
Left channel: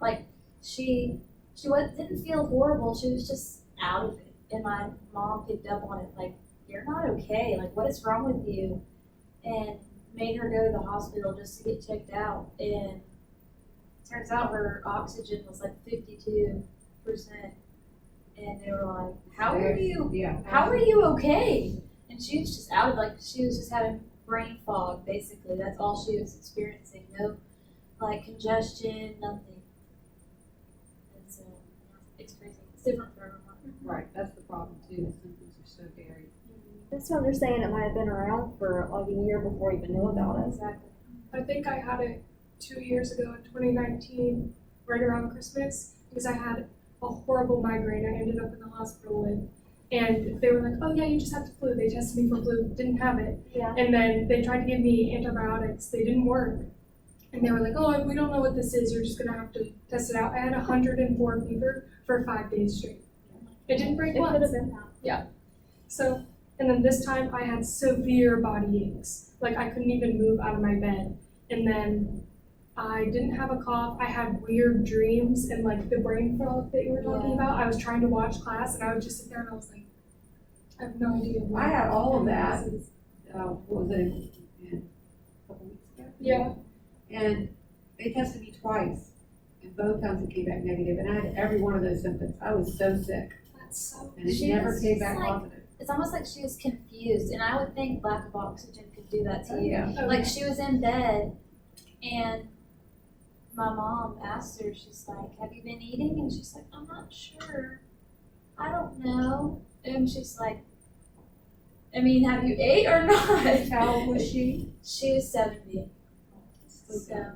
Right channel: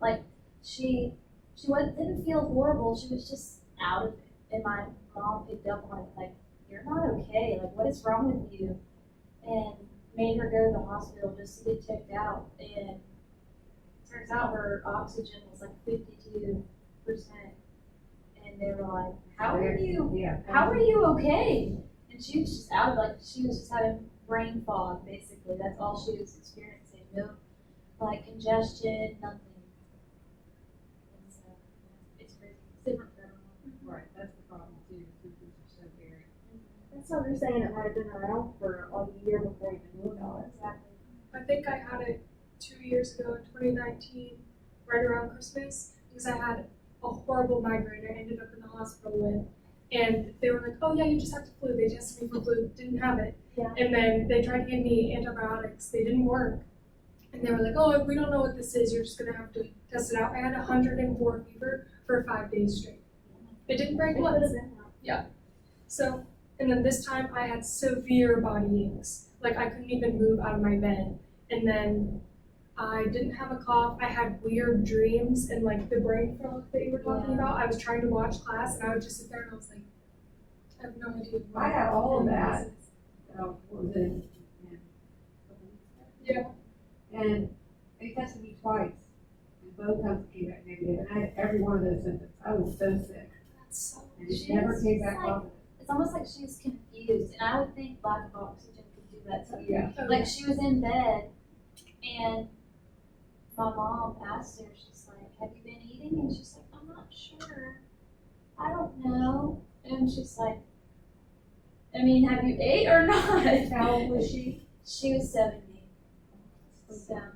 Like, she didn't feel horrible. She was just out of it. And my mom picked up on it. Like, you're not okay. Like, what is wrong with you? And made her go to the hospital just to get checked out. And turns out her oxygen was like 52%. And they were like, how are you okay? And she was just out of, like, she was just having brain fog, basically. That's all she was experiencing. No, like, congestion, nothing. And so, it's crazy. It's different for everyone. Right, that's the problem too, the symptoms are so varied. That's what they're saying, it might have been around for like a year before you even knew about it. Exactly. I think I had it 2 years ago in 2019, right around Christmas, because I had a horrible migraine I ended up in the hospital with. And they were like, oh yeah, you just have the flu. They tested me for flu, didn't have it. Yeah. And then they tried to give me antibiotics, they didn't work. And they were like, oh, we don't know what this is, you're just gonna have to test it out. I had 104 fever for 5 days straight. It didn't break It could once. have been that. So, and then this time I had severe body aches. Like, I couldn't even move out of my bed. And then I didn't have a cough. I had weird dreams and like the brain fog that you were talking about. I was trying to watch class and I would just sit there and I was like, I have no idea. I had all of that. this is. What was it, in a couple weeks ago? Yeah. And they tested me twice, and both times it came back negative, and I had every one of those symptoms. I was so sick, That's so. and it She never was came just back like- positive. It's almost like she was confused, and I would think lack of oxygen could do that to you. Yeah. Like, she was in bed, and my mom asked her, she's like, have you been eating? And she's like, I'm not sure. I don't know. And she's like, I mean, have you ate or not? How old was she? She was 70. So,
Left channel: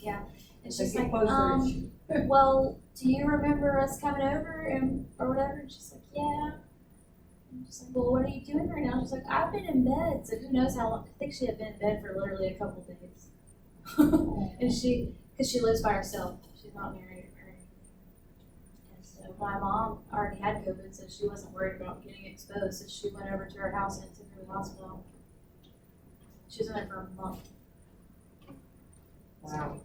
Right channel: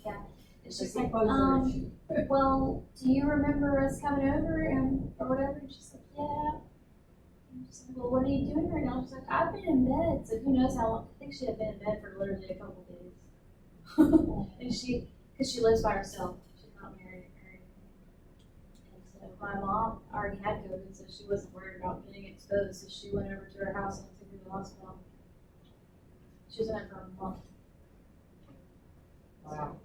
yeah. And It's like she's a like, poser issue. well, do you remember us coming over and or whatever? And she's like, yeah. And she's like, well, what are you doing right now? She's like, I've been in bed. So who knows how long? I think she had been in bed for literally a couple days. And because she lives by herself. She's not married or anything. And so my mom already had COVID, so she wasn't worried about getting exposed. So she went over to her house and took her to the hospital. She was in there for a month. Wow.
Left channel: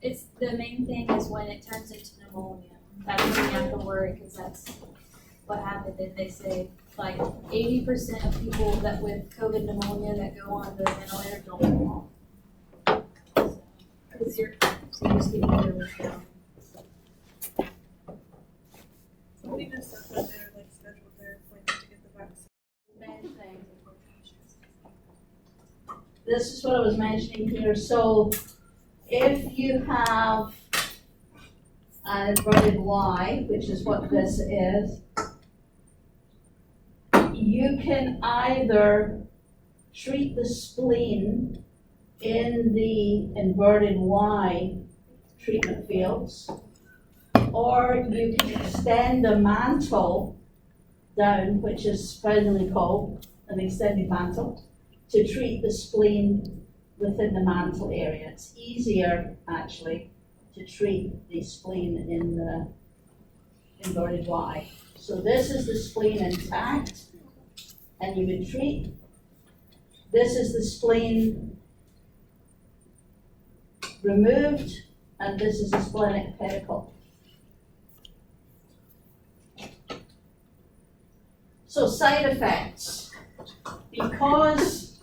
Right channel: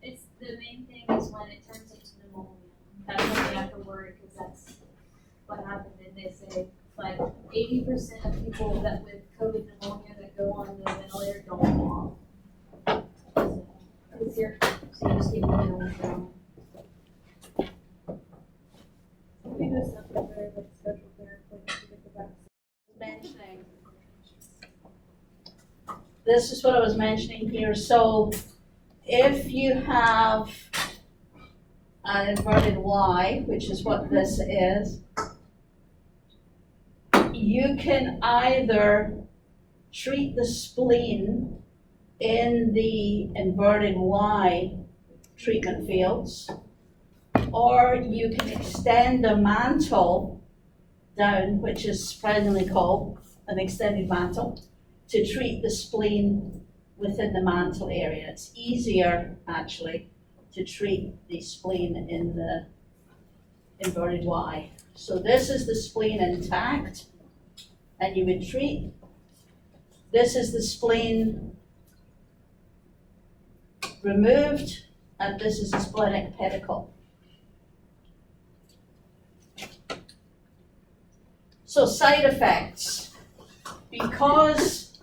It's the main thing is when it turns into pneumonia. That's when you have to worry because that's what happened. And they say like 80% of people that with COVID pneumonia that go on the ventilator don't go off. So, It's your, so you just keep going down. Somebody just said that they're like scheduled their appointment to get the vaccine. mentioning. This is what I was mentioning here, so if you have an inverted Y, which is what this is, you can either treat the spleen in the inverted Y treatment fields, or you can extend the mantle down, which is presently called an extended mantle, to treat the spleen within the mantle area. It's easier, actually, to treat the spleen in the inverted Y. So this is the spleen intact, and you would treat. This is the spleen removed, and this is the splenic pedicle. So side effects, because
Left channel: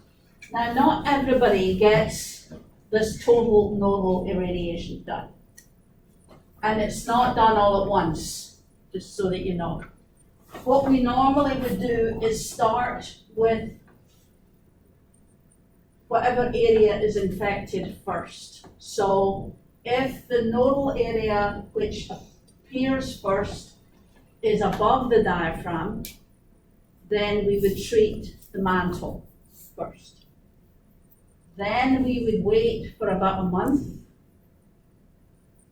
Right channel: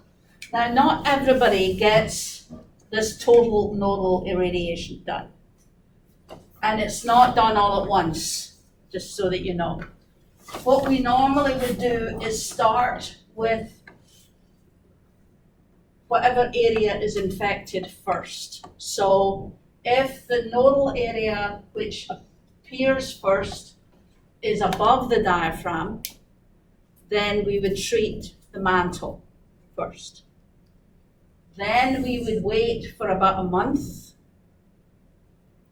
now not everybody gets this total nodal irradiation done. And it's not done all at once, just so that you know. What we normally would do is start with whatever area is infected first. So if the nodal area which appears first is above the diaphragm, then we would treat the mantle first. Then we would wait for about a month,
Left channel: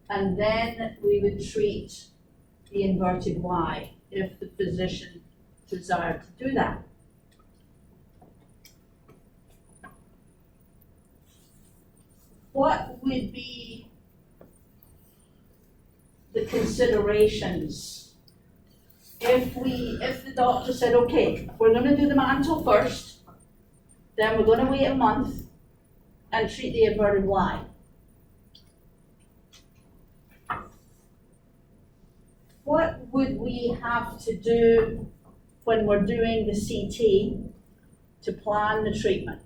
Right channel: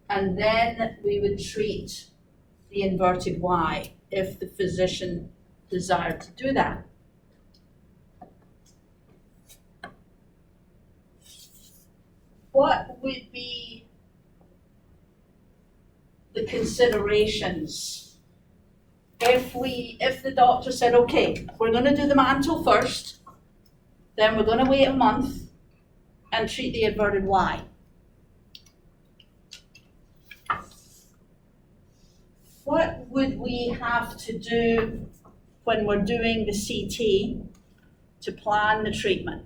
and then we would treat the inverted Y if the physician desired to do that. What would be the considerations if the doctor said, okay, we're going to do the mantle first, then we're going to wait a month and treat the inverted Y? What would we have to do when we're doing the CT to plan the treatment?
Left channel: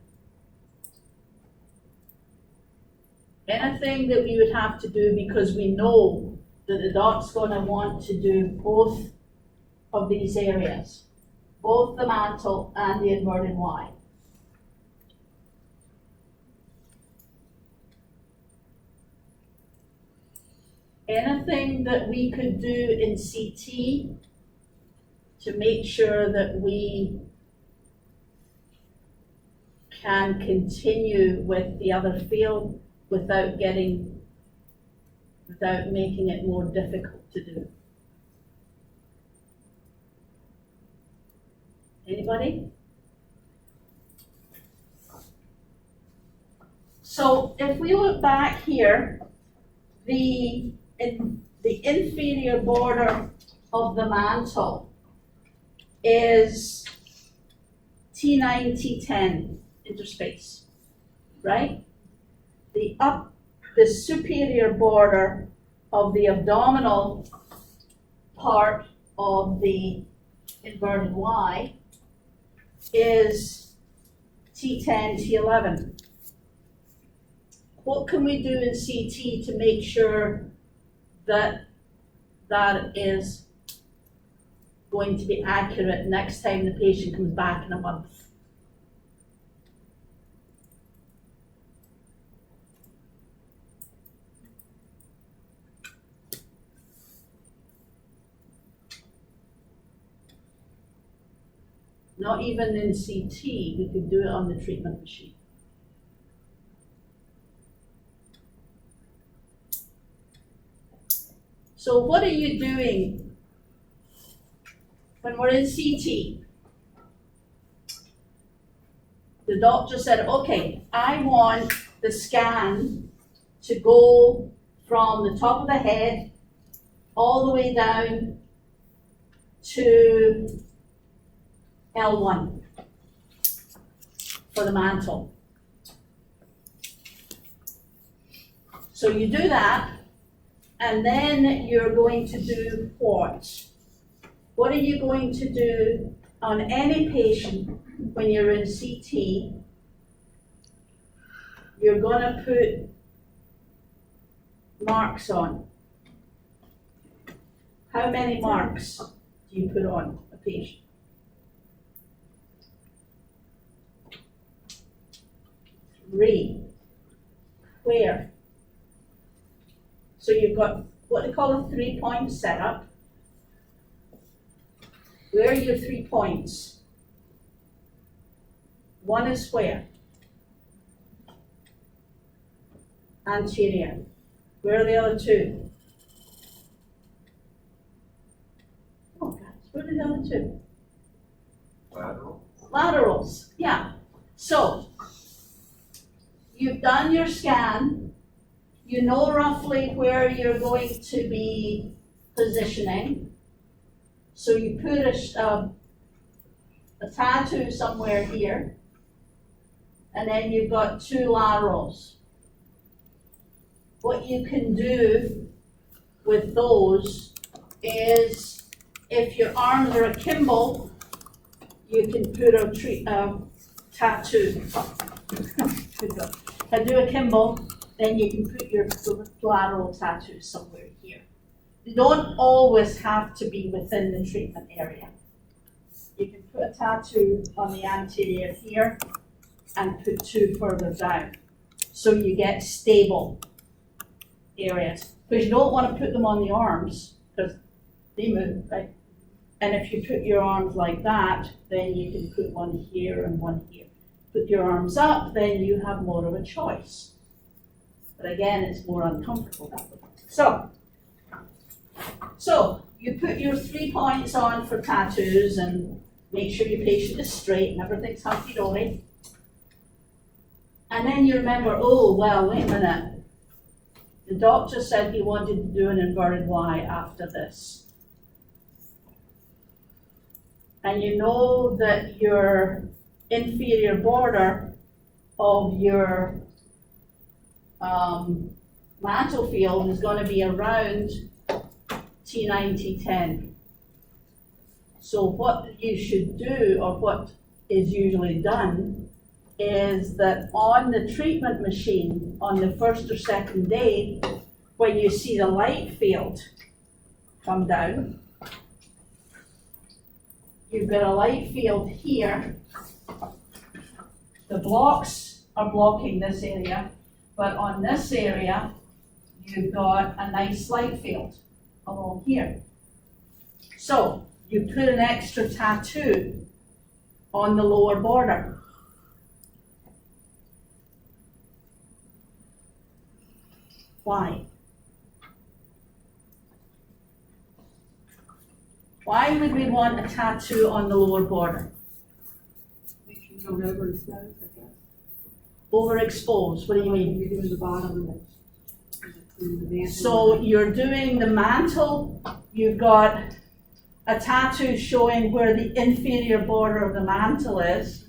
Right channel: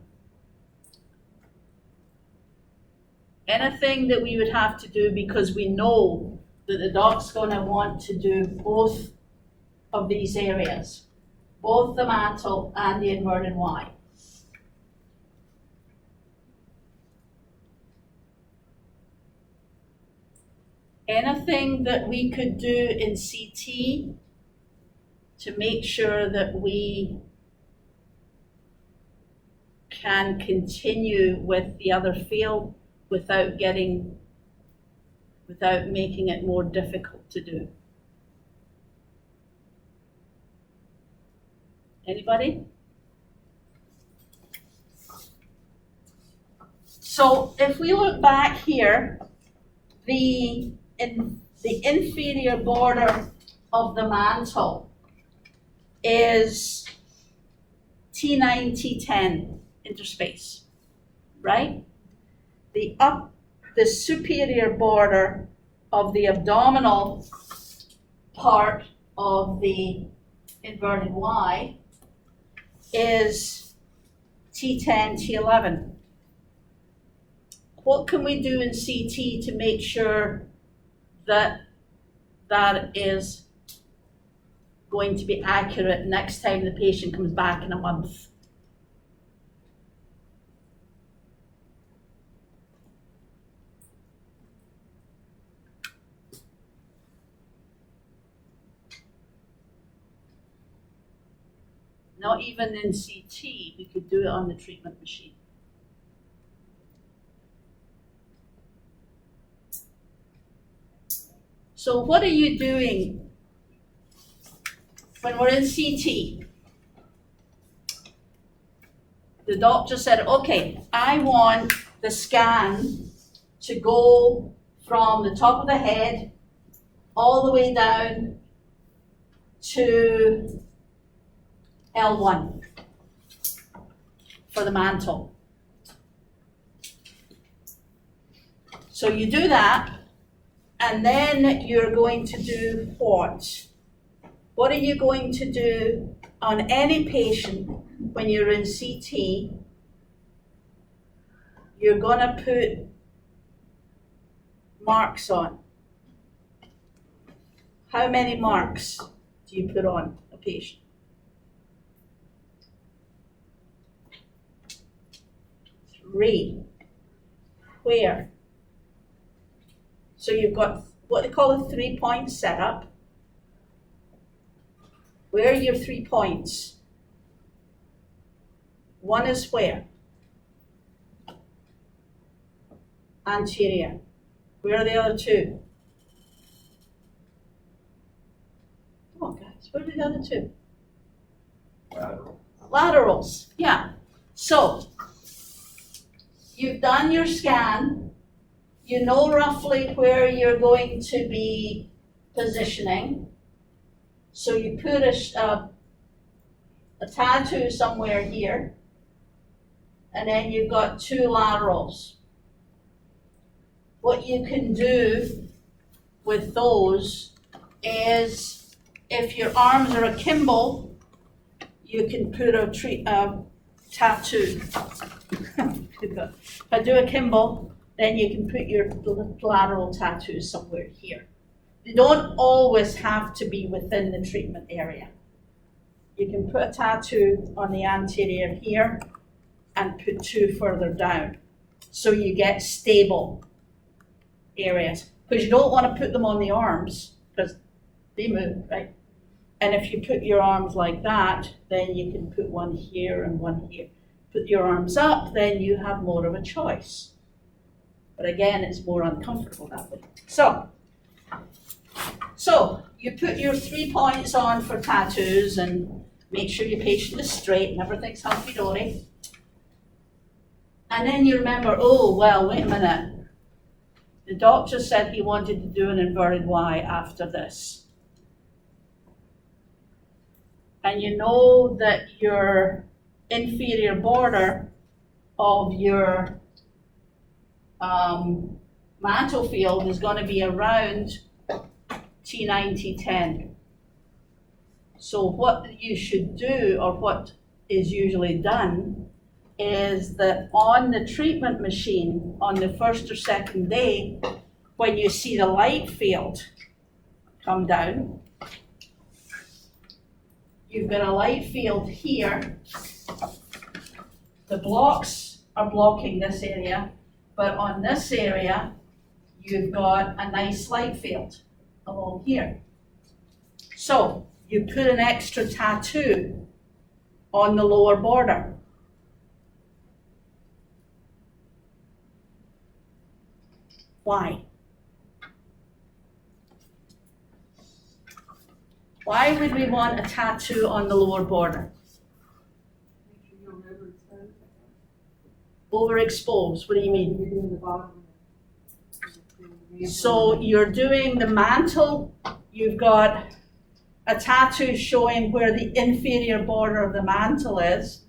Anything that we would have to do, because we know that the doc's going to want to do both of these areas, both the mantle and the inverted Y. Anything that we could do in CT to make sure that we can continue with the other field without making it more difficult to do? Anybody? So if we look back here, the inferior border of the mantle is T9, T10 interspace, right? The superior border of the abdominal part of the inverted Y is T10, T11. What can we do in CT to make sure that that is going to be accurate next time the patient comes back in a month? Not even in CT, we could do it on the treatment machine. So what are you doing when we're in CT? The doctor said, okay, I want the scan to go from the top of the head all the way down to L1 for the mantle. So you do that, and then you're going to do what? What are you going to do on any patient when you're in CT? You're going to put marks on? How many marks do you put on a patient? 3. Where? So you've got what they call a 3-point setup. Where are your 3 points? One is where? Anterior. Where are the other 2? Come on, guys, where are the other 2? Lateral. Laterals, yeah. So, you've done your scan, you know roughly where you're going to be positioning. So you put a tattoo somewhere here, and then you've got 2 laterals. What you can do with those is, if your arms are akimbo, you can put a tattoo. If I do akimbo, then you can put your lateral tattoos somewhere here. They don't always have to be within the treatment area. You can put a tattoo on the anterior here and put 2 further down, so you get stable areas. Because you don't want to put them on the arms, because they move, right? And if you put your arms like that, then you can put one here and one here. Put your arms up, then you have more of a choice. But again, it's more uncomfortable that way. So you put your 3 points on for tattoos and make sure your patient is straight and everything's hunky-dory. And then you remember, oh, well, wait a minute. The doctor said he wanted to do an inverted Y after this. And you know that your inferior border of your mantle field is going to be around T9, T10. So what you should do, or what is usually done, is that on the treatment machine on the first or second day, when you see the light field come down, you've got a light field here. The blocks are blocking this area, but on this area, you've got a nice light field along here. So you put an extra tattoo on the lower border. Why? Why would we want a tattoo on the lower border? Make sure you don't overexpose, I guess. Overexposed, what do you mean? You're doing the bottom of the So you're doing the mantle, you've got a tattoo showing where the inferior border of the mantle is.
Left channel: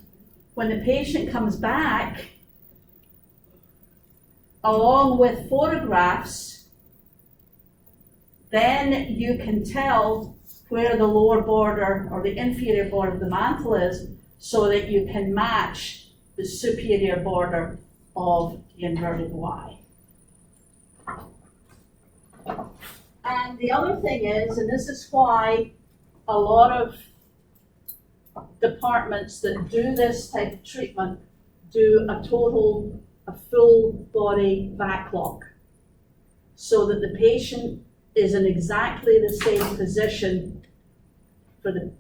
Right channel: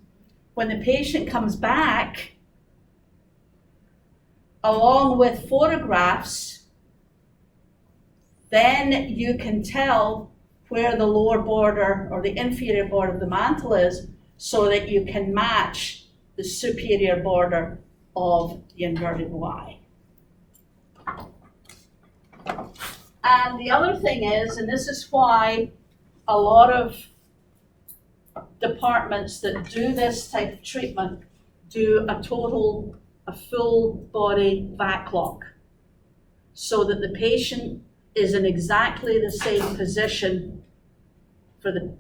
When the patient comes back, along with photographs, then you can tell where the lower border or the inferior border of the mantle is, so that you can match the superior border of the inverted Y. And the other thing is, and this is why a lot of departments that do this type of treatment do a full body back lock, so that the patient is in exactly the same position for the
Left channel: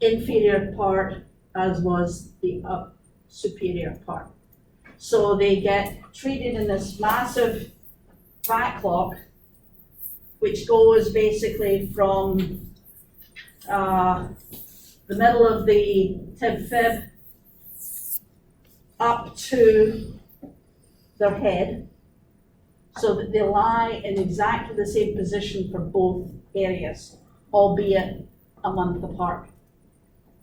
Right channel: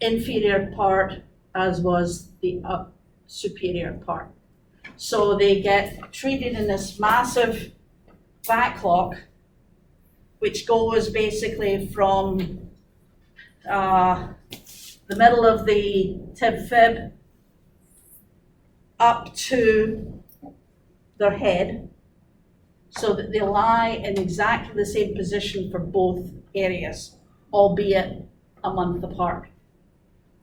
inferior part as was the superior part. So they get treated in this massive back lock, which goes basically from the middle of the tib fib up to their head, so that they lie in exactly the same position for both areas, albeit a month apart.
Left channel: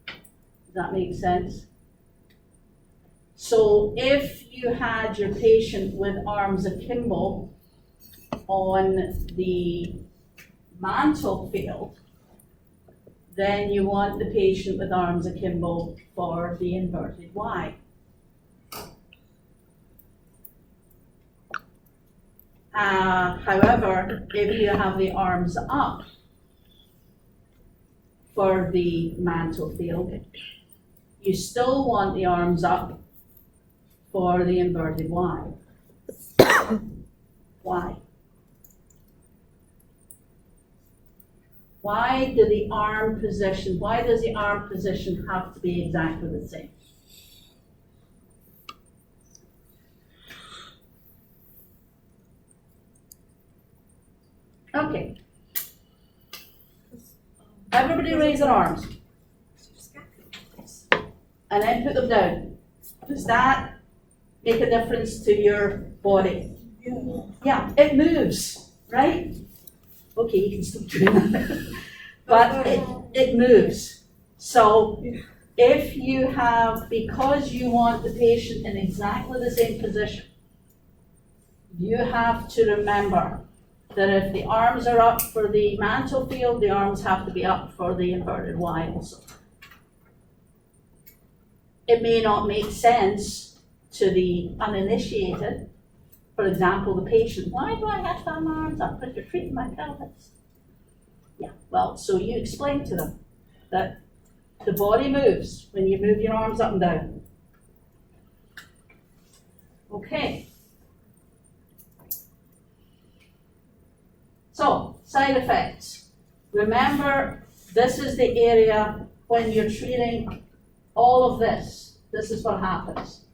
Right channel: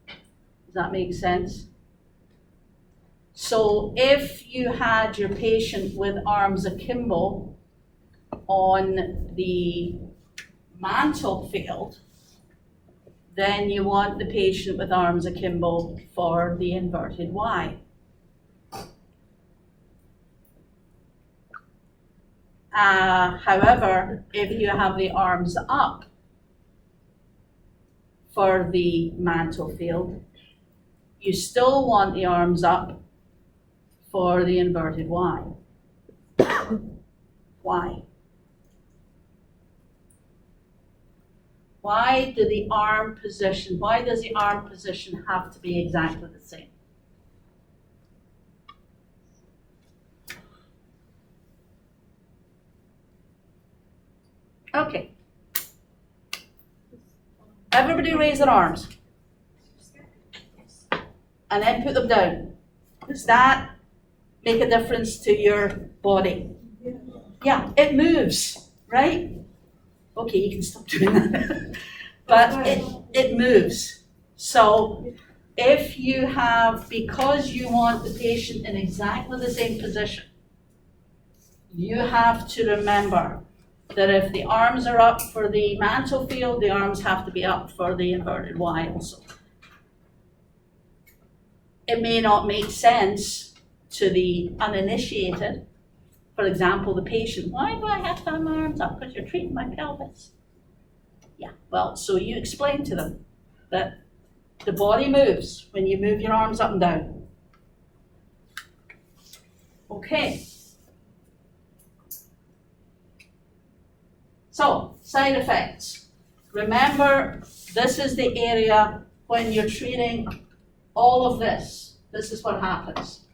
Does that make sense? So if you had your patient with arms akimbo on the mantle field, then you want the patient with arms akimbo for the inverted Y. However, if you have the arms up for the mantle field, you still want the arms up for the inverted Y. Why? Why does the arm position have to be exactly the same? Okay. Everybody raise their arms. And then put them down. Does that make a difference to your body? Yeah, it moves, right? Okay, you can stop doing that. But it moves. So if you have, because you want the patient in exactly the same position, you have to remember that if the arms are up for the mantle field, the arms have to be up for the inverted Y also. It may not make sense to the uninitiated. For example, the patient, why do I have to have my arms up? Because you're treating my pelvis. Yeah, well, so you explain to them that the body moves when you move your arms up and down. Okay. So, side effects. Remember, this is the area when you're treating all of this. This is what happens.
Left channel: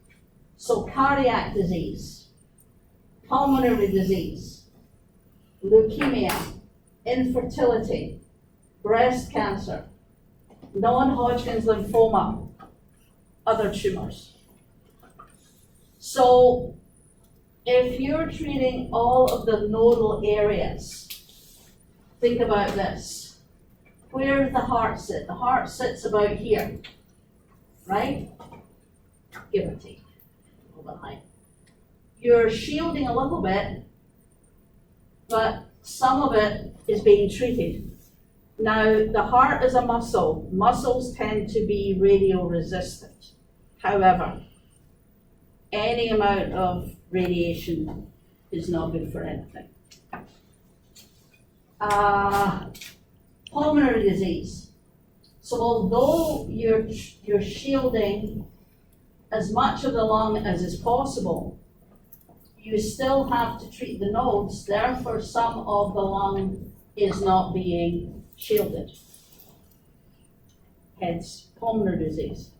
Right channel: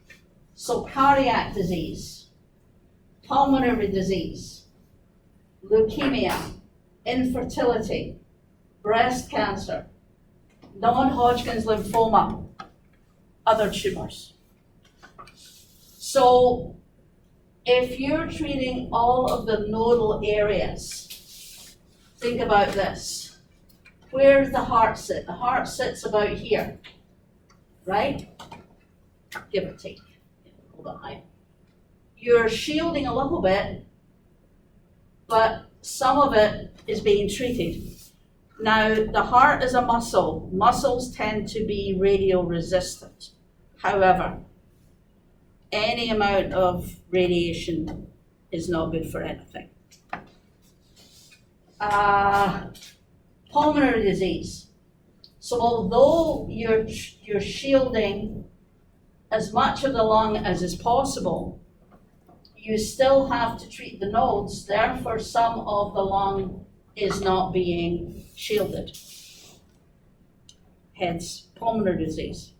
So, cardiac disease, pulmonary disease, leukemia, infertility, breast cancer, non-Hodgkin's lymphoma, other tumors. So, if you're treating all of the nodal areas, think about this. Where does the heart sit? The heart sits about here, right? Give or take, a little bit high. You're shielding a little bit, but some of it is being treated. Now, the heart is a muscle. Muscles tend to be radial resistant. However, any amount of radiation is not good for anything. Pulmonary disease. So although you're shielding as much of the lung as is possible, you still have to treat the nodes, therefore some of the lung is not being shielded. Hence, pulmonary disease.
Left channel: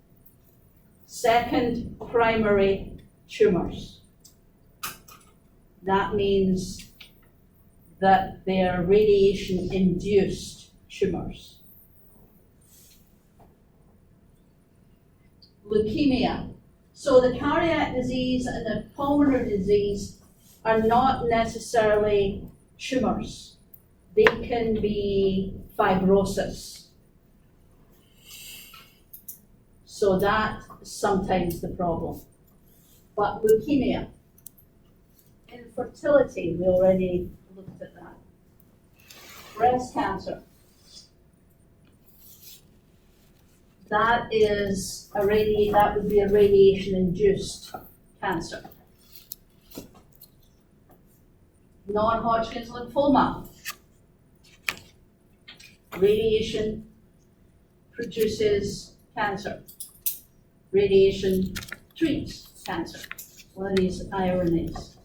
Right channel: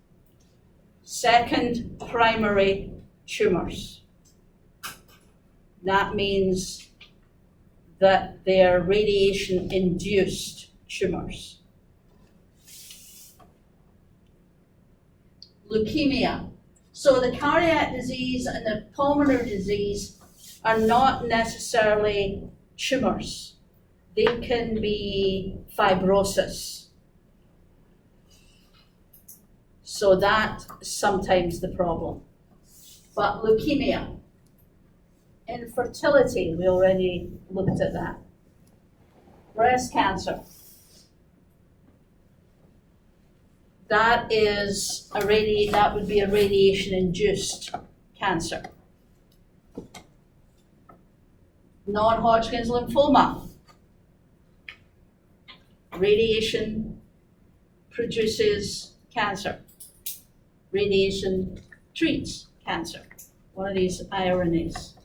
Second, primary tumors. That means that they are radiation-induced tumors. Leukemia. So the cardiac disease and the pulmonary disease are not necessarily tumors. They can be fibrosis. So that's sometimes the problem. But leukemia, infertility, we already looked at that. Breast cancer. That would be a radiation-induced cancer. Non-Hodgkin's lymphoma. Radiation produces cancer. Radiation treats cancer. One of these ironies.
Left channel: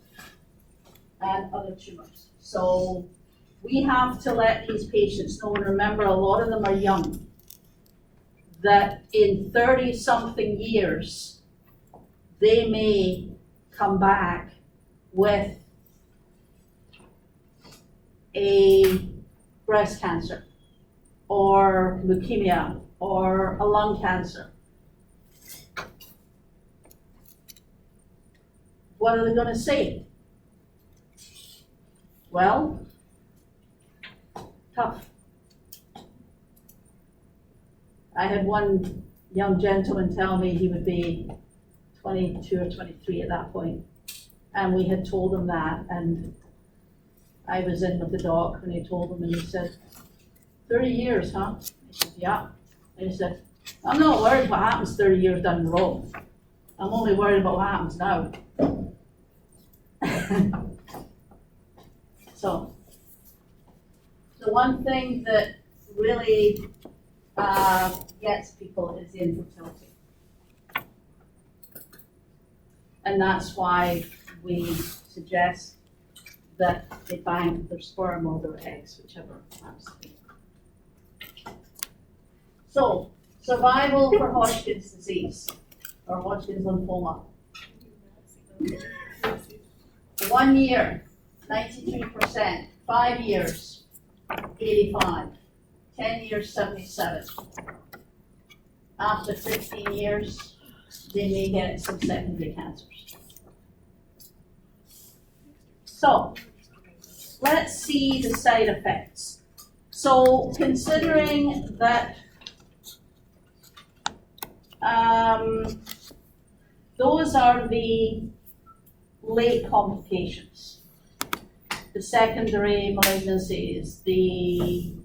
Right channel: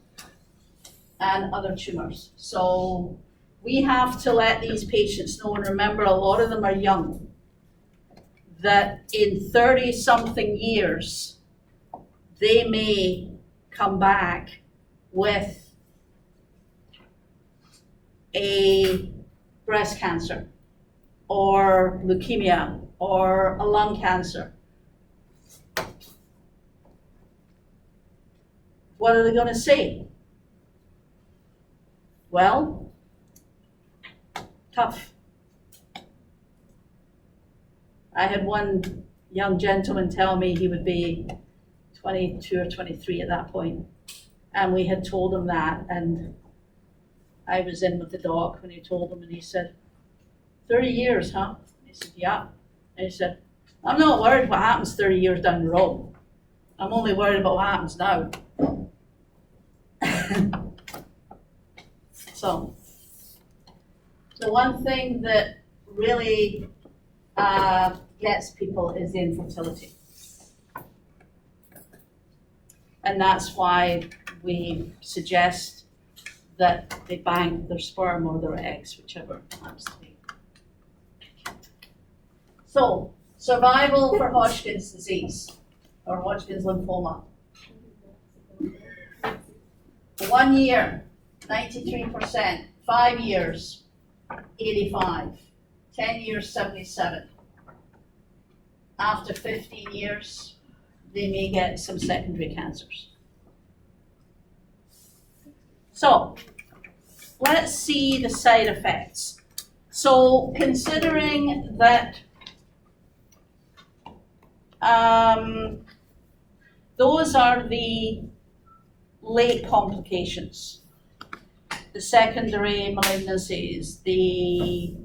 And other tumors. So we have to let these patients know, and remember, a lot of them are young, that in 30-something years, they may come back with a breast cancer, or leukemia, or a lung cancer. What are they going to say? Well, tough. I had one young gentleman tell me he would be 22 or 23 at that point, and we had told him that, and I was in with the doc when he told him, and he said, 30 years, huh? I said, yeah. And he said, I'm not worried what happens 30 years down the road. I'm only worried about what happens now. So, the one thing that really gets people is the infertility. And that's why we suggest that they bank their sperm or their eggs, whichever happens to be. So, survival for Hodgkin's disease or Hodgkin's lymphoma. 1 year, 93%, 5 years, 85, 10 years, 77. After 15 years, they may get some secondary cancers. So, let's see the side effects. So, considering that those are the late complications, the secondary malignancies, the